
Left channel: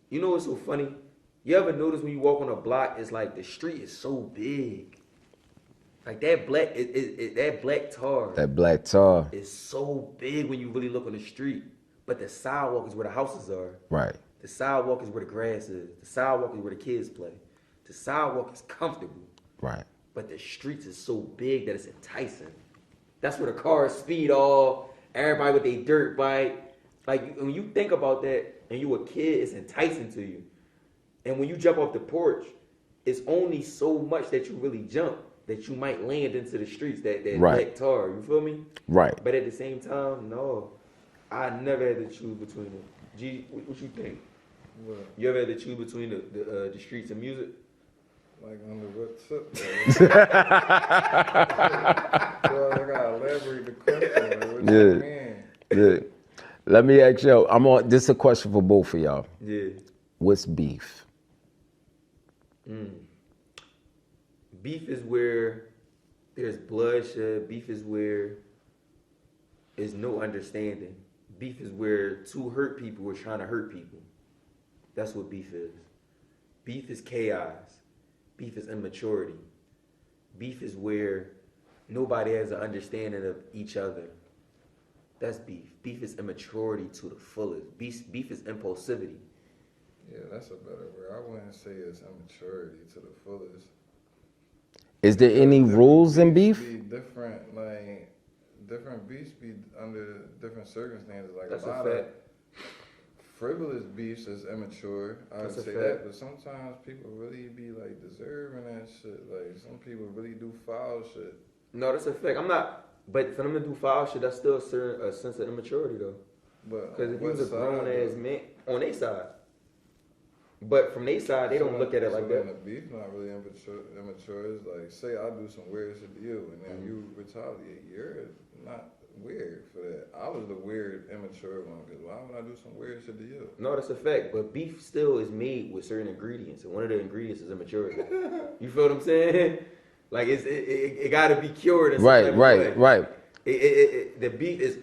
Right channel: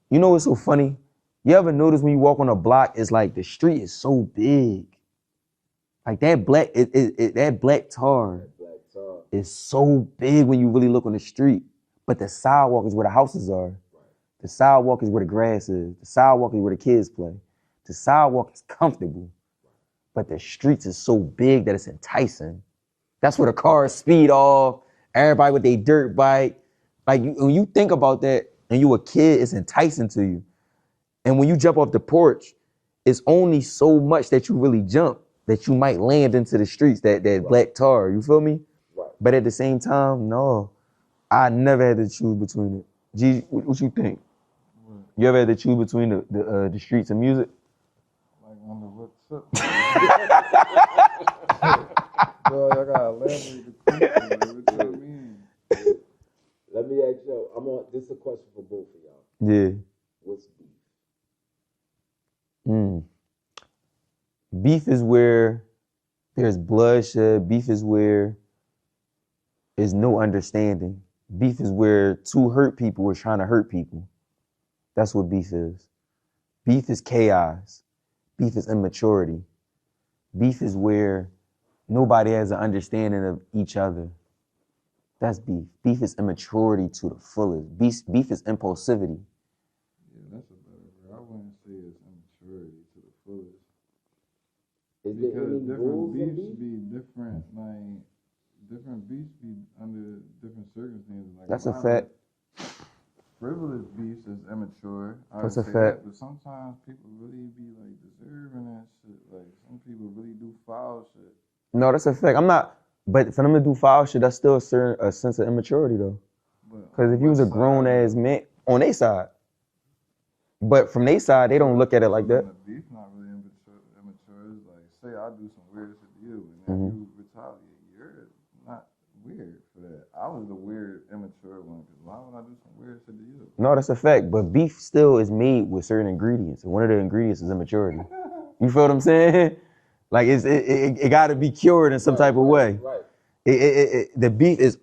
You know what's so funny? You ever notice when you walk on a block, it's like the street is so big. Like that black, that black tar. That black tar. Is so big when you really look on the street. But the sidewalk is where the houses are. Right. The sidewalk is where the grass is. The sidewalk is where the kids play. The sidewalk is comfortable. Right. But the streets is so big that it's enticing. That's where the cars speed off. Everybody with their dirt bike. Like when you think about that and you a kid, it's enticing to you. And when you jump off the porch, it's only so much that you really jump that you might land into the streets, that right. Black tar, you feel me? Right. But at the same time, no, I never had to choose between it. G, what you think? What? You ever had to choose between the streets and music? Like on the what tip? Yo, I gotta elaborate the question. Yeah. Let me ask you, this is a question for both of y'all. Yeah. What's beef? Beef is where there's bloodshed. Beef is where there's no understanding. Beef is where 2 hurt people are trying to hurt people. That's what beef is. Beef is chaos. Beef is immaturity. Beef is where nobody has an understanding of each other. That's beef. Beef is immaturity to the fullest. Beef is impulsivity. Yeah, that's a better word. I wouldn't say it's immaturity to the fullest. Is there any rules in beef? Different, like different beefs be under different circumstances. Like that's a fact. Frivolous beefs is immature. That's a fact. That, but sometimes people really be like deserving that shit. Like some people really do foul shit. No, that's a fact. I'm not. But for them to do foul shit, that's still a sense of immaturity, though. Because if you was a grown-ass man, on their side. But from their side, they don't look at it like that. The beef not really immature. It's like, say I do some weird shit to you, and then you retaliate. You're not weird for that. I was the weird, immature one, because why would I do some weird shit to you? No, that's a fact. But beef still is made with certain ingredients. And one of the ingredients is immaturity. You feel what I'm saying? Like it got to be cured in some type of way. Right. The beef is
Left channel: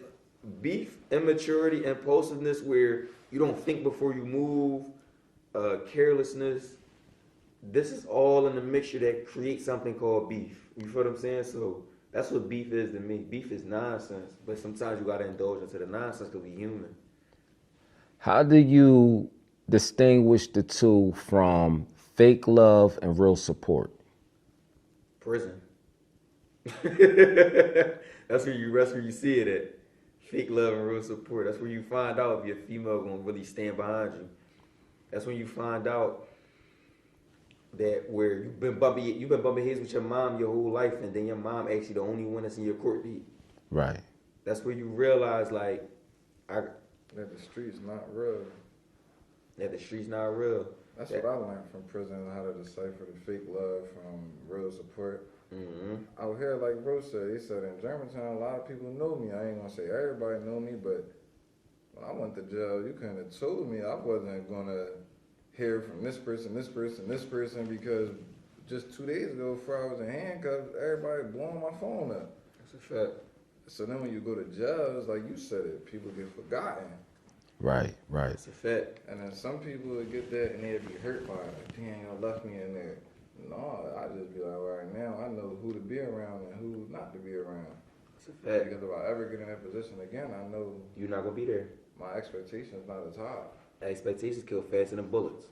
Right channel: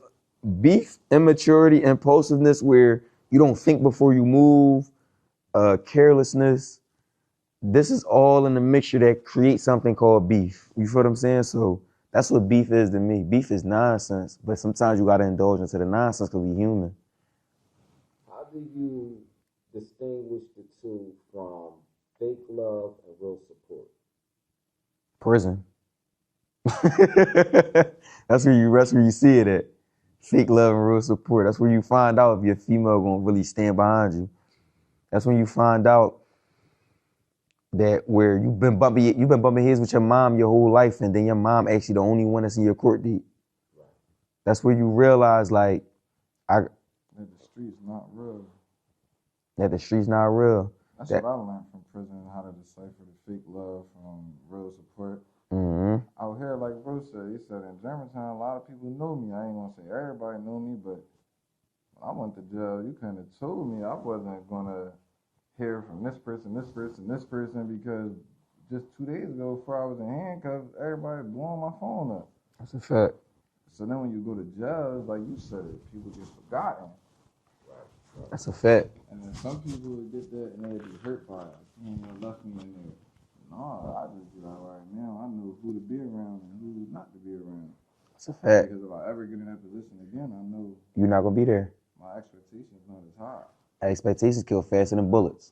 immaturity, impulsiveness, where you don't think before you move, carelessness. This is all in the mixture that creates something called beef. You feel what I'm saying? So that's what beef is to me. Beef is nonsense, but sometimes you got to indulge into the nonsense because we're human. How do you distinguish the two from fake love and real support? Prison. That's where you see it at. Fake love and real support. That's where you find out if your female gonna really stand behind you. That's when you find out that where you've been bumping heads with your mom your whole life, and then your mom actually the only one that's in your court date. Right. That's where you realize that the street's not real. That the street's not real. That's what I learned from prison, how to decipher the fake love from real support. Out here, like bro said, he said in Germantown, a lot of people know me. I ain't gonna say everybody know me, but when I went to jail, you couldn't have told me I wasn't gonna hear from this person, because just 2 days ago, before I was in handcuffs, everybody blowing my phone up. That's a fact. So then when you go to jail, it's like you said it, people get forgotten. Right. That's a fact. And then some people would get that and they'd be hurt by it. Like, damn, y'all left me in there. No, I just be like, right now, I know who to be around and who not to be around. That's a fact. Because if I ever get in that position again, I know You're not gonna be there. my expectations not as high. Expectations kill faster than bullets.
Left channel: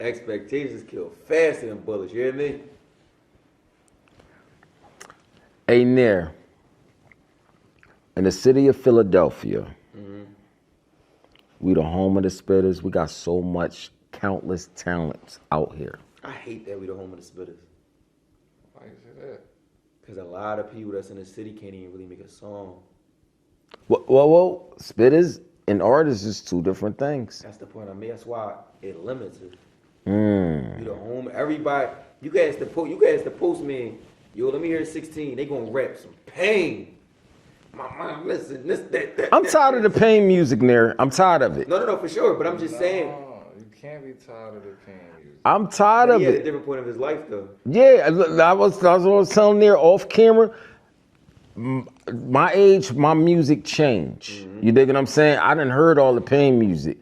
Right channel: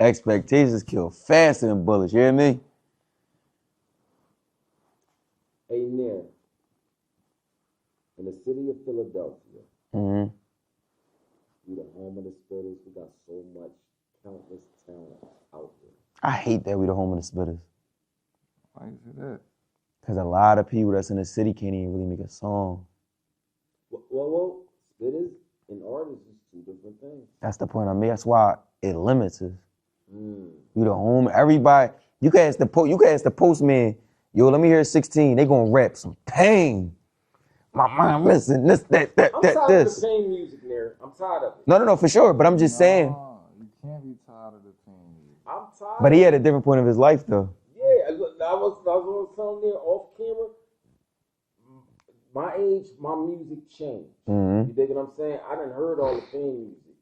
Expectations kill faster than bullets, you hear me? Hey, Nir, in the city of Philadelphia, we the home of the spitters. We got so much countless talents out here. I hate that we the home of the spitters. Why you say that? Because a lot of people that's in the city can't even really make a song. Whoa, spitters and artists is two different things. That's the point I made. That's why it limits it. You the home, everybody, you can ask the postman, yo, let me hear 16. They gonna rap some pain. My mind, listen, this, that. I'm that, tired this. of the pain music, Nir. I'm tired of it. No, for sure. But I'm just saying. No, you can't be tired of the pain music. I'm tired But of he it. had a different point of his life, though. Yeah, I was telling Nir off camera. My age, my music changed. You dig what I'm saying? I done heard all the pain music.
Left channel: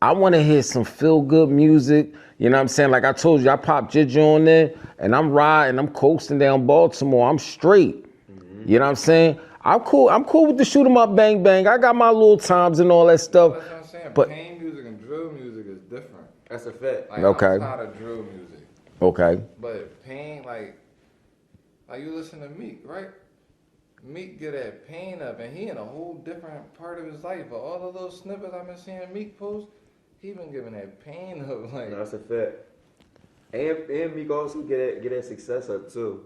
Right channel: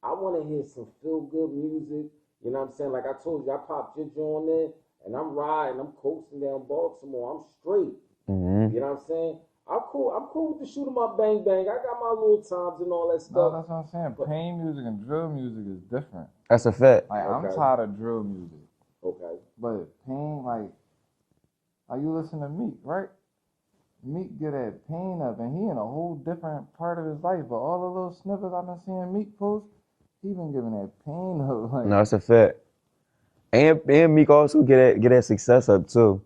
I want to hear some feel-good music. You know what I'm saying? Like I told you, I popped Ginger on there, and I'm riding, I'm coasting down Baltimore. I'm straight. You know what I'm saying? I'm cool with the shoot 'em up, bang bang. I got my little times and all that stuff. That's what I'm saying. But pain music and drill music is different. That's a fact. Like, Okay. I'm tired of drill music. okay, But pain, like you listen to Meek, right? Meek get that pain up, and he in a whole different part of his life. But all the little snippets I've been seeing Meek post, he been giving that pain up. Like, No, it's a fact. And Meek also get that success up too.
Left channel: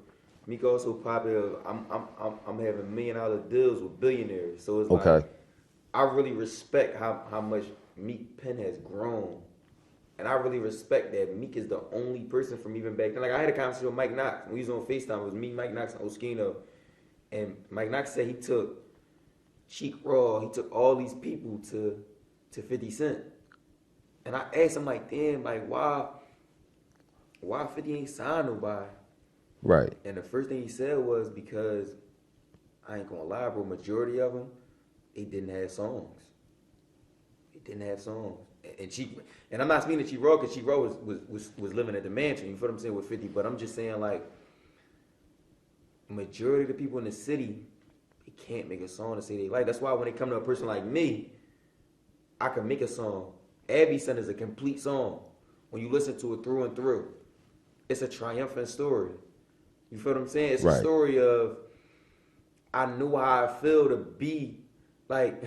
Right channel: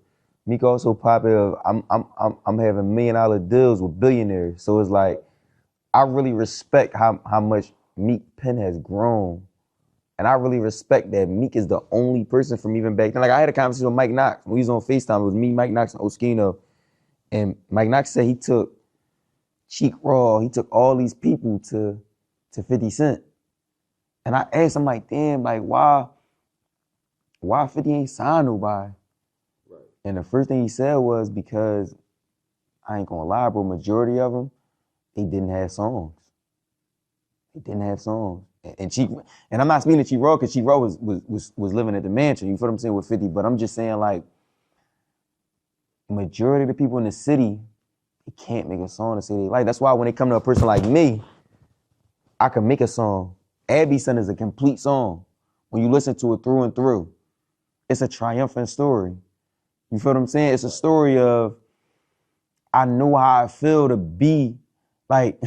Meek also popular. I'm having $1 million deals with billionaires. So it's like Okay. I really respect how much Meek pen has grown. And I really respect that Meek is the only person from even back then. Like I had a conversation with Mike Knox when he was on FaceTime. It was me, Mike Knox, and Oschino. And Mike Knox said he took Cheek Raw, he took all these people to 50 Cent. And I asked him, like, damn, like, why 50 ain't signed nobody? right. And the first thing he said was because, I ain't gonna lie, bro, majority of them, they didn't have songs. They didn't have songs. And I'm not speaking to Cheek Raw, because Cheek Raw was living at the mansion, you feel what I'm saying, with 50, but I'm just saying, like, majority of the people in the city, they can't make a song to say they like. That's why when they come to a person like me, I can make a song. Abby Son is a complete song. When you listen to it through and through, it's a triumphant story. You feel what I'm saying? It's a Right. story of, I know how I feel to be like,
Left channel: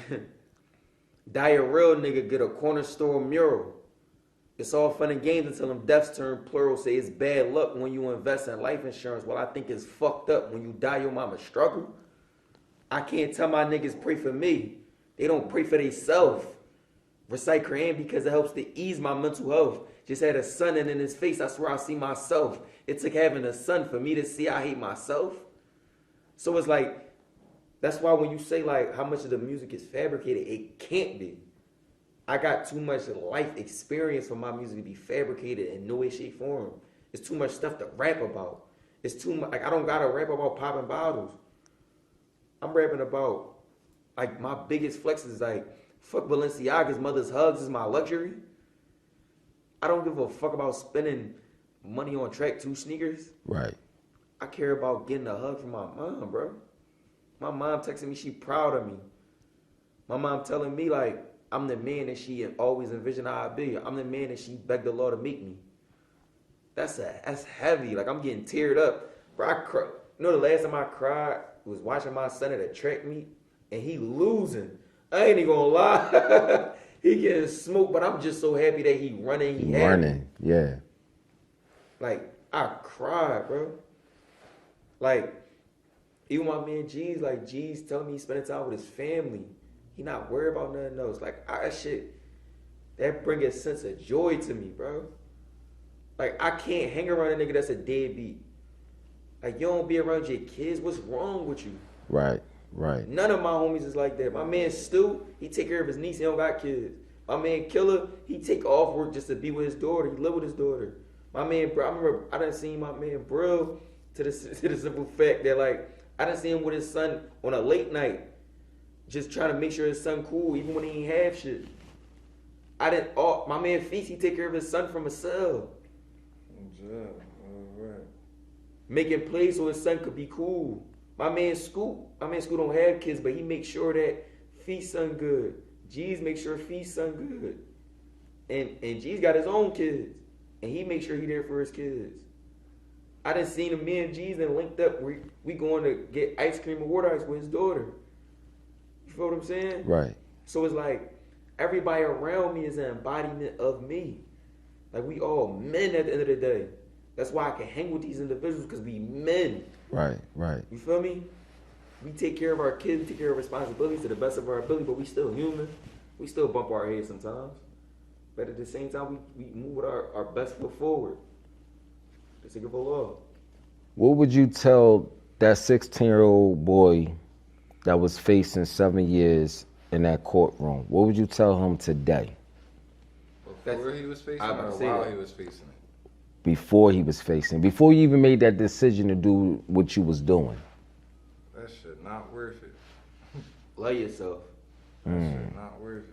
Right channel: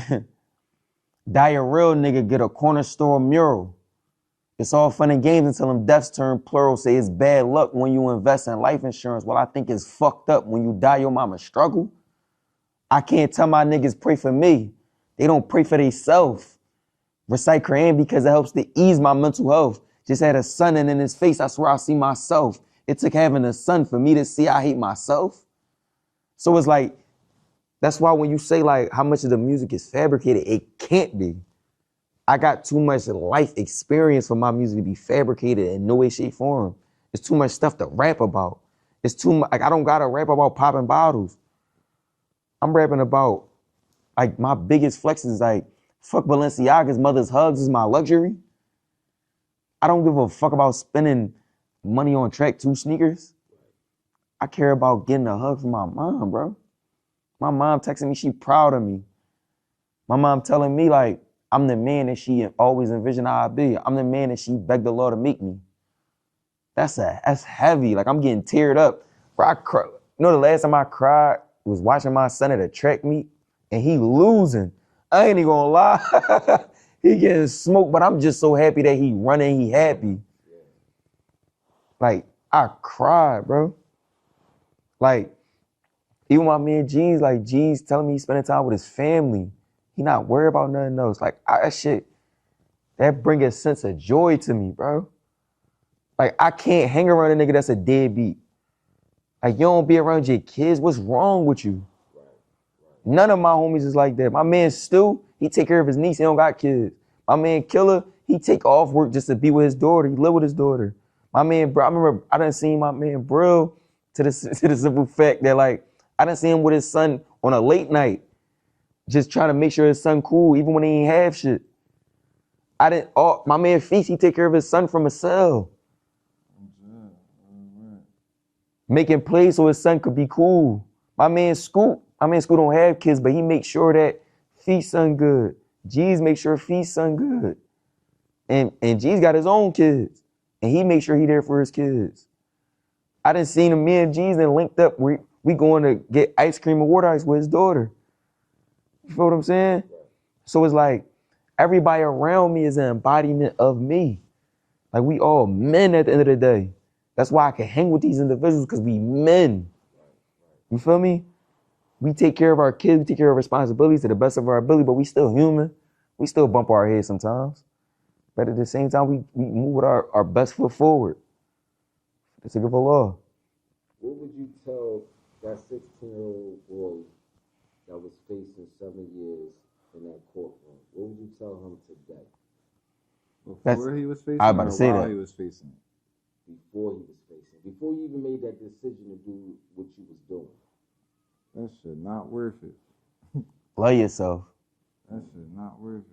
die a real nigga, get a corner store mural. It's all fun and games until them deaths turn plural. Say it's bad luck when you invest in life insurance. Well, I think it's fucked up when you die your mama struggle. I can't tell my niggas pray for me. They don't pray for themselves. Recite Quran because it helps to ease my mental health. Just had a son and in his face, I swear I see myself. It took having a son for me to see I hate myself. So it's like, that's why when you say like how much of the music is fabricated, it can't be. I got too much life experience for my music to be fabricated in no way, shape, form. It's too much stuff to rap about. It's too much, like I don't gotta rap about popping bottles. I'm rapping about, like my biggest flex is like, fuck Balenciaga's mother's hugs is my luxury. I don't give a fuck about spending money on track 2 sneakers. Right. I care about getting a hug from my mom, bro. My mom texting me, she proud of me. My mom telling me like, I'm the man that she always envisioned I'd be. I'm the man that she begged the Lord to make me. That's heavy. Like I'm getting teared up. Bro, I cry. You know the last time I cried was watching my son at a track meet and he losing. I ain't even gonna lie. He getting smoked, but I'm just so happy that he running, he happy. Running. Yeah. Like, I cried, bro. Like, even my man G's, like G's telling me he's spending time with his family. He not worried about nothing else. Like, that shit, that bring a sense of joy to me, bro. Like, I can't hang around a nigga that's a deadbeat. Like, you don't be around your kids, what's wrong with you? Right. Right. None of my homies is like that. My man Stu, he take care of his niece, he don't got kids. My man Killer, he take off work just to be with his daughter, he live with his daughter. My man, bro, I remember I done seen my man Brill to the simple fact that like, I done seen him with his son on a late night. just trying to make sure his son cool, even when he ain't have shit. My man Feast, he take care of his son from a cell. Making plays so his son could be cool. My man Scoop don't have kids, but he makes sure that Feast son good. G's make sure Feast son good. And G's got his own kids. And he makes sure he there for his kids. I done seen him, me and G's then linked up. We going to get ice cream and water ice with his daughter. You feel what I'm saying? Right. So it's like, everybody around me is an embodiment of me. Like, we all men at the end of the day. That's why I can hang with these individuals, because we men. Right. You feel me? We take care of our kids, we take care of responsibilities to the best of our ability, but we still human. We still bump our heads sometimes. But at the same time, we move with our best foot forward. It's a good law. What would you tell that 16-year-old boy that was facing 7 years in that courtroom? What would you tell him today? Before he was facing I was about to say while that. he was facing it? Before he was facing, before you even made that decision to do what you was doing. That shit not worth it. Love yourself. That shit not worth it.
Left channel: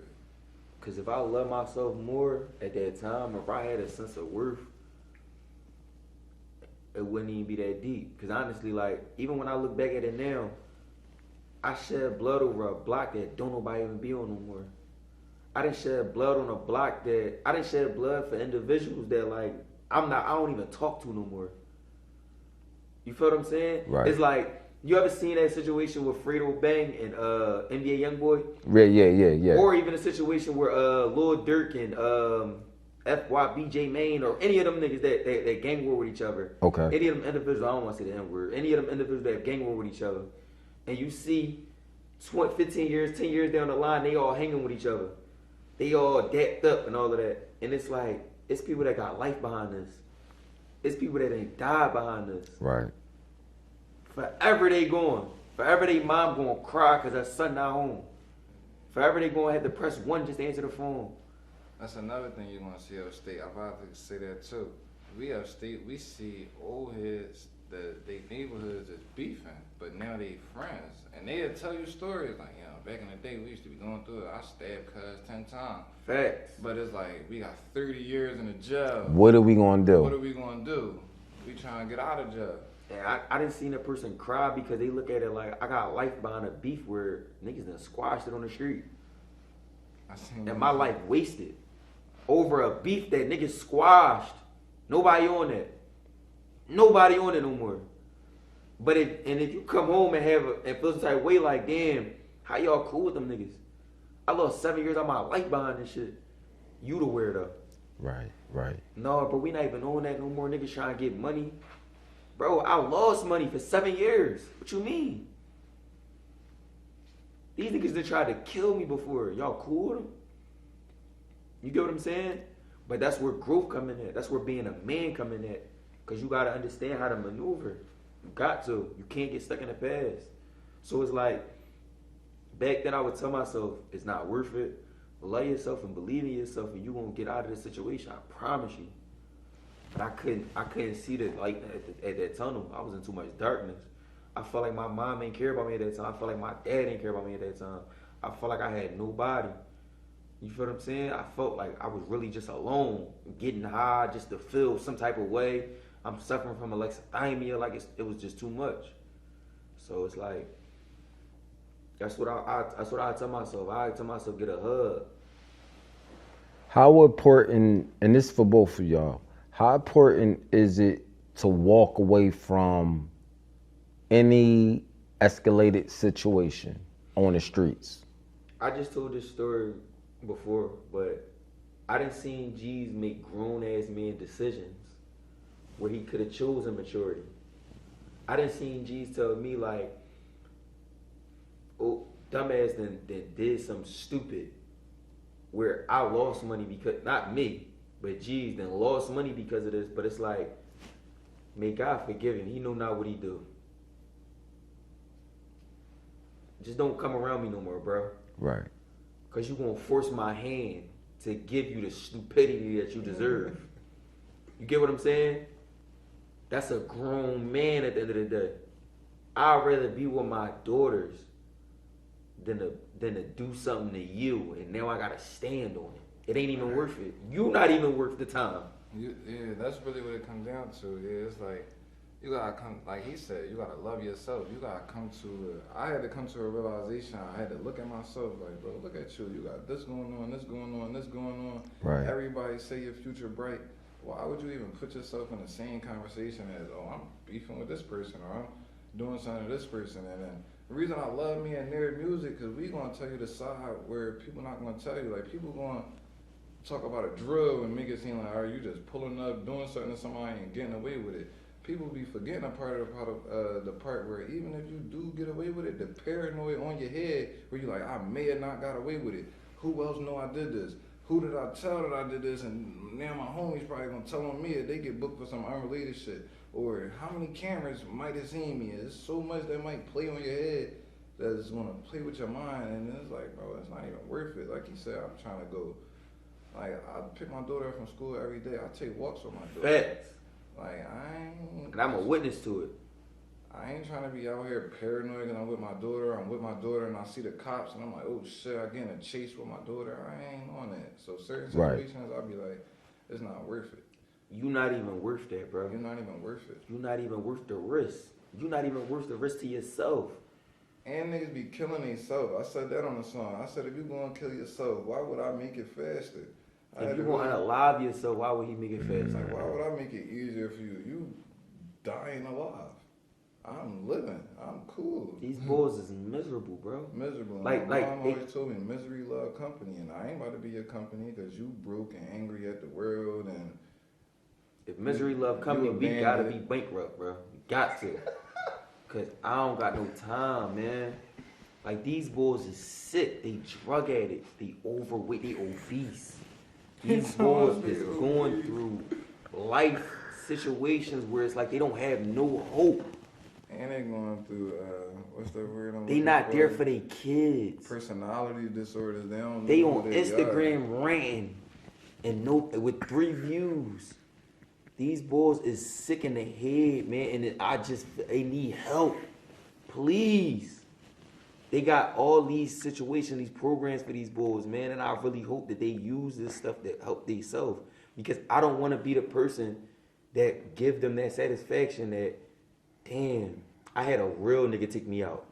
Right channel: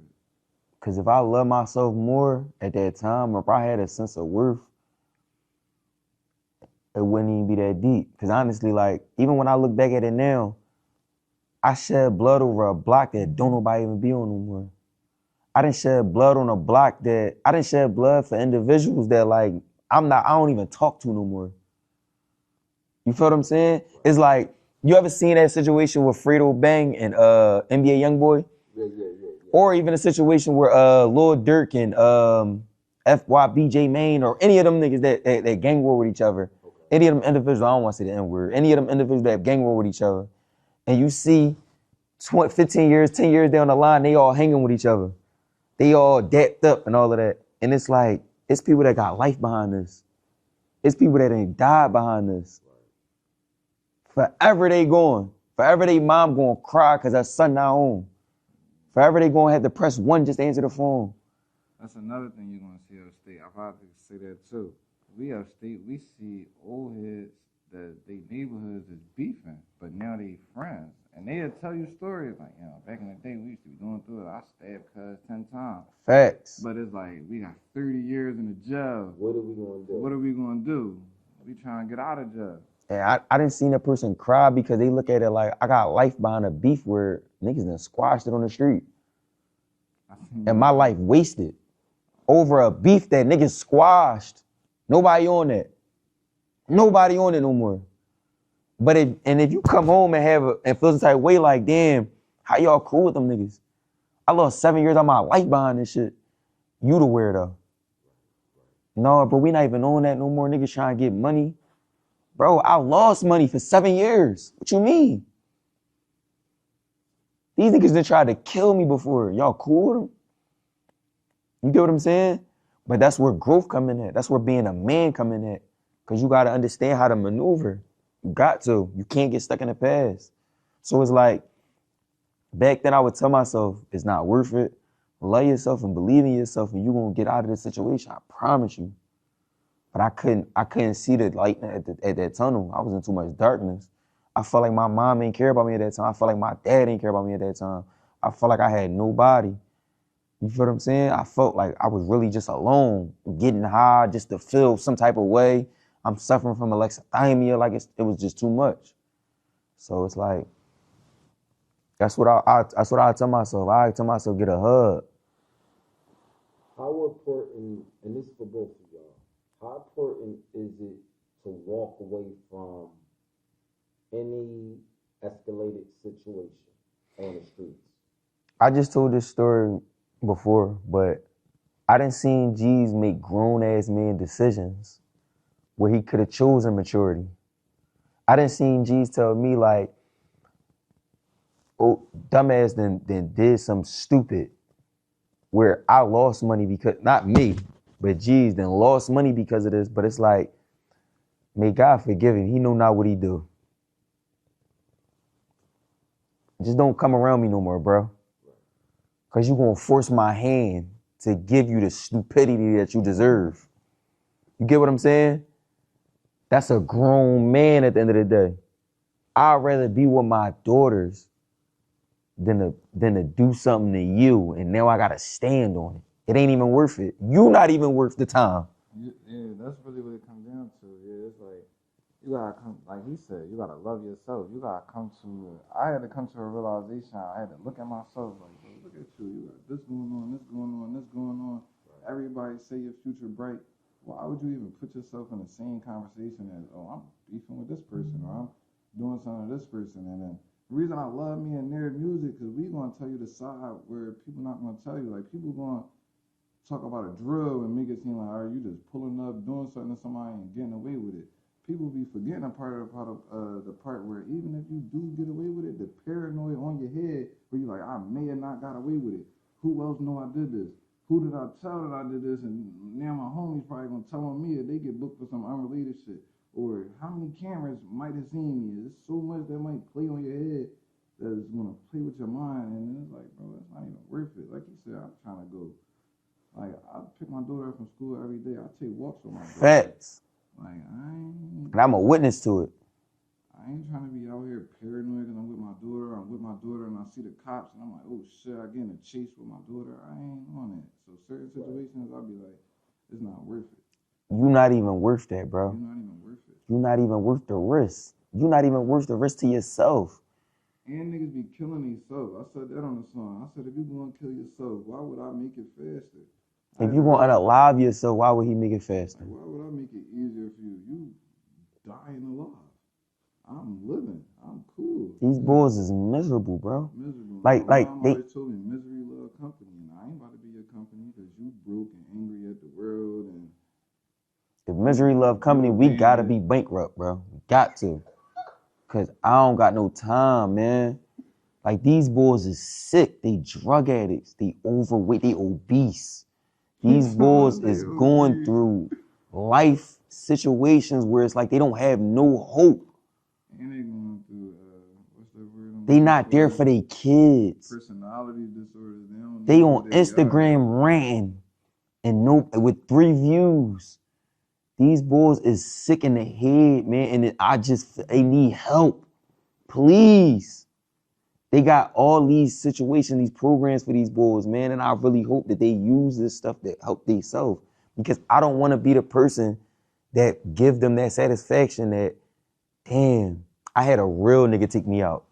Because if I love myself more at that time, or if I had a sense of worth, it wouldn't even be that deep. Because honestly, like, even when I look back at it now, I shed blood over a block that don't nobody even be on no more. I didn't shed blood on a block I didn't shed blood for individuals that, like, I don't even talk to no more. You feel what I'm saying? Right. It's like, you ever seen that situation with Fredo Bang and NBA Youngboy? Yeah. Or even a situation where Lil Durk and FYBJ Maine, or any of them niggas that gang war with each other. Okay. Any of them individuals, I don't want to say the N-word, any of them individuals that gang war with each other. And you see 15 years, 10 years down the line, they all hanging with each other. They all dapped up and all of that. And it's like, it's people that got life behind this. It's people that ain't died behind this. Right. Forever they going. Forever they mom going to cry because her son not home. Forever they going to have to press 1 just to answer the phone. That's another thing you're gonna see upstate. I'm about to say that too. We upstate, we see old heads that they neighborhoods is beefing, but now they friends. And they'll tell you stories like, you know, back in the day we used to be going through it. I stabbed cuz 10 times. Facts. But it's like, we got 30 years in the jail. What are we gonna do? What are we gonna do? We trying to get out of jail. And I didn't see a person cry because they look at it like, I got life behind a beef where niggas done squashed it on the street. And my life wasted over a beef that niggas squashed. Nobody on that. Nobody on it no more. But if you come home and feel some type of way like, damn, how y'all cool with them niggas? I lost 7 years of my life behind this shit. You the weirdo. Right. No, bro, we not even on that no more. Niggas trying to get money. Bro, I lost money for 7 years. What you mean? These niggas done tried to kill me before. Y'all cool with them? You get what I'm saying? But that's where growth come in at. That's where being a man come in at. Because you got to understand how to maneuver. You got to. You can't get stuck in the past. So it's like, back then I would tell myself, it's not worth it. Love yourself and believe in yourself and you're going to get out of this situation. I promise you. But I couldn't see the light at that tunnel. I was in too much darkness. I felt like my mom ain't care about me at that time. I felt like my dad didn't care about me at that time. I felt like I had nobody. You feel what I'm saying? I felt like I was really just alone, getting high just to feel some type of way. I'm suffering from alexithymia, like it was just too much. So it's like, that's what I tell myself. I tell myself, get a hug. How important, and this is for both of y'all, how important is it to walk away from any escalated situation on the streets? I just told this story before, but I done seen G's make grown-ass men decisions where he could have chosen maturity. I done seen G's tell me like, oh, dumbass then did some stupid where I lost money because, not me, but G's then lost money because of this, but it's like, may God forgive him, he know not what he do. Just don't come around me no more, bro. Right. Because you're going to force my hand to give you the stupidity that you deserve. You get what I'm saying? That's a grown man at the end of the day. I'd rather be with my daughters than to do something to you, and now I gotta stand on it. It ain't even worth it. You not even worth the time. Yeah, that's really what it comes down to. Yeah, it's like you gotta come, like he said, you gotta love yourself. You gotta come to. I had to come to a realization. I had to look at myself like, look at you. You got this going on, this going on, this going on. Right. Everybody say your future bright. Why would you even put yourself in the same conversation as, oh, I'm beefing with this person or I'm doing something to this person? And then the reason I love me and Nir music, because we gonna tell you the side where people not gonna tell you. Like people gonna talk about a drill and make it seem like, are you just pulling up, doing something to somebody and getting away with it? People be forgetting the part where even if you do get away with it, the paranoia on your head where you like, I may have not got away with it. Who else know I did this? Who did I tell that I did this? And now my homies probably gonna tell on me if they get booked for some unrelated shit. Or how many cameras might have seen me? There's so much that might play on your head that is gonna play with your mind, and it's like, bro, it's not even worth it. Like you said, I'm trying to go. Like I pick my daughter up from school every day. I take walks with my daughter. Facts. Like And I'm a witness to it. I ain't trying to be out here paranoid and I'm with my daughter and I see the cops and I'm like, oh shit, I get in a chase with my daughter. I ain't on that. So certain situations I'll be like, it's not worth it. You not even worth that, bro. You're not even worth it. You not even worth the risk. You not even worth the risk to yourself. And niggas be killing themselves. I said that on the song. I said if you gonna kill yourself, why would I make it faster? If you gonna unalive yourself, why would he make it faster? Like, why would I make it easier for you? You dying alive. I'm living. I'm cool. These boys is miserable, bro. Miserable. Like my mom they always told me misery love company, and I ain't about to be your company because you broke and angry at the world and. If misery love company, we gotta be bankrupt, bro. We got to. Cause I don't got no time, man. Like these boys is sick. They drug addicts. They overweight. They obese. These boys is going through life situations where it's like they don't have no hope. And they going through what's that word? They not there for their kids. Personality disorders. They on Instagram ranting and with 3 views. These boys is sick in the head, man, and they need help. Please. They got all these situations, these programs for these boys, man, and I really hope that they use this stuff to help themselves. Because I don't want to be the person that give them that satisfaction that, damn, I had a real nigga take me out.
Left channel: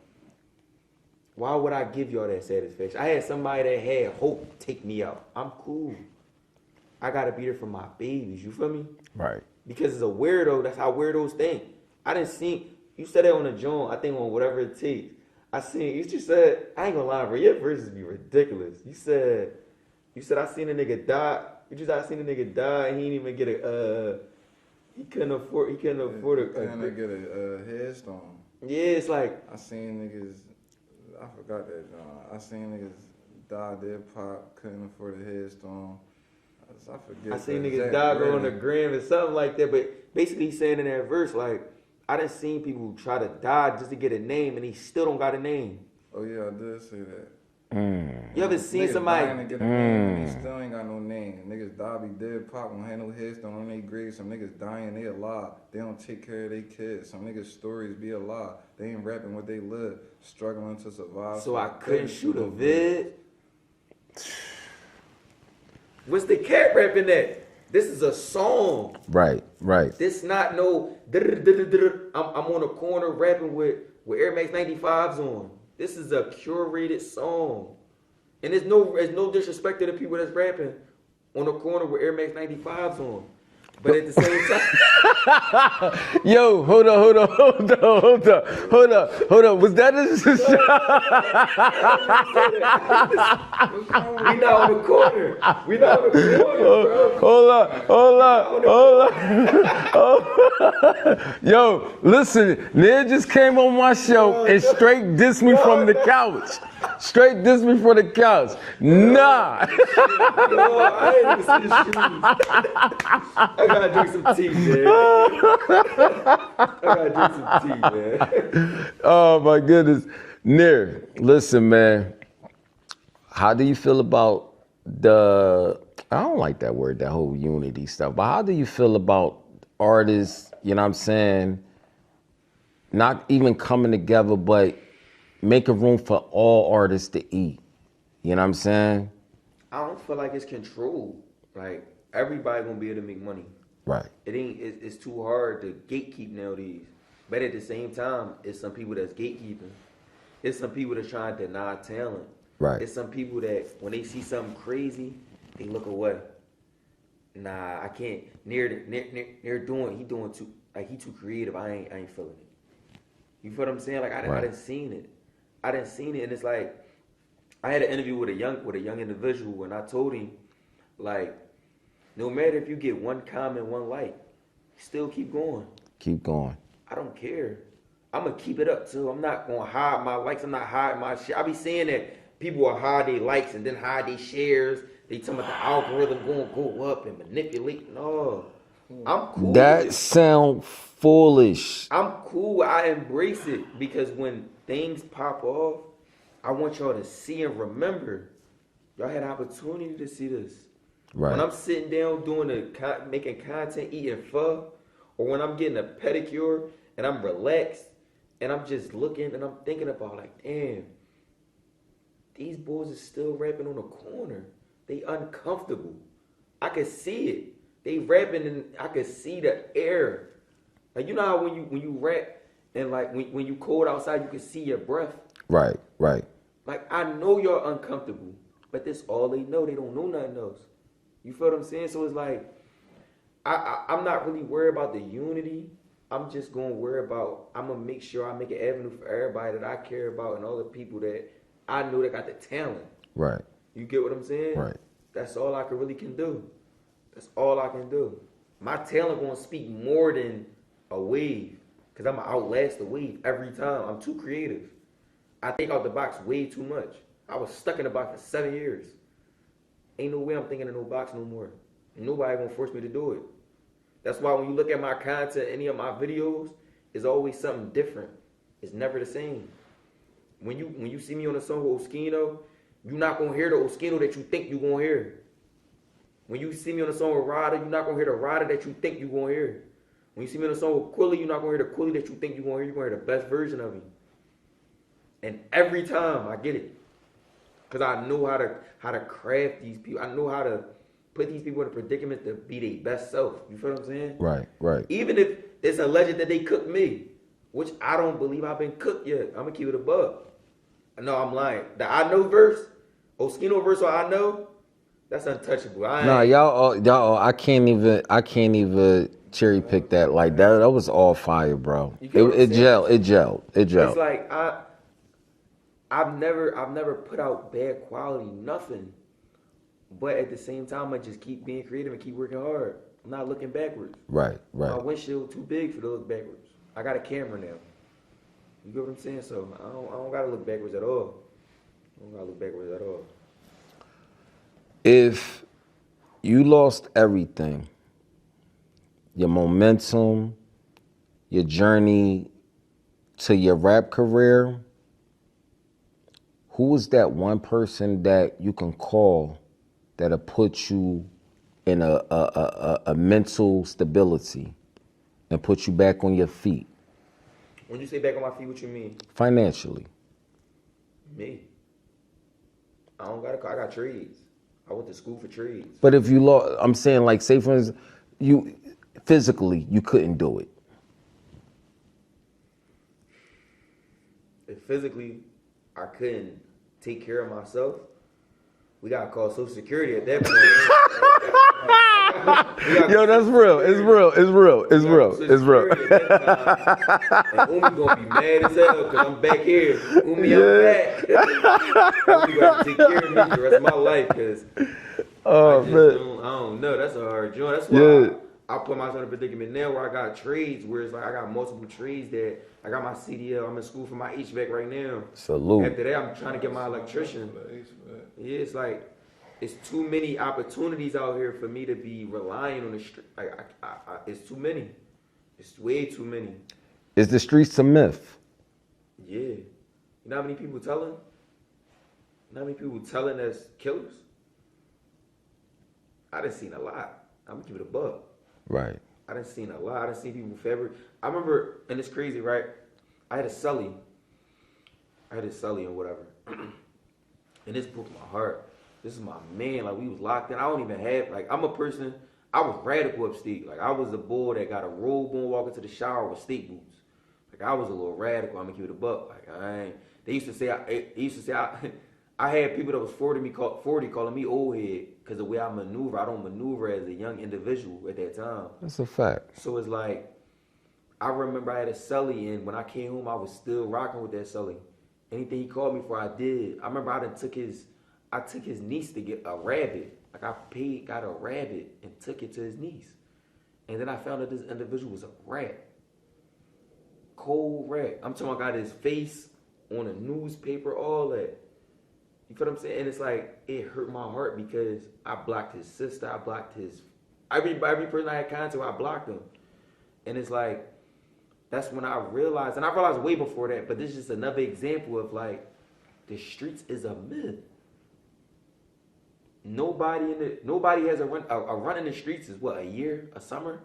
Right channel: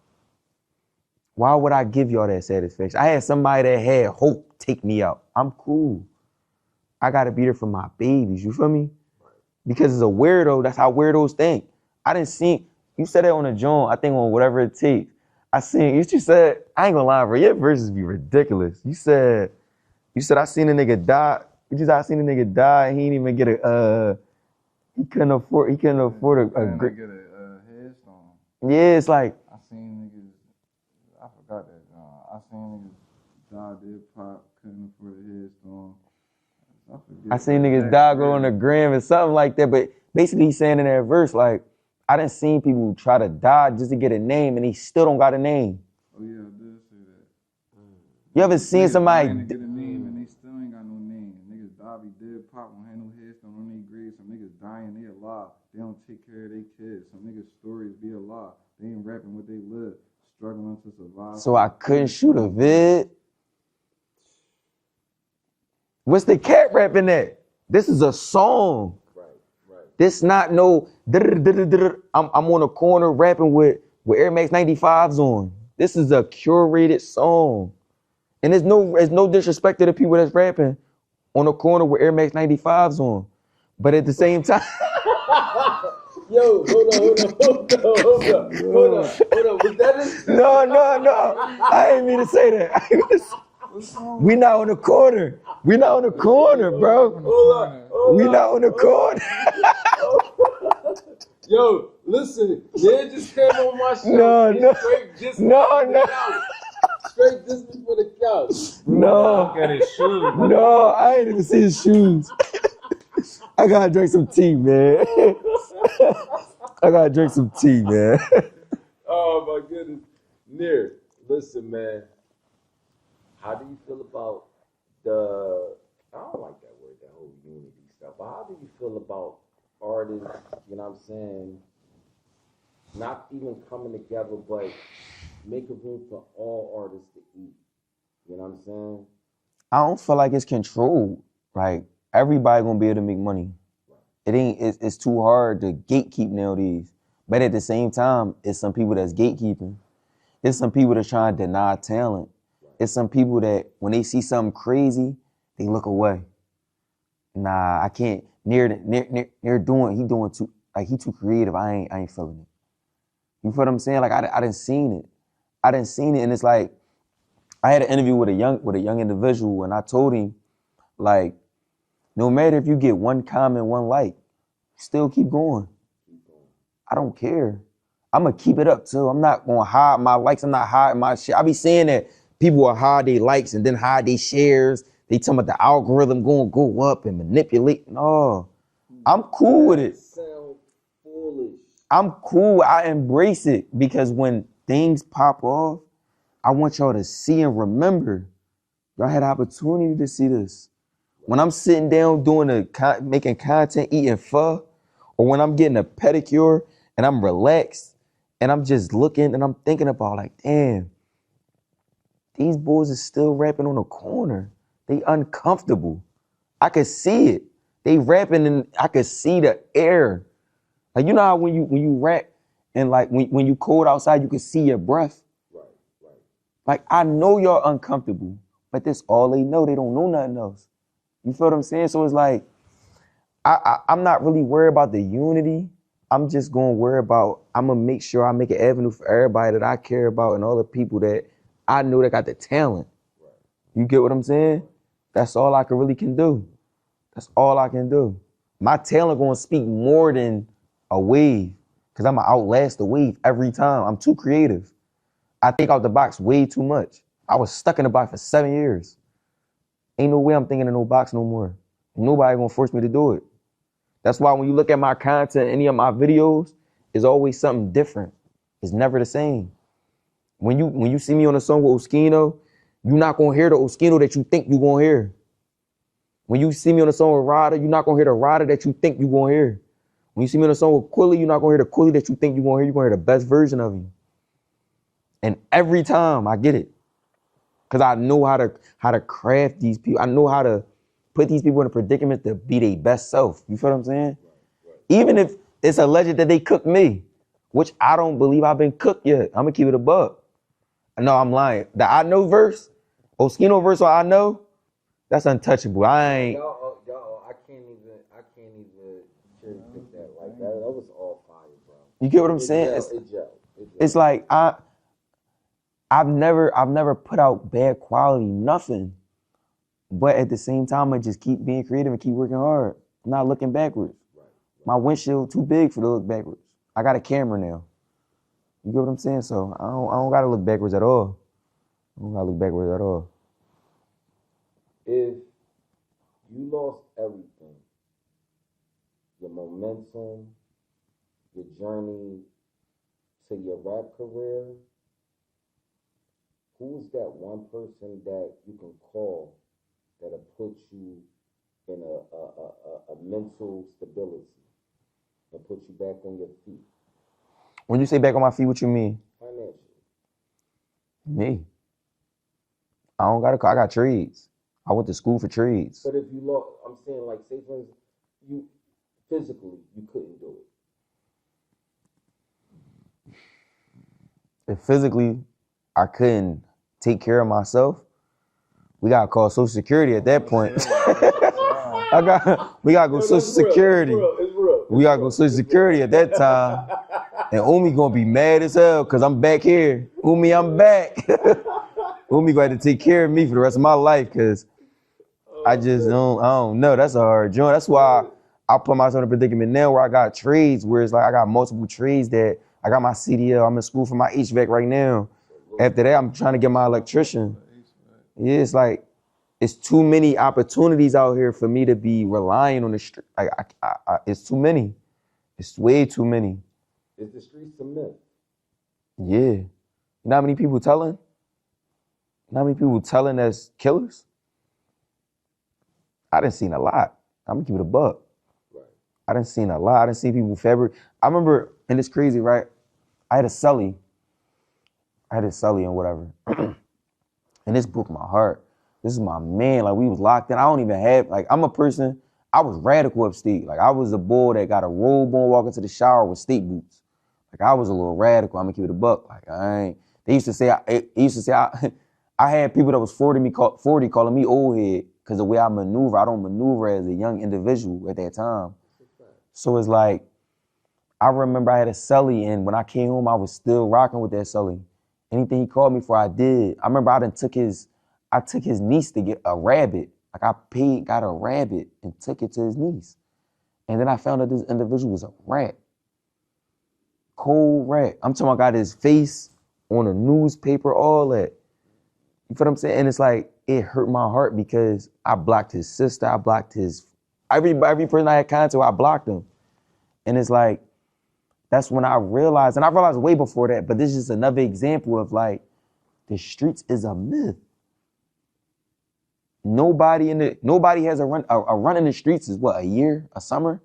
Why would I give y'all that satisfaction? I had somebody that had hope take me out. I'm cool. I gotta be there for my babies, you feel me? Right. Because it's a weirdo, that's how weirdos think. I didn't see, you said that on the joint, I think on Whatever It Takes. I seen, you just said, I ain't gonna lie, bro, your verses be ridiculous. You said, I seen a nigga die, I seen a nigga die and he didn't even get he couldn't afford a get a headstone. Yeah, it's like. I seen niggas, I forgot that, I seen niggas die, dead pop, couldn't afford a headstone. I seen niggas die, go on the gram and something like that, but basically he's saying in that verse, like, I done seen people try to die just to get a name and they still don't got a name. Oh yeah, I did say that. You ever seen somebody? To get a name and they still ain't got no name. Niggas die, be dead, pop, don't have no headstone on their grave. Some niggas dying, they alive. They don't take care of their kids. Some niggas' stories be alive. They ain't rapping what they live, struggling to survive. So I couldn't shoot a vid. What's the cat rapping at? This is a song. Right. This not no, I'm on a corner rapping with Air Max 95s on. This is a curated song. And there's no disrespect to the people that's rapping on a corner with Air Max 95s on. But at the same time, yo, hold on. Was that his? No. I didn't mean to say that. We not on the corner. Bro. Hold up. We not on the corner. Yo, listen, Nir just came on my show and straight dissed me from the couch. Straight dissed me from the couch. Nah. No, I ain't even see his shoes. I gotta drink some tea, man. Oh my goodness. Nir, listen, man. How do you feel about I don't like that word, that whole unity stuff, but how do you feel about artists, you know what I'm saying, not even coming together, but making room for all artists to eat. You know what I'm saying? I don't feel like it's controlled. Like, everybody gonna be able to make money. Right. It's too hard to gatekeep nowadays. But at the same time, it's some people that's gatekeeping. It's some people that's trying to deny talent. Right. It's some people that when they see something crazy, they look away. Nah, I can't. Nir doing too, like, he too creative. I ain't feeling it. You feel what I'm saying? Like, I didn't seen it. And it's like, I had an interview with a young individual, and I told him, like, no matter if you get one comment, one like, still keep going. Keep going. I don't care. I'm gonna keep it up too. I'm not gonna hide my likes. I'm not hiding my shit. I be saying that people will hide their likes and then hide their shares. They talking about the algorithm gonna go up and manipulate. No, I'm cool with it. That sound foolish. I'm cool. I embrace it because when things pop off, I want y'all to see and remember. Y'all had the opportunity to see this. Right. When I'm sitting down making content, eating pho, or when I'm getting a pedicure and I'm relaxed and I'm just looking and I'm thinking about, like, damn, these boys are still rapping on the corner. They uncomfortable. I could see it. They rapping and I could see the air. Like, you know how when you rap and, like, when you cold outside, you can see your breath. Right. Like, I know y'all uncomfortable, but that's all they know. They don't know nothing else. You feel what I'm saying? So it's like, I'm not really worried about the unity. I'm just gonna worry about, I'm gonna make sure I make an avenue for everybody that I care about and all the people that I know that got the talent. Right. You get what I'm saying? Right. That's all I can do. That's all I can do. My talent gonna speak more than a wave, because I'm gonna outlast the wave every time. I'm too creative. I think out the box way too much. I was stuck in the box for 7 years. Ain't no way I'm thinking in no box no more. Nobody gonna force me to do it. That's why when you look at my content, any of my videos, it's always something different. It's never the same. When you see me on a song with Oschino, you're not gonna hear the Oschino that you think you're gonna hear. When you see me on a song with Ryder, you're not gonna hear the Ryder that you think you're gonna hear. When you see me on a song with Quilly, you're not gonna hear the Quilly that you think you're gonna hear. You're gonna hear the best version of him. And every time I get it. Because I know how to craft these people. I know how to put these people in a predicament to be their best self. You feel what I'm saying? Right. Even if it's alleged that they cooked me, which I don't believe I've been cooked yet. I'm gonna keep it a buck. No, I'm lying. The I know verse, Oschino verse or I know, that's untouchable. Y'all, I can't even cherry pick that like that. That was all fire, bro. You get what I'm saying? It gelled. It's like I've never put out bad quality, nothing. But at the same time, I just keep being creative and keep working hard. I'm not looking backwards. Right. My windshield too big for to look backwards. I got a camera now. You get what I'm saying? So I don't gotta look backwards at all. If you lost everything, your momentum, your journey to your rap career, who is that one person that you can call that'll put you in a mental stability and put you back on your feet? When you say back on my feet, what you mean? Financially. Me. I don't got a car. I got trades. I went to school for trades. But if you lost, I'm saying, like, say for instance, you physically you couldn't do it. If physically I couldn't take care of myself, we gotta call Social Security at that point. We gotta go Social Security. It's real. We gotta go Social Security at that time. And Umi gonna be mad as hell because I'm back here. Umi, I'm back. Umi gonna have to take care of me for the rest of my life because I don't know. That's a hard joint. That's why I put myself in a predicament now where I got trades, where it's like I got multiple trades that I got my CDL. I'm in school for my HVAC right now. Salute. After that, I'm trying to get my electrician. Yeah, it's like, it's too many opportunities out here for me to be relying on the street. It's too many. It's way too many. Is the streets a myth? Yeah. You know how many people telling? You know how many people telling as killers? I done seen a lot. I'm gonna keep it a buck. Right. I done seen a lot. I done seen people fabric. I remember, and it's crazy, right? I had a cellie I had a celly and whatever. And this broke my heart. This is my man. Like, we was locked in. I don't even have, like, I'm a person, I was radical upstate. Like, I was a boy that got a robe on walking to the shower with state boots. Like, I was a little radical. I'm gonna keep it a buck. Like, they used to say, I had people that was 40 calling me old head because the way I maneuver, I don't maneuver as a young individual at that time. That's a fact. So it's like, I remember I had a celly, and when I came home, I was still rocking with that celly. Anything he called me for, I did. I remember I took his niece to get a rabbit. Like, I got a rabbit and took it to his niece. And then I found out this individual was a rat. Cold rat. I'm talking about got his face on a newspaper, all that. You feel what I'm saying? And it's like, it hurt my heart because I blocked his sister, I blocked every person I had contact with, I blocked him. And it's like, that's when I realized, and I realized way before that, but this is just another example of like, the streets is a myth. Nobody has a run in the streets is what, a year, a summer?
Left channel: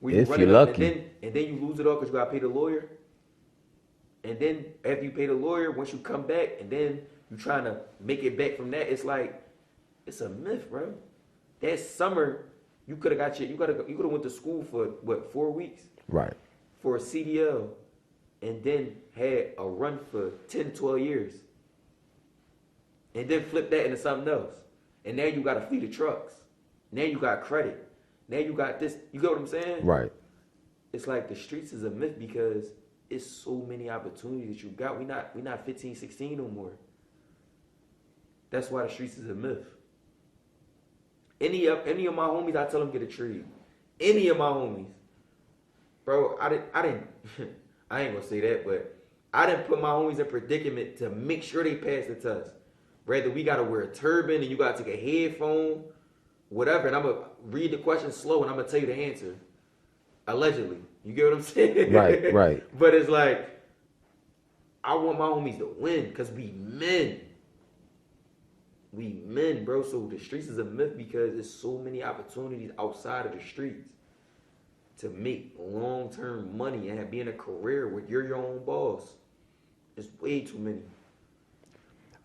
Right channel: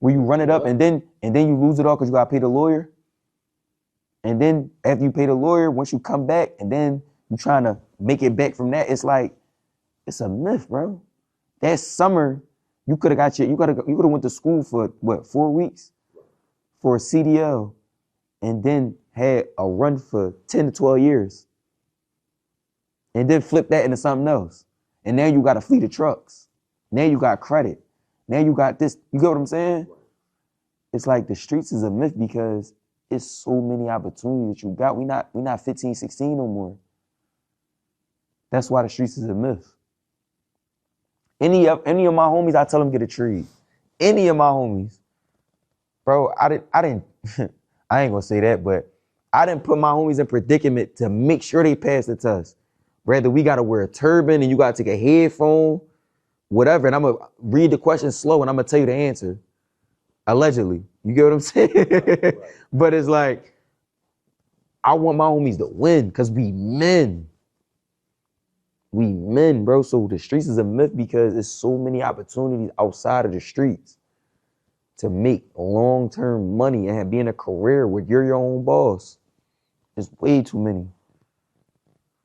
Where you run it up and then you lose it all because you gotta pay the lawyer. And then after you pay the lawyer, once you come back and then you trying to make it back from that, it's like, it's a myth, bro. That summer, you could have went to school for what, 4 weeks? Right. For a CDL, and then had a run for 10 to 12 years. And then flip that into something else. And now you got a fleet of trucks. Now you got credit. Now you got this. You get what I'm saying? Right. It's like the streets is a myth because it's so many opportunities that you got. We not 15, 16 no more. That's why the streets is a myth. Any of my homies, I tell them get a tree. Any of my homies. Bro, I didn't I ain't gonna say that, but I didn't put my homies in predicament to make sure they pass the test. Whether we gotta wear a turban and you gotta take a headphone, whatever, and I'm gonna read the question slow and I'm gonna tell you the answer. Allegedly. You get what I'm saying? Right, right. But it's like, I want my homies to win because we men. We men, bro. So the streets is a myth because there's so many opportunities outside of the streets to make long-term money and be in a career where you're your own boss. There's way too many.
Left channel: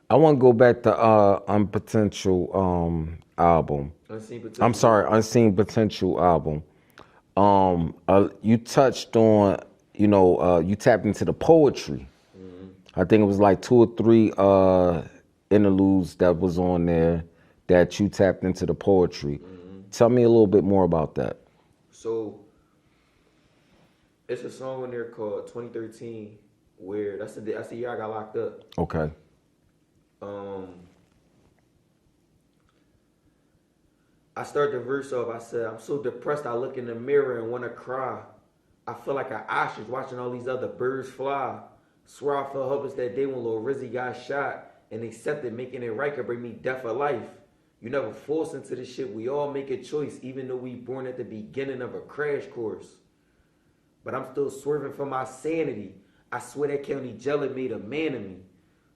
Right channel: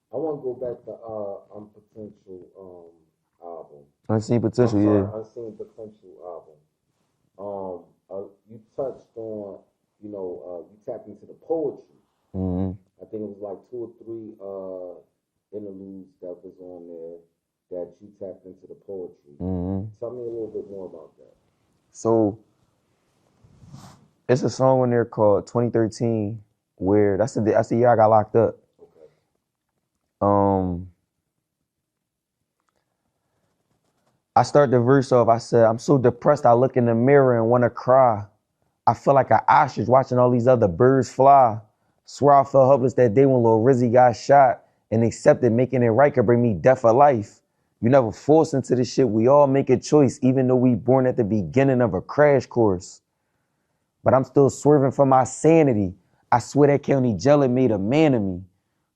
I want to go back to Unpotential album. Unseen Potential. I'm sorry, yeah. Unseen Potential album. You touched on, you tapped into the poetry. Mm-hmm. I think it was like 2 or 3 interludes that was on there that you tapped into the poetry. Mm-hmm. Tell me a little bit more about that. So, it's a song on there called 2013 where that's the year I got locked up. Okay. I start the verse off, I said, I'm so depressed I look in the mirror and wanna cry. I feel like an ostrich watching all these other birds fly. Swear I felt helpless that day when Lil Rizzy got shot and accepted making it right could bring me death for life. You never force into this shit, we all make a choice even though we born at the beginning of a crash course. But I'm still swerving for my sanity. I swear that county jail made a man of me.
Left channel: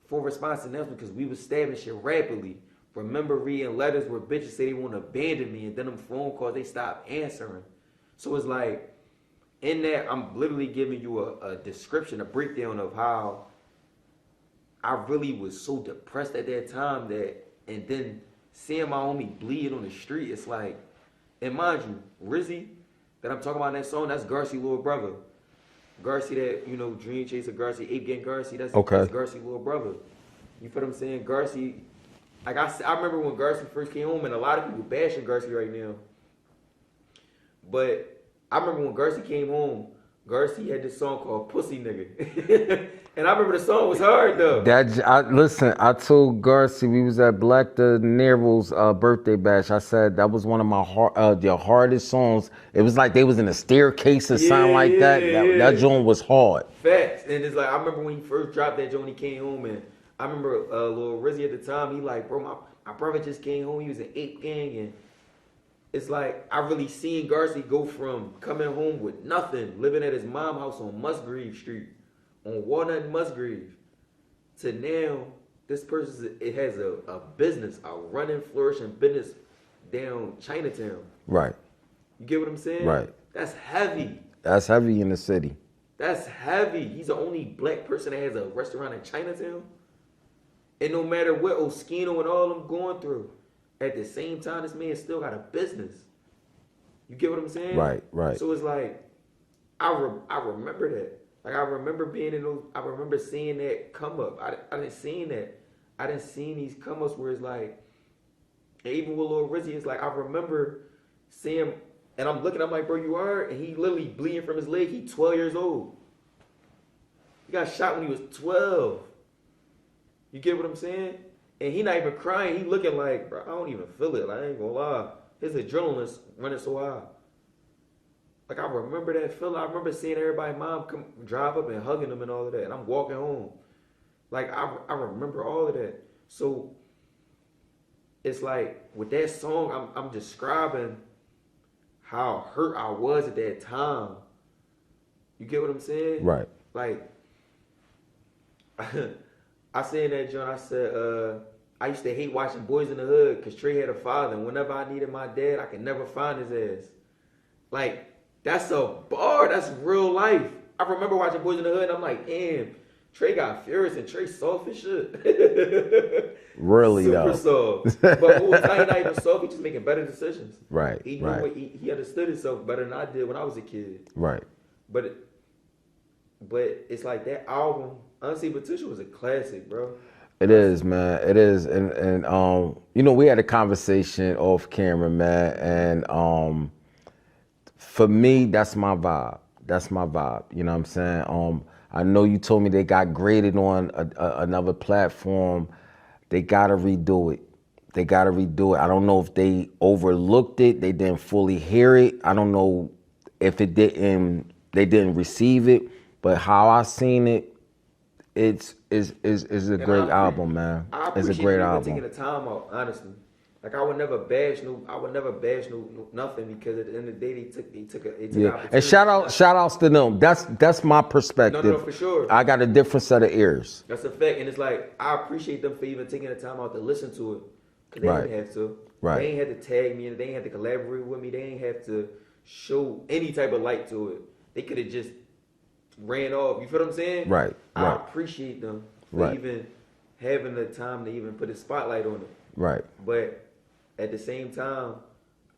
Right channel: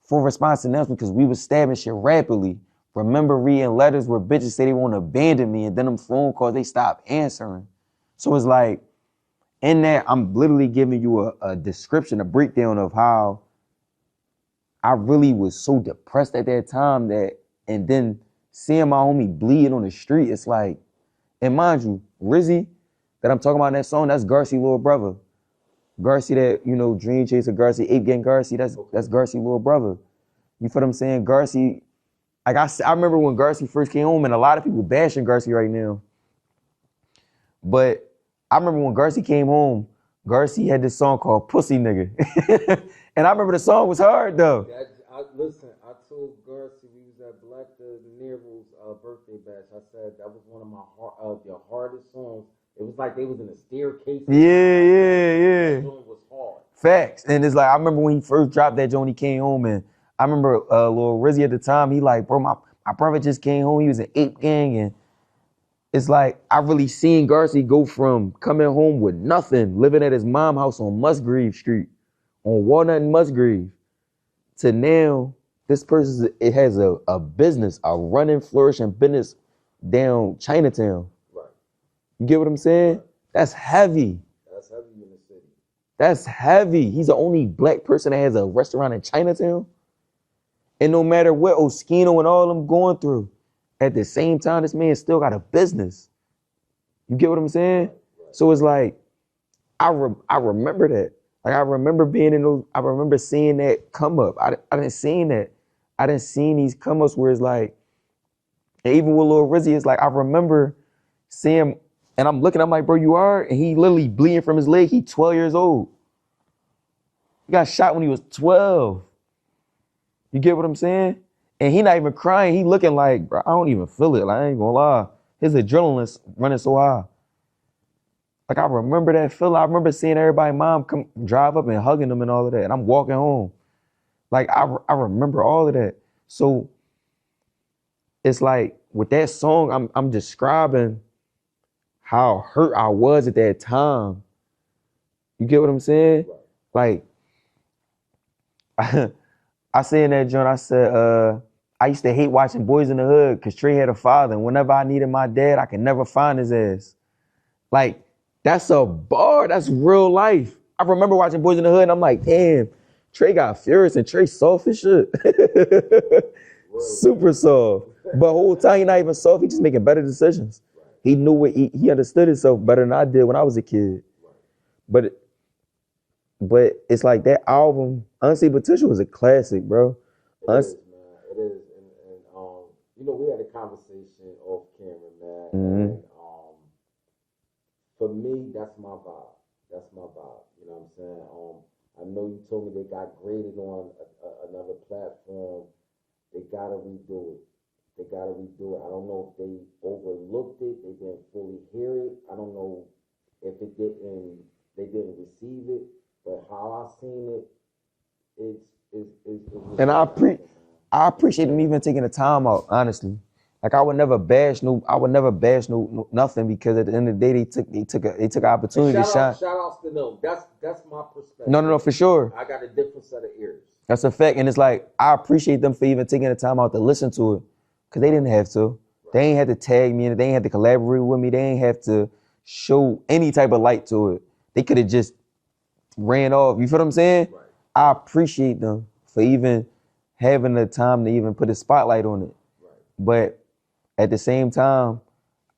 Full response announcement because we was stabbing shit rapidly. Remember reading letters where bitches say they won't abandon me and then them phone calls, they stop answering. So it's like, in that, I'm literally giving you a description, a breakdown of how I really was so depressed at that time and then seeing my homie bleed on the street, it's like, and mind you, Rizzy, that I'm talking about in that song, that's Garcia little brother. Garcia that, Dream Chaser Garcia, Ape Gang Garcia, that's Garcia little brother. You feel what I'm saying? Garcia, like I remember when Garcia first came home and a lot of people bashing Garcia right now. But I remember when Garcia came home, Garcia had this song called Pussy Nigga. And I remember the song was hard though. Listen, I told Garcia, we was at Black De Niro's birthday bash. I said that was one of my the hardest songs. It was like they was in a staircase or something like that. That joint was hard. Facts. And it's like, I remember when he first dropped that joint, he came home and I remember Lil Rizzy at the time, he like, bro, my brother just came home, he was in Ape Gang and it's like, I really seen Garcia go from coming home with nothing, living at his mom's house on Musgrave Street, on Walnut and Musgrave, to now, this person has a business, a running, flourishing business down Chinatown. Right. You get what I'm saying? Right. That's heavy. That's heavy in the city. That's heavy. He's the only black person that has a restaurant in Chinatown. And no matter what Oschino and all of them going through, at the same time, this man still got a business. You get what I'm saying? Right, right. So it's like, I remember that. Like I remember being in those, I remember seeing that come up. I didn't seen that. I didn't seen these come ups where it's like, and even with Lil Rizzy, it's like, I remember seeing him, and I'm looking, I'm like, bro, you are? And he literally bleeding from his leg. He 12 years old. He got shot when he was 12. You get what I'm saying? And he not even crying. He looking like, bro, I don't even feel it. Like, I ain't gonna lie. His adrenaline's running so high. Like, I remember that feeling. I remember seeing everybody, mom come drive up and hugging them and all of that. And I'm walking home. Like, I remember all of that. So it's like, with that song, I'm describing how hurt I was at that time. You get what I'm saying? Right. Like, I said in that joint, I said, I used to hate watching Boys in the Hood because Trey had a father. And whenever I needed my dad, I could never find his ass. Like, that's a bar. That's real life. I remember watching Boys in the Hood and I'm like, damn, Trey got furious and Trey soft as shit. Really, super soft. But the whole time he not even soft, he just making better decisions. Right. He knew right. what he understood himself better than I did when I was a kid. Right. But it's like that album, Unseen Potential, was a classic, bro. It is, man. It is. And you know, we had a conversation off camera, man. And for me, that's my vibe. That's my vibe. You know what I'm saying? I know you told me they got graded on another platform. They gotta redo it. They gotta redo it. I don't know if they overlooked it. They didn't fully hear it. I don't know if they didn't receive it. But how I seen it, is a great album, man. I appreciate them even taking the time out, honestly. Like I would never bash nothing because at the end of the day they took an opportunity. And shout outs to them. That's my perspective. No, for sure. I got a different set of ears. That's a fact. And it's like I appreciate them for even taking the time out to listen to it. Cause they didn't have to. Right. They ain't had to tag me in it, they ain't had to collaborate with me, they ain't have to show any type of light to it. They could have just ran off. You feel what I'm saying? Right. I appreciate them for even having the time to even put a spotlight on it. Right. But at the same time,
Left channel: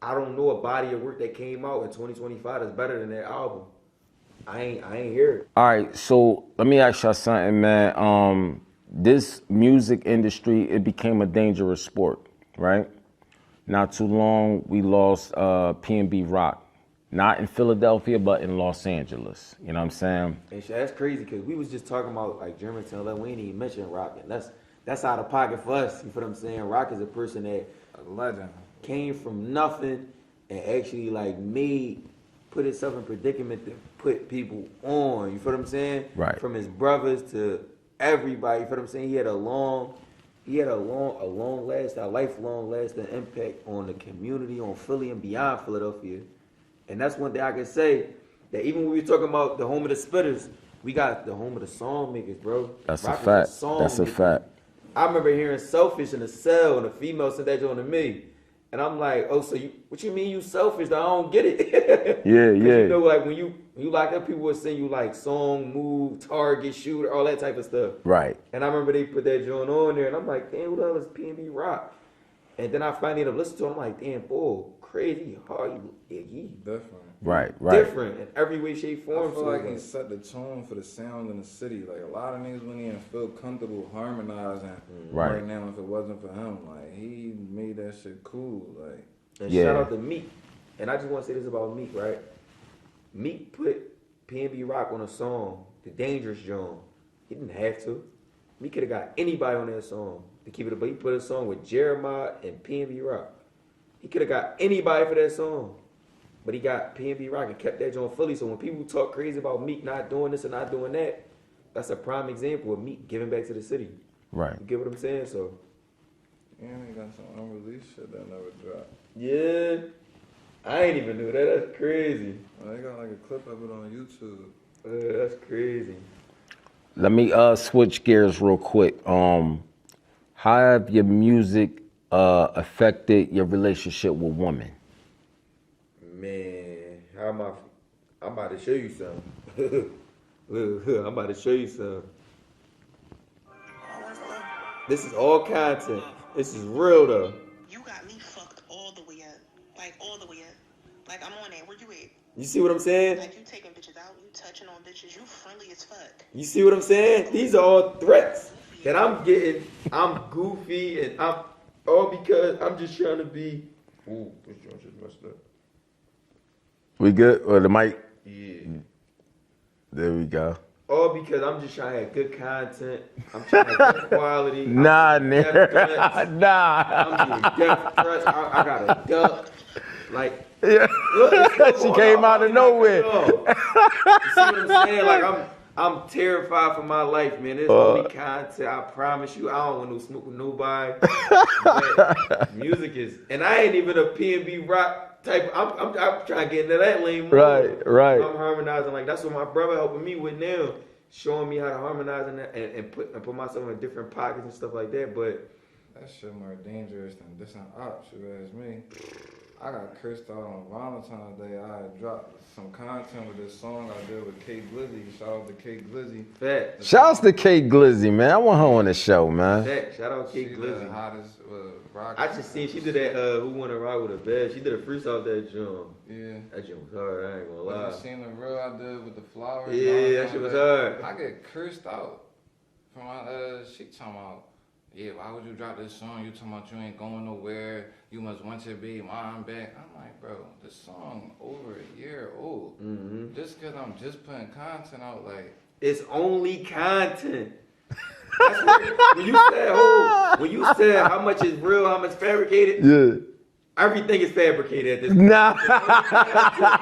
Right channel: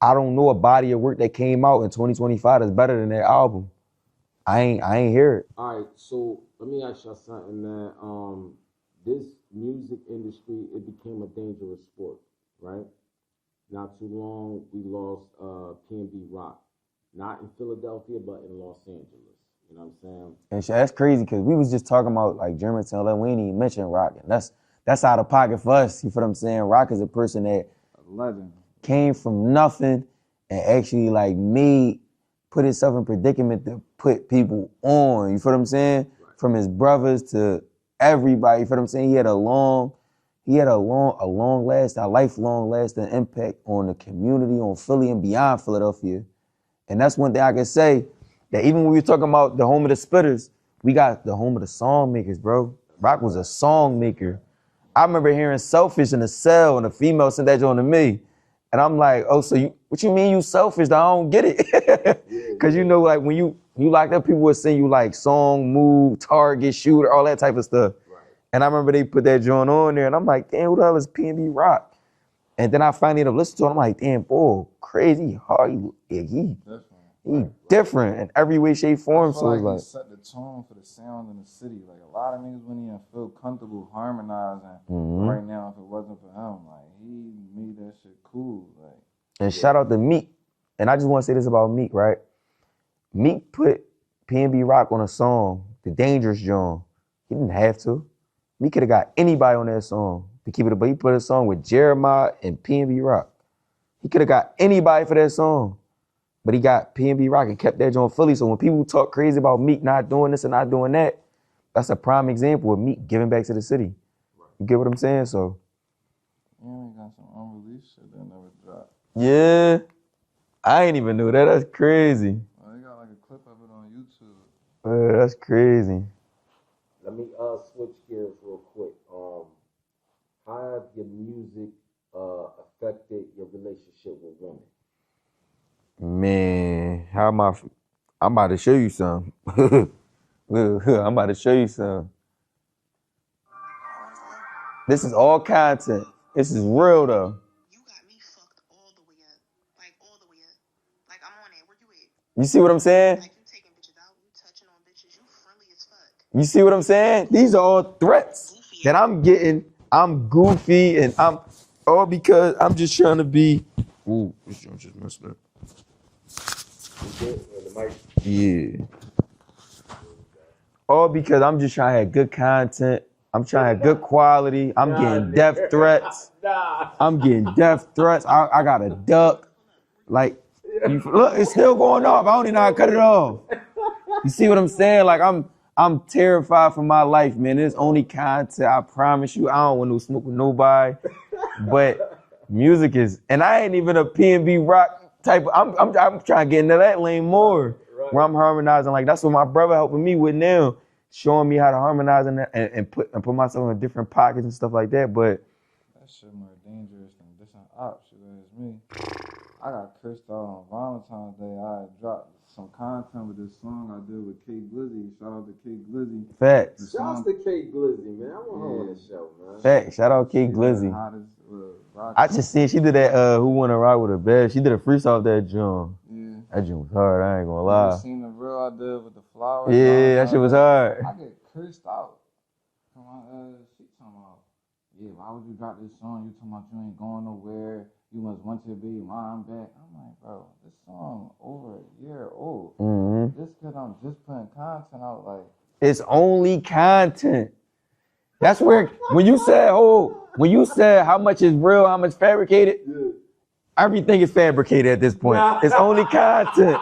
I don't know a body of work that came out in 2025 that's better than that album. I ain't hear it. All right, so let me ask y'all something, man. This music industry, it became a dangerous sport, right? Not too long, we lost PNB Rock. Not in Philadelphia, but in Los Angeles. You know what I'm saying? And that's crazy because we was just talking about like Germantown, like we ain't even mention Rock. And that's out of pocket for us. You feel what I'm saying? Rock is a person that legend came from nothing and actually like put himself in predicament to put people on. You feel what I'm saying? Right. From his brothers to everybody. You feel what I'm saying? He had a lifelong lasting impact on the community, on Philly and beyond Philadelphia. And that's one thing I can say, that even when we were talking about the home of the spitters, we got the home of the song makers, bro. That's Rock a was fact. a song That's maker. a fact. I remember hearing Selfish in the cell and a female sent that joint to me. And I'm like, oh, so what you mean you selfish? I don't get it. Yeah. Because you know, like when you locked up, people would send you like song, move, target, shooter, all that type of stuff. Right. And I remember they put that joint on there and I'm like, damn, who the hell is PNB Rock? And then I finally ended up listening to it. I'm like, damn, boy, crazy, hard, he different. Right. different in every way, shape, form. I feel So like it's he set the tone for the sound in the city. Like a lot of niggas wouldn't even feel comfortable harmonizing right now if it wasn't for him. Like he made that shit cool. Like and shout out to Meek. And I just want to say this about Meek, right? Meek put PNB Rock on a song, The Dangerous Joint. He didn't have to. Meek could have got anybody on that song to keep it, but he put a song with Jeremiah and PNB Rock. He could have got anybody for that song. But he got PNB Rock and kept that joint Philly. So when people talk crazy about Meek not doing this and not doing that, that's a prime example of Meek giving back to the city. Right. You get what I'm saying? So. yeah, he got some unreleased shit that never dropped. Yeah. I ain't even knew that. That's crazy. They got like a clip of it on YouTube. That's crazy. Let me switch gears real quick. How have your music affected your relationship with women? Man, I'm about to show you something. Look, I'm about to show you some. This is all content. This is real though. You got me fucked all the way up. Like all the way up. Like I'm on there. Where you at? You see what I'm saying? Like you taking bitches out, you touching on bitches, you friendly as fuck. You see what I'm saying? These are all threats that I'm getting. I'm goofy and I'm all because I'm just trying to be. Ooh, this joint just messed up. We good? Or the mic? Yeah. There we go. All because I'm just trying to have good content. I'm trying to have good quality. I'm getting death threats. I'm getting death threats. I got a duck. Like, look, it's still going on. I don't know how to cut it off. You see what I'm saying? Like, I'm terrified for my life, man. There's only content. I promise you. I don't want to smoke with nobody. But music is, and I ain't even a PNB Rock type. I'm trying to get into that lane more. Right. Where I'm harmonizing. Like, that's what my brother helping me with now. Showing me how to harmonize and put myself in different pockets and stuff like that. But that shit more dangerous than this and ops, you ask me. I got cursed out on Valentine's Day. I dropped some content with this song I did with K Glizzy. Shout out to K Glizzy. facts. Shouts to K Glizzy, man. I want her on the show, man. Facts. Shout out K She Glizzy. the hottest, rock. I just seen she did that. Who Wanna Rock with a Bed? She did a freestyle of that joint. Yeah. That joint was hard. I ain't gonna You lie. seen the real I did with the flowers? Yeah, that shit was hard. I get cursed out from my she talking about, yeah, why would you drop this song? You talking about you ain't going nowhere. You must want your baby mom back. I'm like, bro, this song over a year old. Mm-hmm. Just cause I'm just putting content out, like It's only content. That's where when you said how much is real, how much fabricated. Yeah. Everything is fabricated at this point. It's only content.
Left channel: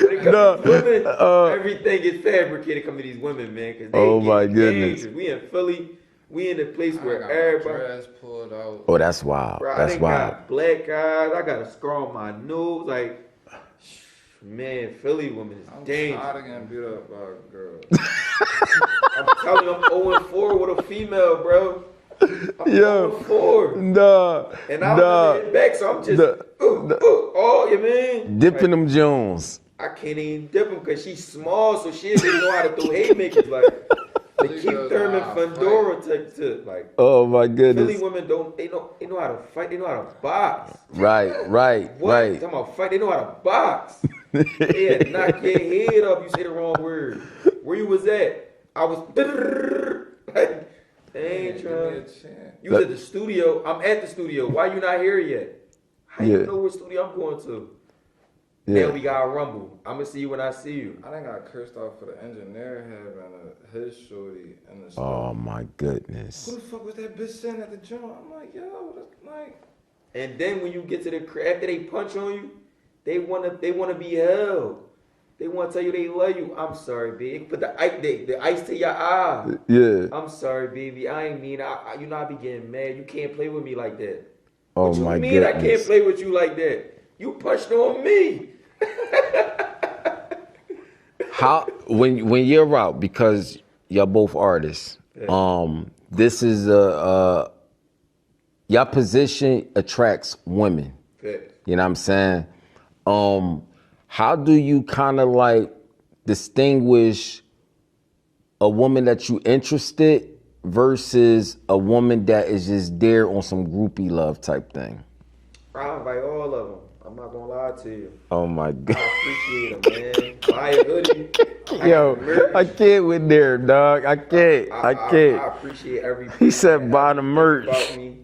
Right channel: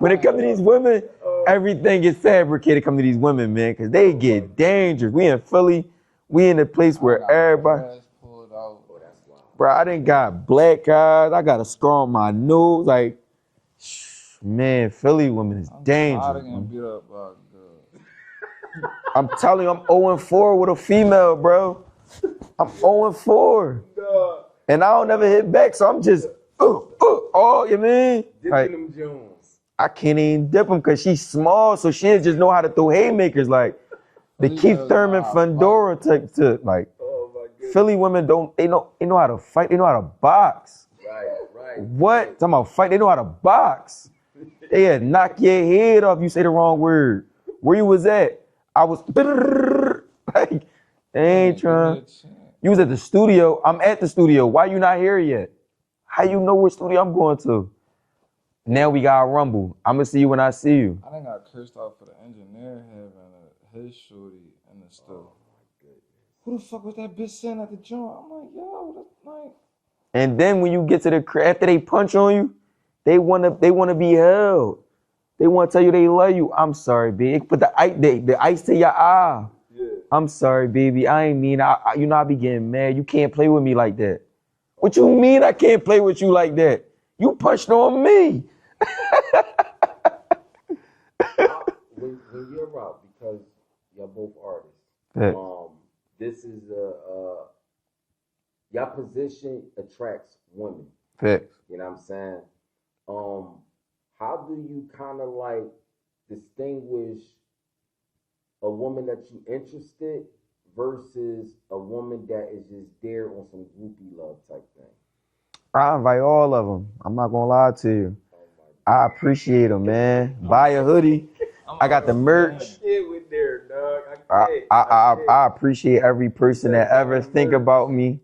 When it comes to these women, everything is fabricated coming to these women, man, because they get dangerous. We in Philly, we in a place where everybody. pulled out. Oh, that's wild. Bro, I That's done wild. got black eyes. I got a scar on my nose. Like, man, Philly women is I'm dangerous. getting beat up by a girl. I'm telling you, I'm 0-4 with a female, bro. I'm 0-4. Nah. And I don't never hit back, so I'm just, oh, you mean? Dipping them Jones. I can't even dip them because she's small, so she just know how to throw haymakers, like the Keith Thurman Fundora type to, like. Oh my goodness. Philly women they know how to fight, they know how to box. Right. What? Right. Talking about fight, they know how to box. They had knock your head off, you say the wrong word. Where you was at? I was, like, they ain't trying. You was at the studio, I'm at the studio, why you not here yet? How you know what studio I'm going to? Now we got a rumble. I'm gonna see you when I see you. I done got cursed out for the engineer having his shorty in the stuff. Oh my goodness. Who the fuck was that bitch sitting at the joint? I'm like, yo, that's like. And then when you get to the crib, after they punch on you, they wanna be held. They wanna tell you they love you. I'm sorry, baby. Put the ice to your eye. Yeah. I'm sorry, baby. I ain't mean. You know I be getting mad. You can't play with me like that. Oh What you my mean I goodness. can't play with you like that? You punched on me. How when you're out, because you're both artists, this is your position attracts women. Facts. You know what I'm saying? How do you kind of like distinguish a woman that you interested versus a woman that is just there on some groupie love type thing? I invite all of them. I'm not gonna lie to you. Oh my God. I appreciate them, man. Buy a hoodie. I got the merch. I can't with there, dog. I can't. I can't. I appreciate every person said that buy ever the think merch. about me.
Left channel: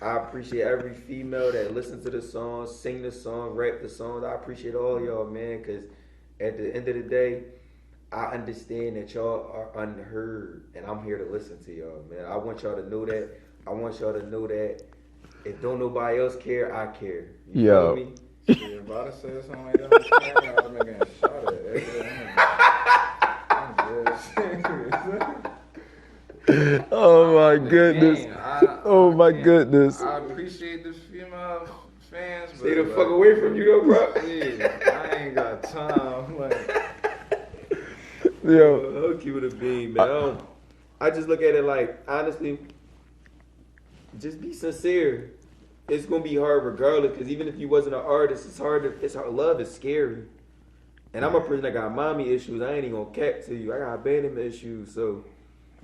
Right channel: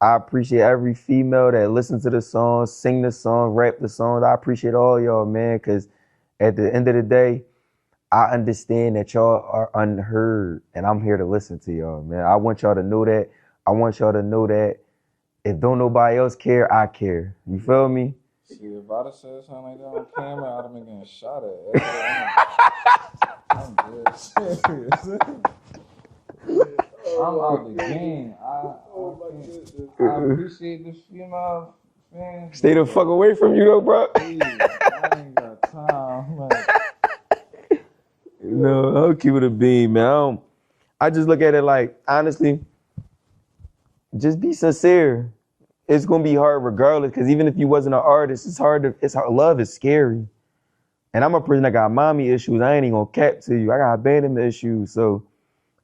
I appreciate every female that listens to the song, sing the song, rap the songs. I appreciate all y'all, man, because at the end of the day, I understand that y'all are unheard, and I'm here to listen to y'all, man. I want y'all to know that. I want y'all to know that if don't nobody else care, I care. You feel me? If I'd have said something like that on camera, I'd have been getting shot at. Oh my goodness. Oh my goodness. I appreciate the female fans. Stay the fuck away from you though, bro. Yeah, I ain't got time. Like, Yo, I'll keep it a beam, man. I just look at it like, honestly, just be sincere. It's gonna be hard regardless, because even if you wasn't an artist, it's hard. Love is scary. And I'm a person that got mommy issues. I ain't even gonna cap to you. I got abandonment issues. So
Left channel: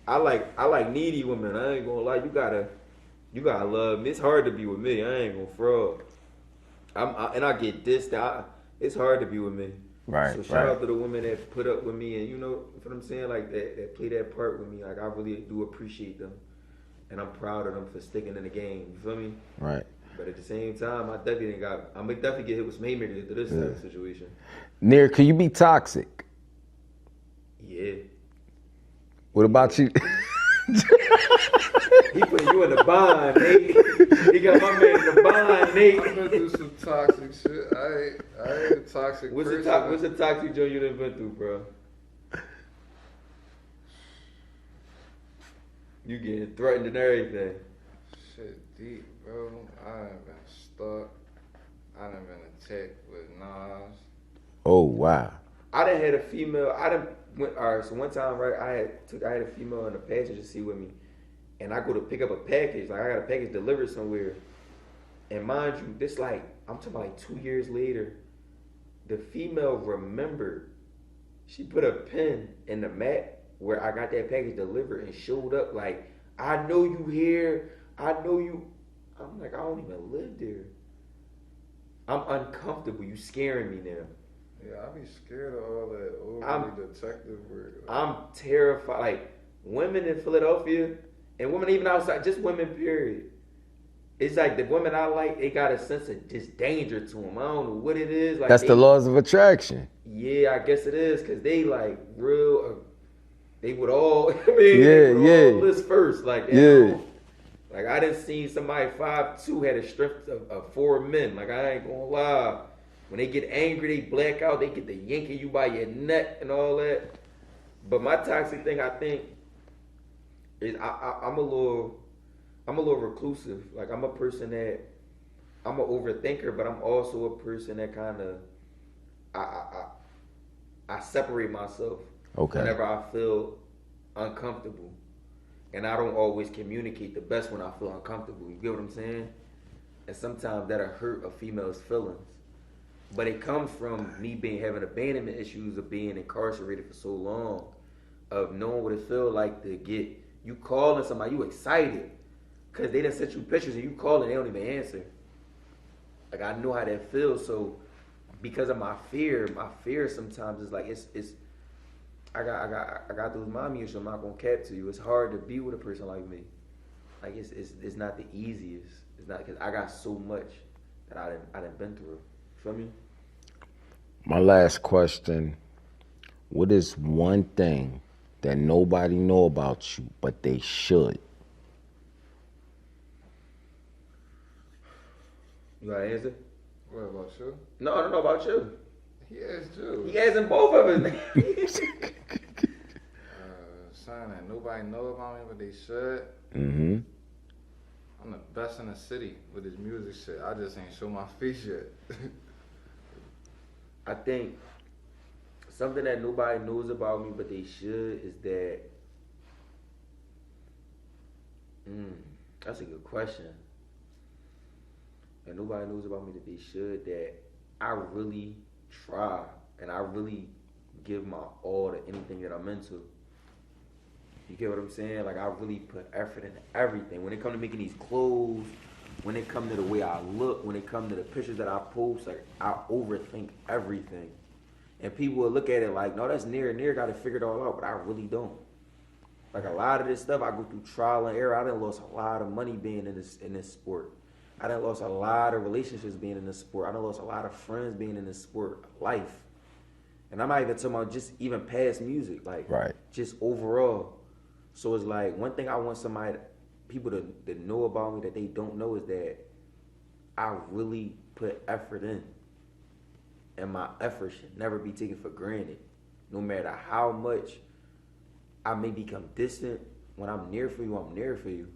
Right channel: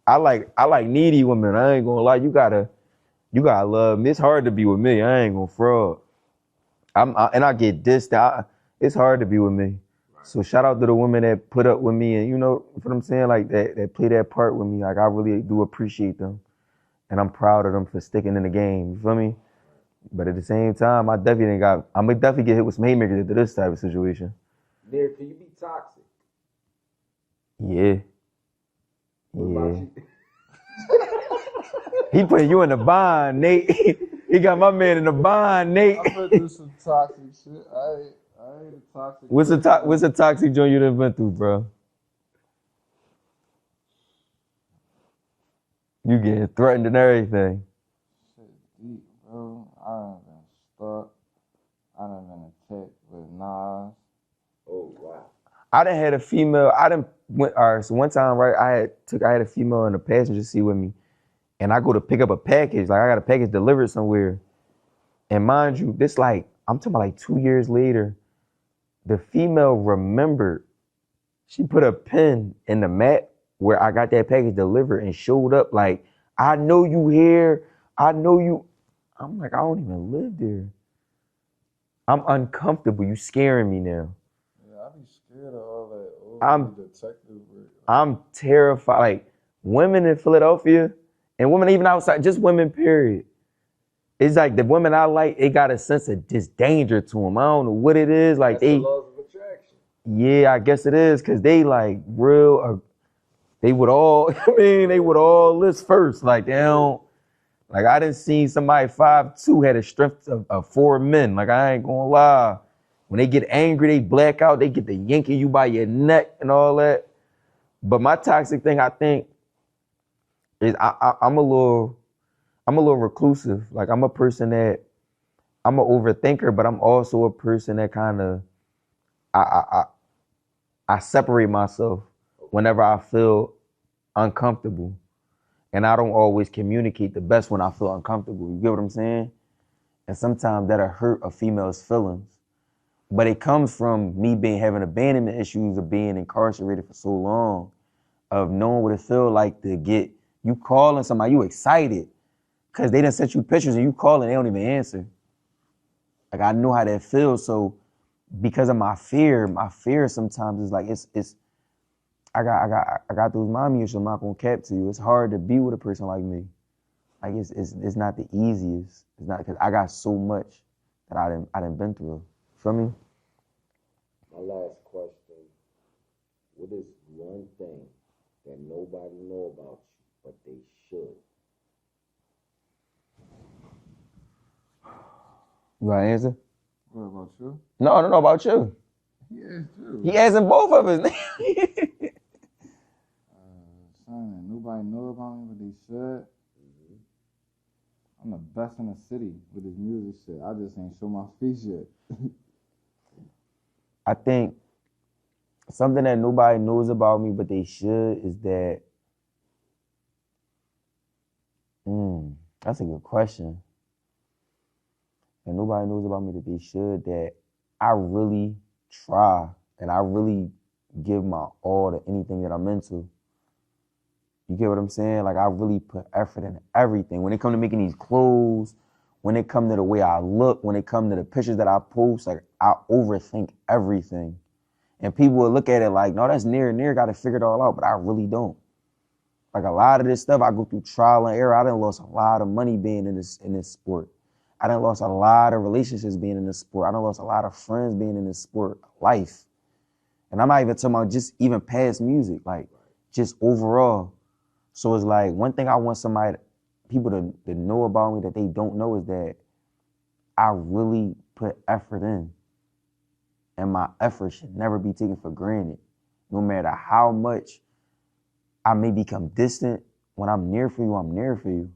I like needy women. I ain't gonna lie. You gotta love me. It's hard to be with me. I ain't gonna fraud. And I get dissed. It's hard to be with me. Right. So shout out to the women that put up with me, and you know what I'm saying, like that play that part with me. Like I really do appreciate them, and I'm proud of them for sticking in the game. You feel me? Right. But at the same time, I'm gonna definitely get hit with some haymakers into this type of situation. Nir, can you be toxic? Yeah. What about you? He putting you in the bind, Nate. He got my man in the bind, Nate. I'm gonna do some toxic shit. I ain't a toxic What's the toxic joint you done been through, bro? You getting threatened and everything. Shit deep, bro. I done been stuck. I done been attacked with knives. Oh, wow. I done had a female. So one time, right? I had a female in the passenger seat with me, and I go to pick up a package. Like I got a package delivered somewhere, and mind you, this like I'm talking about like 2 years later. The female remembered. She put a pin in the mat where I got that package delivered and showed up like, I know you here. I know you. I'm like, I don't even live there. I'm uncomfortable. You scaring me now. Yeah, I be scared of all that I'm detective work. I'm terrified. Like women in Philadelphia and women even outside, just women, period. It's like the women I like, they got a sense of just danger to them. I don't know what it is. Like that's the laws of attraction. Yeah, I guess it is, cause they like real. They would all. I mean, they would all list first. Like they don't. Like I didn't see somebody 5'2" had a strength of 4 men. Like I ain't gonna lie. When they get angry, they black out. They get to yanking you by your neck and all that. But my toxic thing, I think, is I'm a little reclusive. Like I'm a person that I'm an overthinker, but I'm also a person that kind of I separate myself whenever I feel uncomfortable, and I don't always communicate the best when I feel uncomfortable. You get what I'm saying? And sometimes that'll hurt a female's feelings, but it comes from me having abandonment issues of being incarcerated for so long, of knowing what it feels like to get you calling somebody, you excited. Cause they done sent you pictures and you call and they don't even answer. Like I know how that feels. So because of my fear sometimes is like I got those mommy issues. I'm not gonna cap to you. It's hard to be with a person like me. Like it's not the easiest. It's not, cause I got so much that I done been through. Feel me? My last question: what is one thing that nobody know about you but they should? You got an answer? What about you? No, about you. He asked you. He asking both of us. Something that nobody know about me, but they should. Mm-hmm. I'm the best in the city with this music shit. I just ain't show my face yet. I think something that nobody knows about me, but they should, is that. That's a good question. And nobody knows about me that they should, that I really try and I really give my all to anything that I'm into. You get what I'm saying? Like I really put effort into everything. When it comes to making these clothes, when it comes to the way I look, when it comes to the pictures that I post, like I overthink everything. And people will look at it like, no, that's Nir got to figure it all out, but I really don't. Like a lot of this stuff, I go through trial and error. I done lost a lot of money being in this sport. I done lost a lot of relationships being in this sport. I done lost a lot of friends being in this sport, life. And I'm not even talking about just even past music, like just overall. So it's like, one thing I want people to know about me that they don't know is that I really put effort in. And my effort should never be taken for granted. No matter how much I may become distant, when I'm near for you, I'm near for you.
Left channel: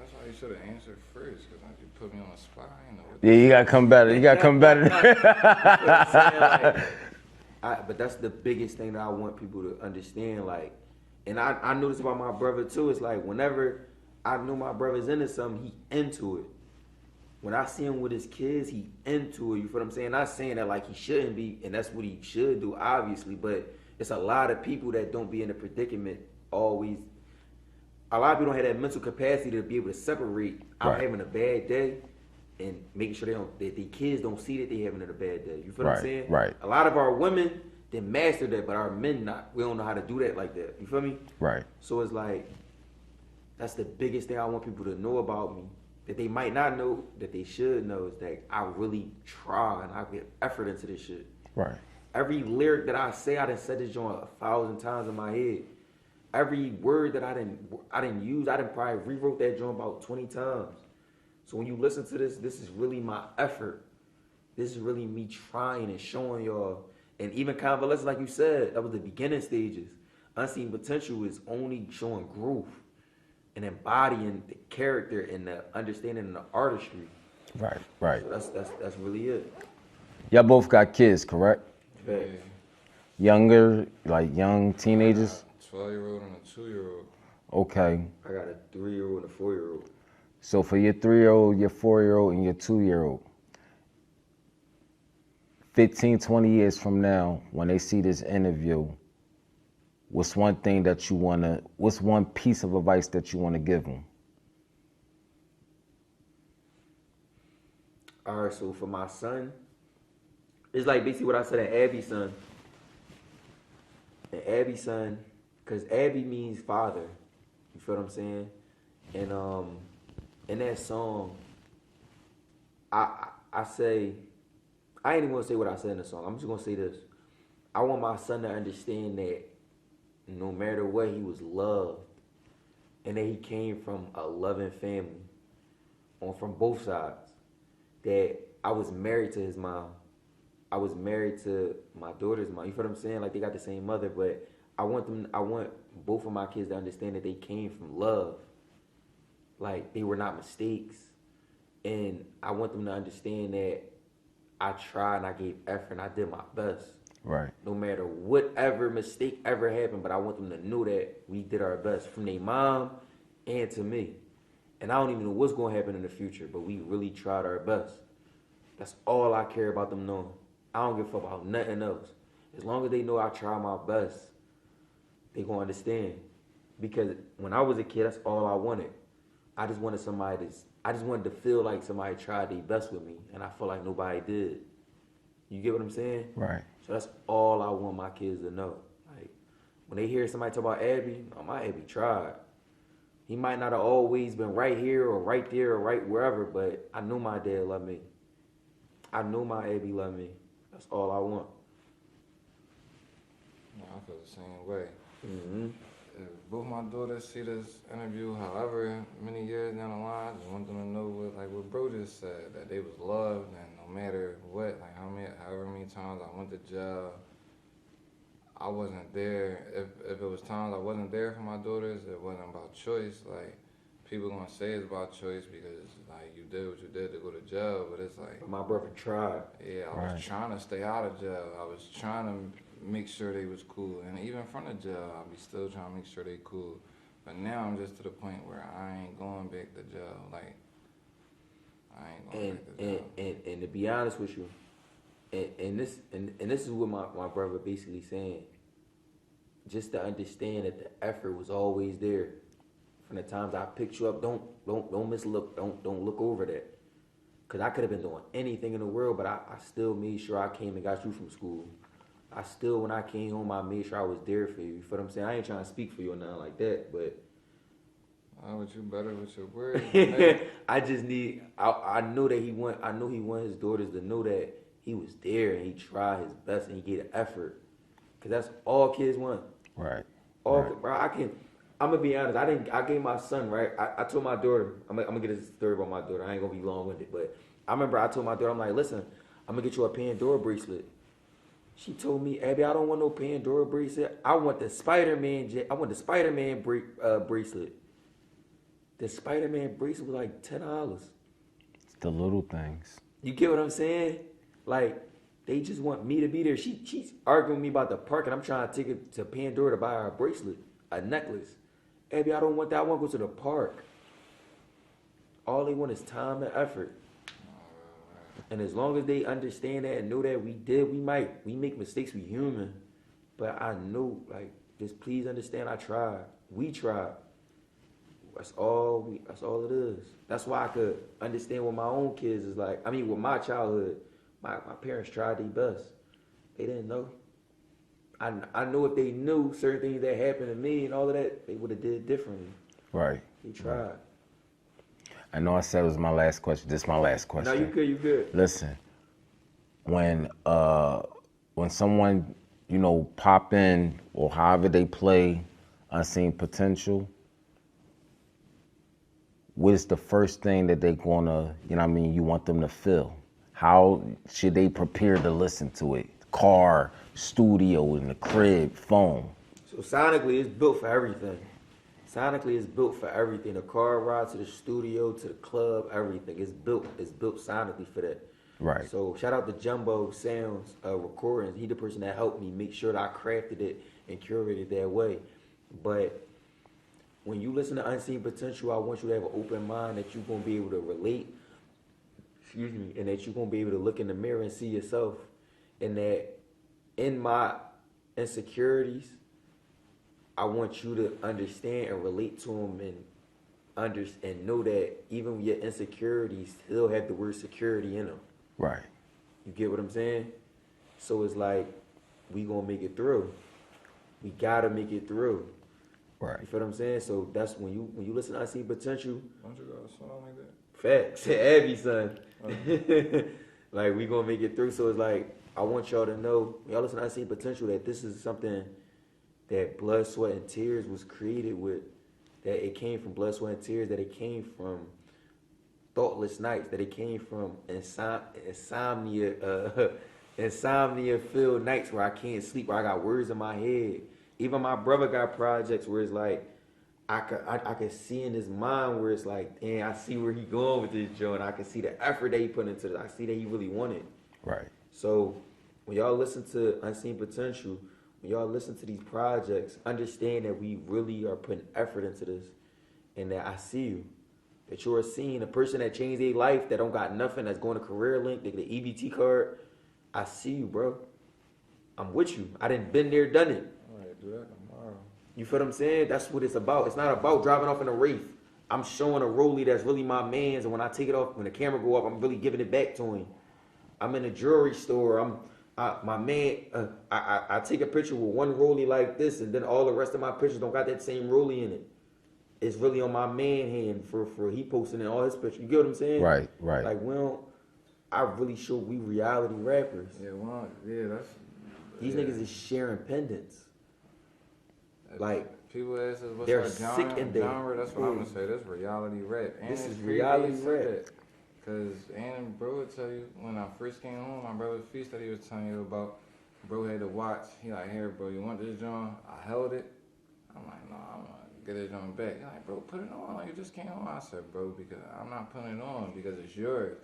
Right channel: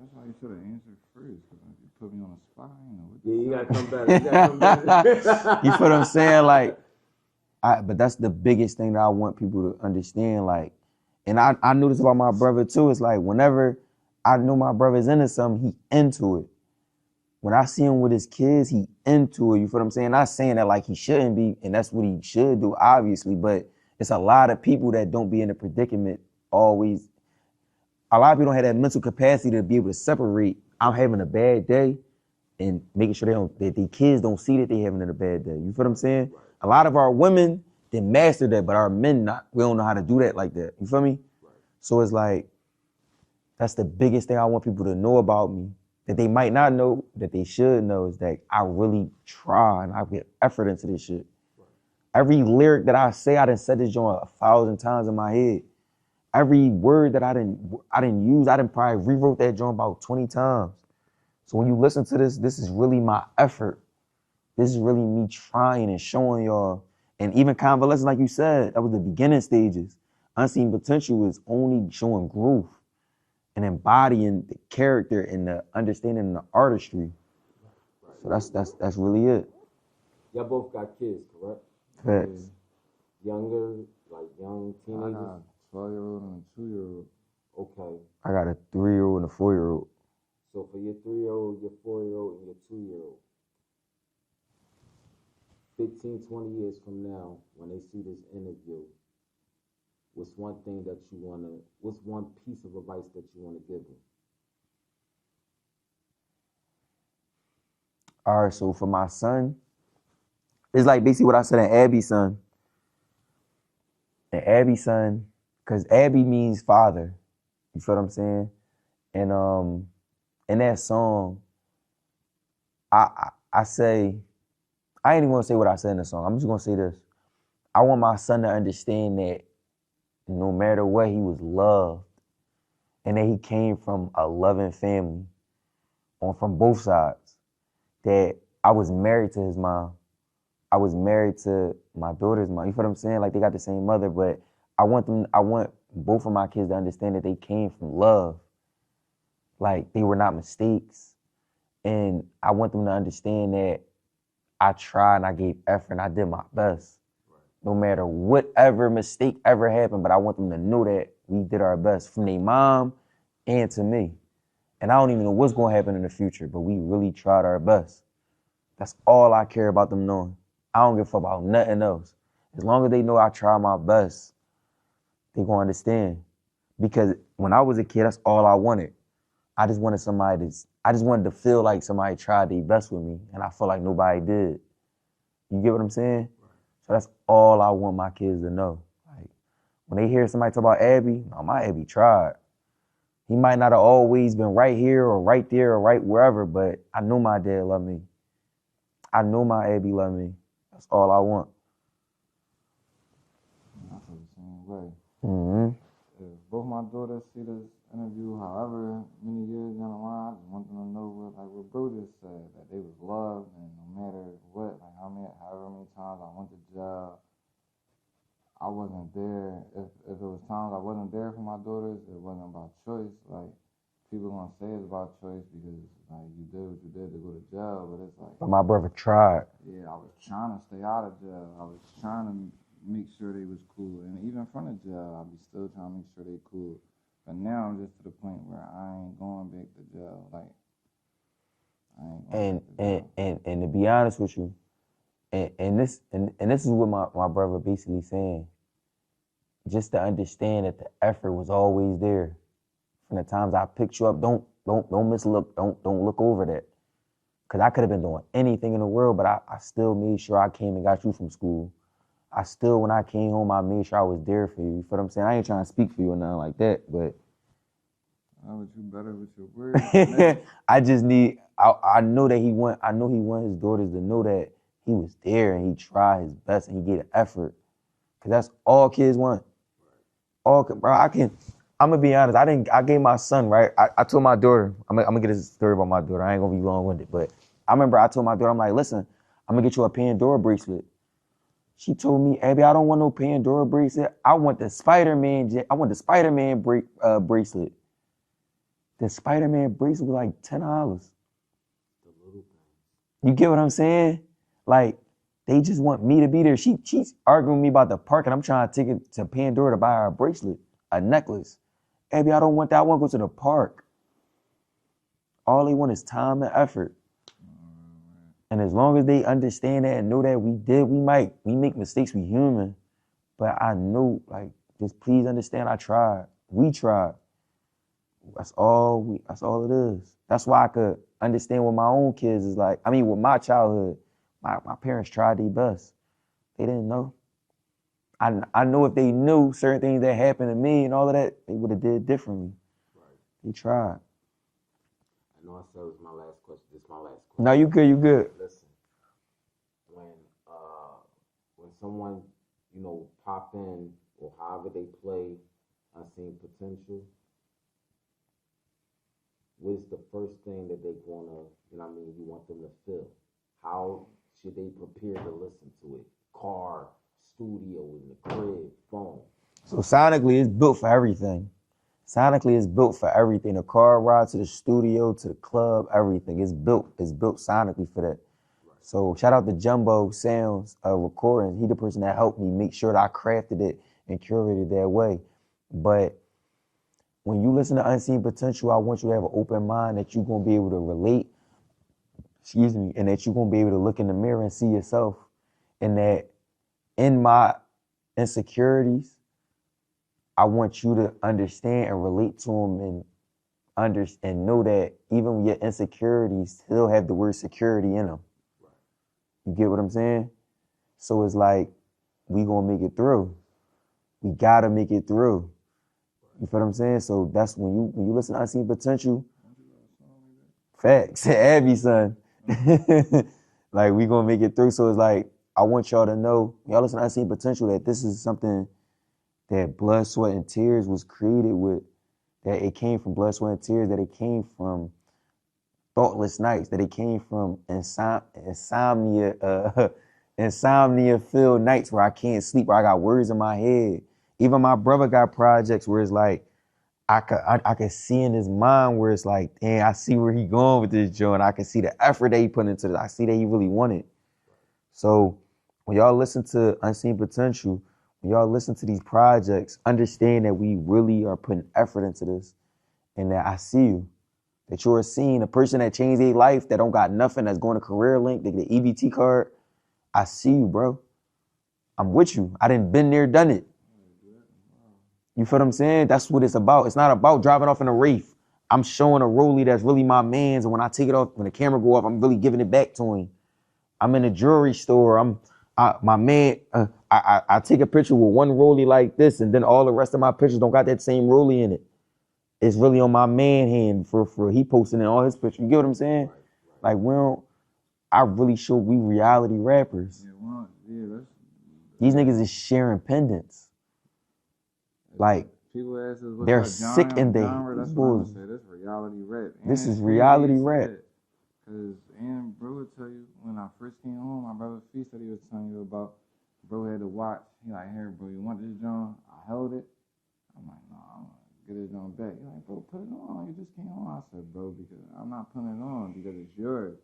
That's why you should have answered first, because you put me on the spot. Yeah, you gotta come better. You feel what I'm saying? Like, but that's the biggest thing that I want people to understand. Like, and I knew this about my brother too. It's like whenever I know my brother's into something, he into it. when I see him with his kids, he into it, you feel what I'm saying? Not saying that like he shouldn't be, and that's what he should do, obviously, but it's a lot of people that don't be in a predicament always. A lot of people don't have that mental capacity to be able to separate I'm having a bad day and making sure that the kids don't see that they having a bad day. You feel what I'm saying? Right. A lot of our women, they master that, but our men not. We don't know how to do that like that. You feel me? Right. So it's like, that's the biggest thing I want people to know about me, that they might not know, that they should know, is that I really try and I put effort into this shit. Right. Every lyric that I say, I done said this joint 1,000 times in my head. Every word that I didn't use, I done probably rewrote that joint about 20 times. So when you listen to this is really my effort. This is really me trying and showing y'all. And even convalescence, like you said, that was the beginning stages. Unseen Potential is only showing growth and embodying the character and the understanding and the artistry. Right, right. So that's really it. Y'all both got kids, correct? Facts. Younger, like young teenagers? 12-year-old and a 2-year-old. Okay. I got a 3-year-old and a 4-year-old. So for your 3-year-old, your 4-year-old, and your 2-year-old, 15, 20 years from now, when they see this interview, what's one piece of advice that you want to give them? All right, so for my son, it's like basically what I said in Abby's son. And Abby's son, because Abby means father. You feel what I'm saying? And in that song, I say, I ain't even gonna say what I said in the song. I'm just gonna say this. I want my son to understand that no matter what, he was loved. And that he came from a loving family from both sides. That I was married to his mom. I was married to my daughter's mom. You feel what I'm saying? Like they got the same mother, but I want both of my kids to understand that they came from love. Like they were not mistakes. And I want them to understand that I tried and I gave effort and I did my best. Right. No matter whatever mistake ever happened, but I want them to know that we did our best from their mom and to me. And I don't even know what's gonna happen in the future, but we really tried our best. That's all I care about them knowing. I don't give a fuck about nothing else. As long as they know I tried my best, they gonna understand. Because when I was a kid, that's all I wanted. I just wanted to feel like somebody tried their best with me, and I felt like nobody did. You get what I'm saying? Right. So that's all I want my kids to know. Like, when they hear somebody talk about Abby, no, my Abby tried. He might not have always been right here or right there or right wherever, but I knew my dad loved me. I know my Abby loved me. That's all I want. Yeah, I feel the same way. Mm-hmm. If both my daughters see this interview, however many years down the line, I just want them to know what bro just said, that they was loved, and no matter what, like however many times I went to jail, I wasn't there. If it was times I wasn't there for my daughters, it wasn't about choice. Like, people gonna say it's about choice because like you did what you did to go to jail, but it's like. But my brother tried. Yeah, I was trying to stay out of jail. I was trying to make sure they was cool, and even from the jail, I'll be still trying to make sure they cool. But now I'm just to the point where I ain't going back to jail. Like, I ain't going back to jail. And to be honest with you, and this is what my brother basically saying. Just to understand that the effort was always there. From the times I picked you up, don't mislook, don't look over that. Cause I could have been doing anything in the world, but I still made sure I came and got you from school. I still, when I came home, I made sure I was there for you. You feel what I'm saying? I ain't trying to speak for you or nothing like that, but. But you better with your words. I just need, I know he want his daughters to know that he was there and he tried his best and he gave an effort. Cause that's all kids want. Right. Bro, I'm gonna be honest, I gave my son, right? I told my daughter, I'm gonna get a story about my daughter. I ain't gonna be long-winded, but I remember I told my daughter, I'm like, listen, I'm gonna get you a Pandora bracelet. She told me, Abby, I don't want no Pandora bracelet. I want the Spider-Man bracelet. The Spider-Man bracelet was like $10. It's the little things. You get what I'm saying? Like, they just want me to be there. She's arguing with me about the park, and I'm trying to take it to Pandora to buy her a bracelet, a necklace. Abby, I don't want that. I want to go to the park. All they want is time and effort. And as long as they understand that and know that we make mistakes, we human. But I know, like, just please understand I tried. We tried. That's all it is. That's why I could understand what my own kids is like. I mean, with my childhood, my parents tried their best. They didn't know. I know if they knew certain things that happened to me and all of that, they would have did differently. Right. They tried. I know I said it was my last question. This is my last question. No, you good. Listen, when someone, you know, pop in or however they play Unseen Potential, what is the first thing that they're gonna, you know what I mean, you want them to feel? How should they prepare to listen to it? Car, studio, in the crib, phone. So sonically, it's built for everything. Sonically, it's built for everything. The car ride to the studio, to the club, everything. It's built sonically for that. Right. So shout out to Jumbo Sounds Recordings. He the person that helped me make sure that I crafted it and curated it that way. But when you listen to Unseen Potential, I want you to have an open mind that you're gonna be able to relate, and that you're gonna be able to look in the mirror and see yourself. And that in my insecurities, I want you to understand and relate to them and know that even with your insecurities still have the word security in them. Right. You get what I'm saying? So it's like, we gonna make it through. We gotta make it through. Right. You feel what I'm saying? So that's when you listen to Unseen Potential. Don't you got a song like that? Facts. Abby, son. Like, we gonna make it through. So it's like, I want y'all to know, y'all listen to Unseen Potential, that this is something that Blood, Sweat, and Tears was created with, that it came from Blood, Sweat, and Tears, that it came from thoughtless nights, that it came from insomnia-filled nights where I can't sleep, where I got words in my head. Even my brother got projects where it's like, I could see in his mind where it's like, damn, I see where he going with this joint. I can see the effort that he put into this. I see that he really wanted. Right. So when y'all listen to Unseen Potential, when y'all listen to these projects, understand that we really are putting effort into this, and that I see you, that you're seeing a person that changed their life, that don't got nothing, that's going to Career Link, they get the EBT card. I see you, bro. I'm with you. I done been there, done it. You feel what I'm saying? That's what it's about. It's not about driving off in a Wraith. I'm showing a rollie that's really my man's, and when I take it off, when the camera go off, I'm really giving it back to him. I'm in a jewelry store. I take a picture with one rollie like this, and then all the rest of my pictures don't got that same rollie in it. It's really on my man hand for he posting in all his pictures. You get what I'm saying? Right. Like, I really show we reality rappers. Yeah, well, yeah, that's. These niggas is sharing pendants. Like, people ask us what's they're our sick in their genre. That's what I'm gonna say. That's reality rap. And This is it's reality crazy you rap. say that, Cause bro would tell you when I first came home, my brother's feast that he was telling you about. Bro had to watch. He like, here, bro, you want this joint? I held it. I'm like, no, I'm gonna get this joint back. He's like, bro, put it on. Like, you just came home. I said, bro, because I'm not putting it on because it's yours.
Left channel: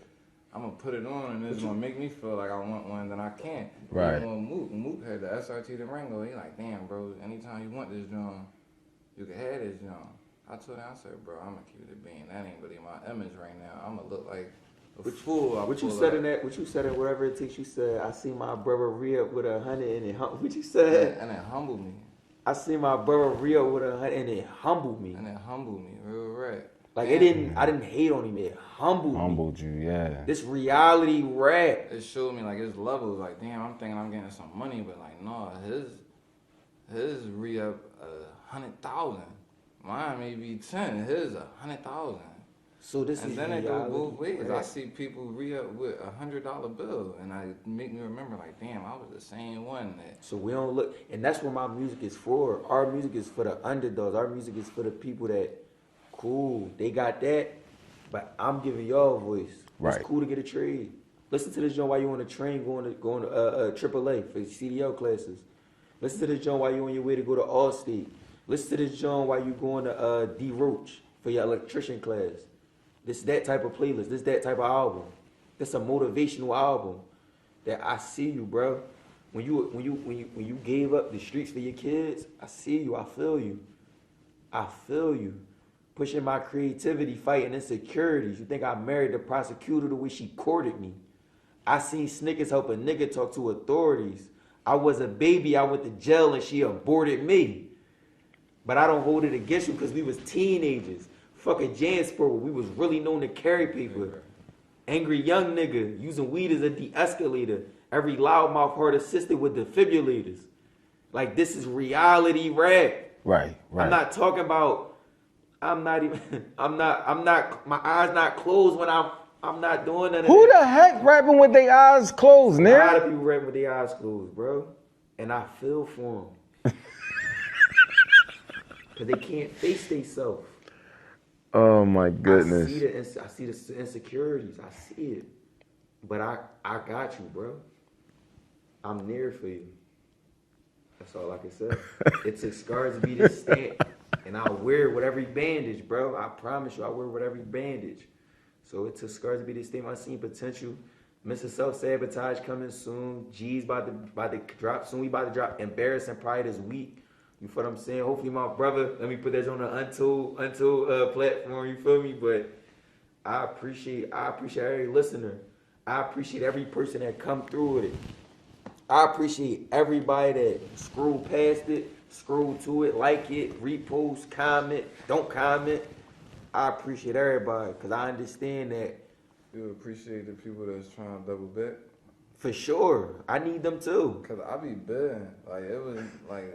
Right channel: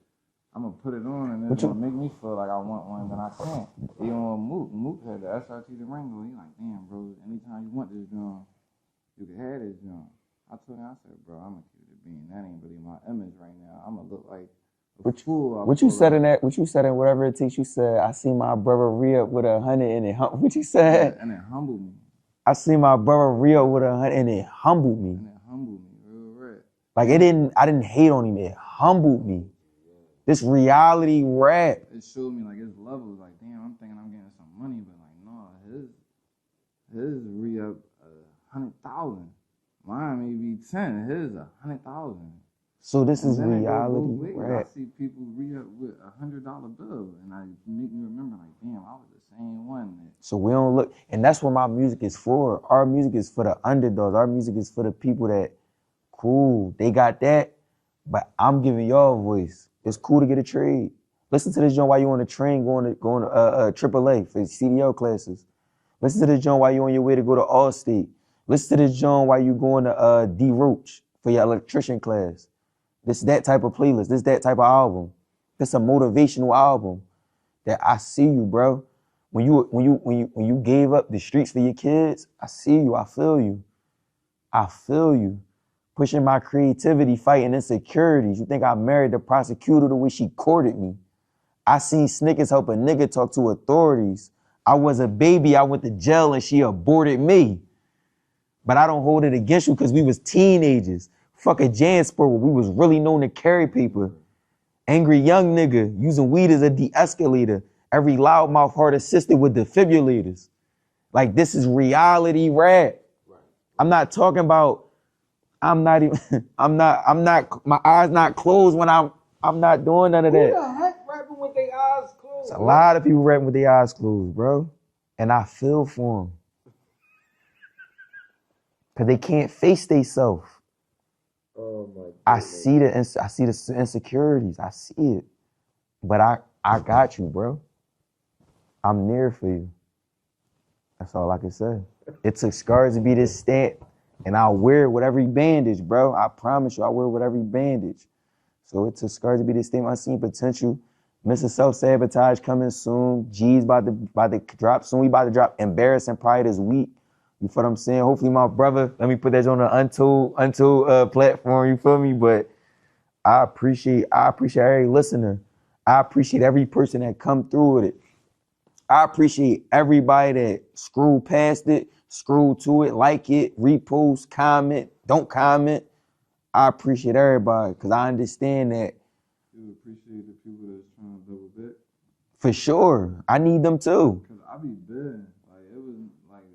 I'm gonna put it on and it's gonna make me feel like I want one, then I can't. Right. Even when Mook had the SRT the Ringo, he like, damn, bro, anytime you want this joint, you can have this joint. I told him, I said, bro, I'm gonna keep it a bean. That ain't really my image right now. I'm gonna look like a fool. What you said in whatever it takes, you said, I see my brother re-up with 100 and it, what you said? And it humbled me. I see my brother re-up with 100 and it humbled me. And it humbled me, real right. Like, I didn't hate on him, it humbled me. Humbled you, yeah. This reality rap. It showed me like his levels. Like, damn, I'm thinking I'm getting some money, but like, no, his re-up 100,000. Mine may be 10. His 100,000. So this is And then it go reality both ways. I rap. see people re-up with $100 bill, and I make me remember like, damn, I was the same one that. So we don't look, and that's what my music is for. Our music is for the underdogs. Our music is for the people that, cool, they got that, but I'm giving y'all a voice. It's Right. cool to get a trade. Listen to this joint while you on the train going to AAA for CDL classes. Listen to this joint while you on your way to go to Allstate. Listen to this joint while you going to D Roach for your electrician class. This that type of playlist. This that type of album. This a motivational album. That I see you, bro. When you gave up the streets for your kids, I see you. I feel you. I feel you. Pushing my creativity, fighting insecurities. You think I married the prosecutor the way she courted me? I seen Snickers help a nigga talk to authorities. I was a baby, I went to jail and she aborted me. But I don't hold it against you because we was teenagers. Fuck a JanSport where we was really known to carry paper. Angry young nigga using weed as a de-escalator. Every loudmouth heart assisted with defibrillators. Like, this is reality rap. Right. I'm not talking about, my eyes not closed when I'm not doing none of that. Who the heck rapping with their eyes closed, A lot of people rapping with their eyes closed, bro. And I feel for them. Because they can't face themselves. Oh my goodness. I see the insecurities. I see it. But I got you, bro. I'm near for you. That's all I can say. It took scars to be this stamp, and I'll wear it with every bandage, bro. I promise you, I'll wear it with every bandage. So it took scars to be this stamp. I seen potential. Mr. Self-Sabotage coming soon. G's about to drop soon. We about to drop Embarrassing Pride this week. You feel what I'm saying? Hopefully my brother, let me put that on the Untold platform, you feel me? But I appreciate every listener. I appreciate every person that come through with it. I appreciate everybody that screwed past it, screwed to it, like it, repost, comment, don't comment. I appreciate everybody because I understand that. You appreciate the people that's trying to double back? For sure. I need them too. Because I be bidding. Like, it was like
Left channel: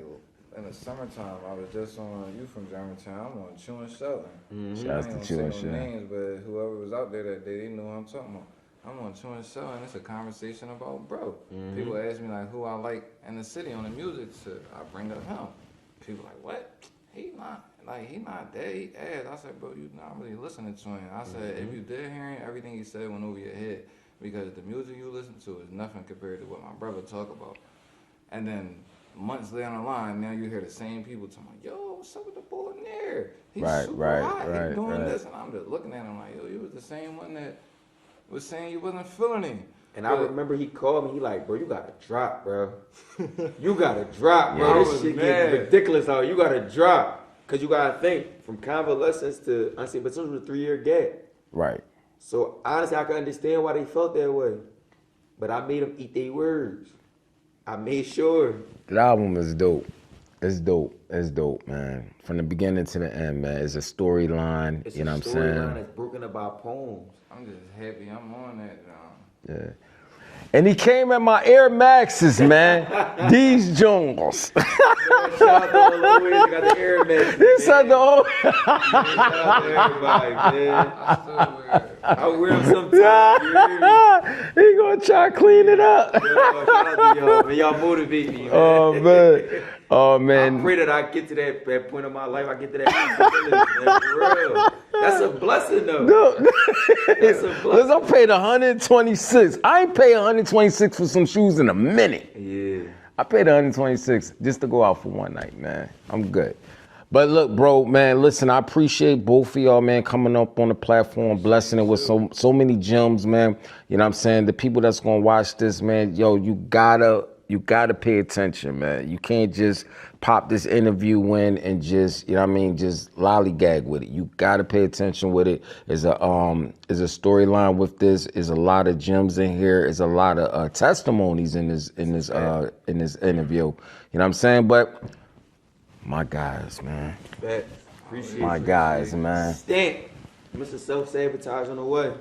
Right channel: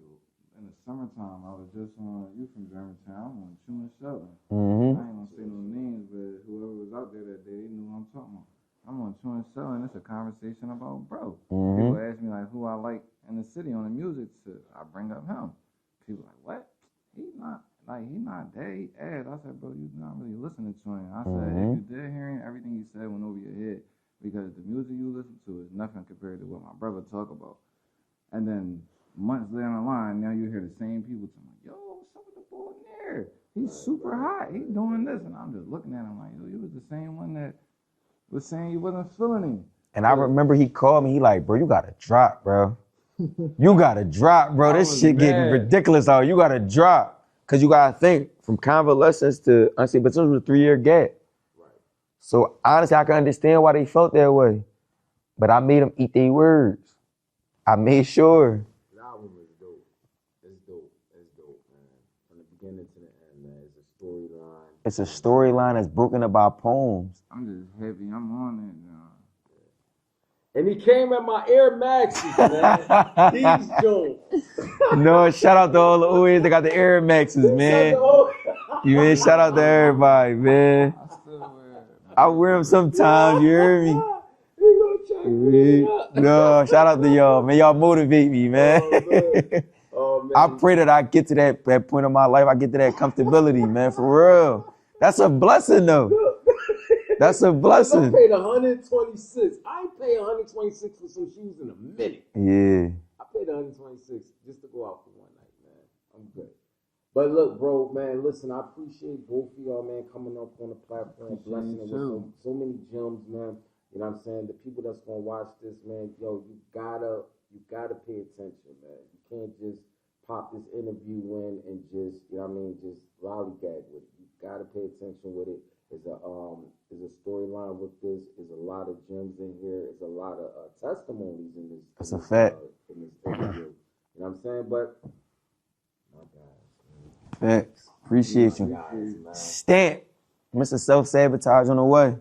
in the summertime, I was just on, you from Germantown, I'm on Chewin' Sheldon. Mm-hmm. I ain't gonna say no names, but whoever was out there that day, they knew what I'm talking about. I'm on Chewin' Sheldon, it's a conversation about bro. Mm-hmm. People ask me like who I like in the city on the music, so I bring up him. People like, what? He not dead, he ass. I said, bro, you not really listening to him. I said, if you did hear him, everything he said went over your head. Because the music you listen to is nothing compared to what my brother talk about. And then months later on the line, now you hear the same people talking, yo, what's up with the boy Nir? He's super hot, he's doing this. And I'm just looking at him like, yo, you was the same one that was saying you wasn't feeling him. And I remember he called me, he like, bro, you gotta drop, bro. You gotta drop, bro. This shit getting ridiculous out. You gotta drop. Cause you gotta think, from convalescence to unsafe, but this was a 3-year gap. Right. So honestly, I can understand why they felt that way. But I made them eat their words. I made sure. The album is dope. It's dope. It's dope, man. From the beginning to the end, man. It's a storyline. It's a storyline that's broken up by poems. I'm just happy I'm on that, John. Yeah. And he came in my Air Maxes, man. These Jones. No, shout out to all the OAs that got the Air Maxes, man. Man, shout out to everybody, man. I wear them sometimes, you hear me? He gonna try to clean it up. Yo, shout out to y'all, man. Y'all motivate me, man. Oh, man. Oh, man. I pray that I get to that point in my life. I get to that comfortability, man, for real. That's a blessing, though. That's a blessing. I paid $126. I ain't paid $126 for some shoes in a minute. Yeah. I paid $126 just to go out for one night, man. I'm good. But look, bro, man, listen, I appreciate both of y'all, man, coming up on the platform, blessing it with so many gems, man. You know what I'm saying? The people that's gonna watch this, man, yo, you gotta pay attention, man. You can't just pop this interview in and just, you know what I mean, just lollygag with it. You gotta pay attention with it. There's a storyline with this. There's a lot of gems in here. There's a lot of testimonies in this interview. You know what I'm saying? But my guys, man. Appreciate my guys, man. Stamp. Mr. Self-Sabotage on the way.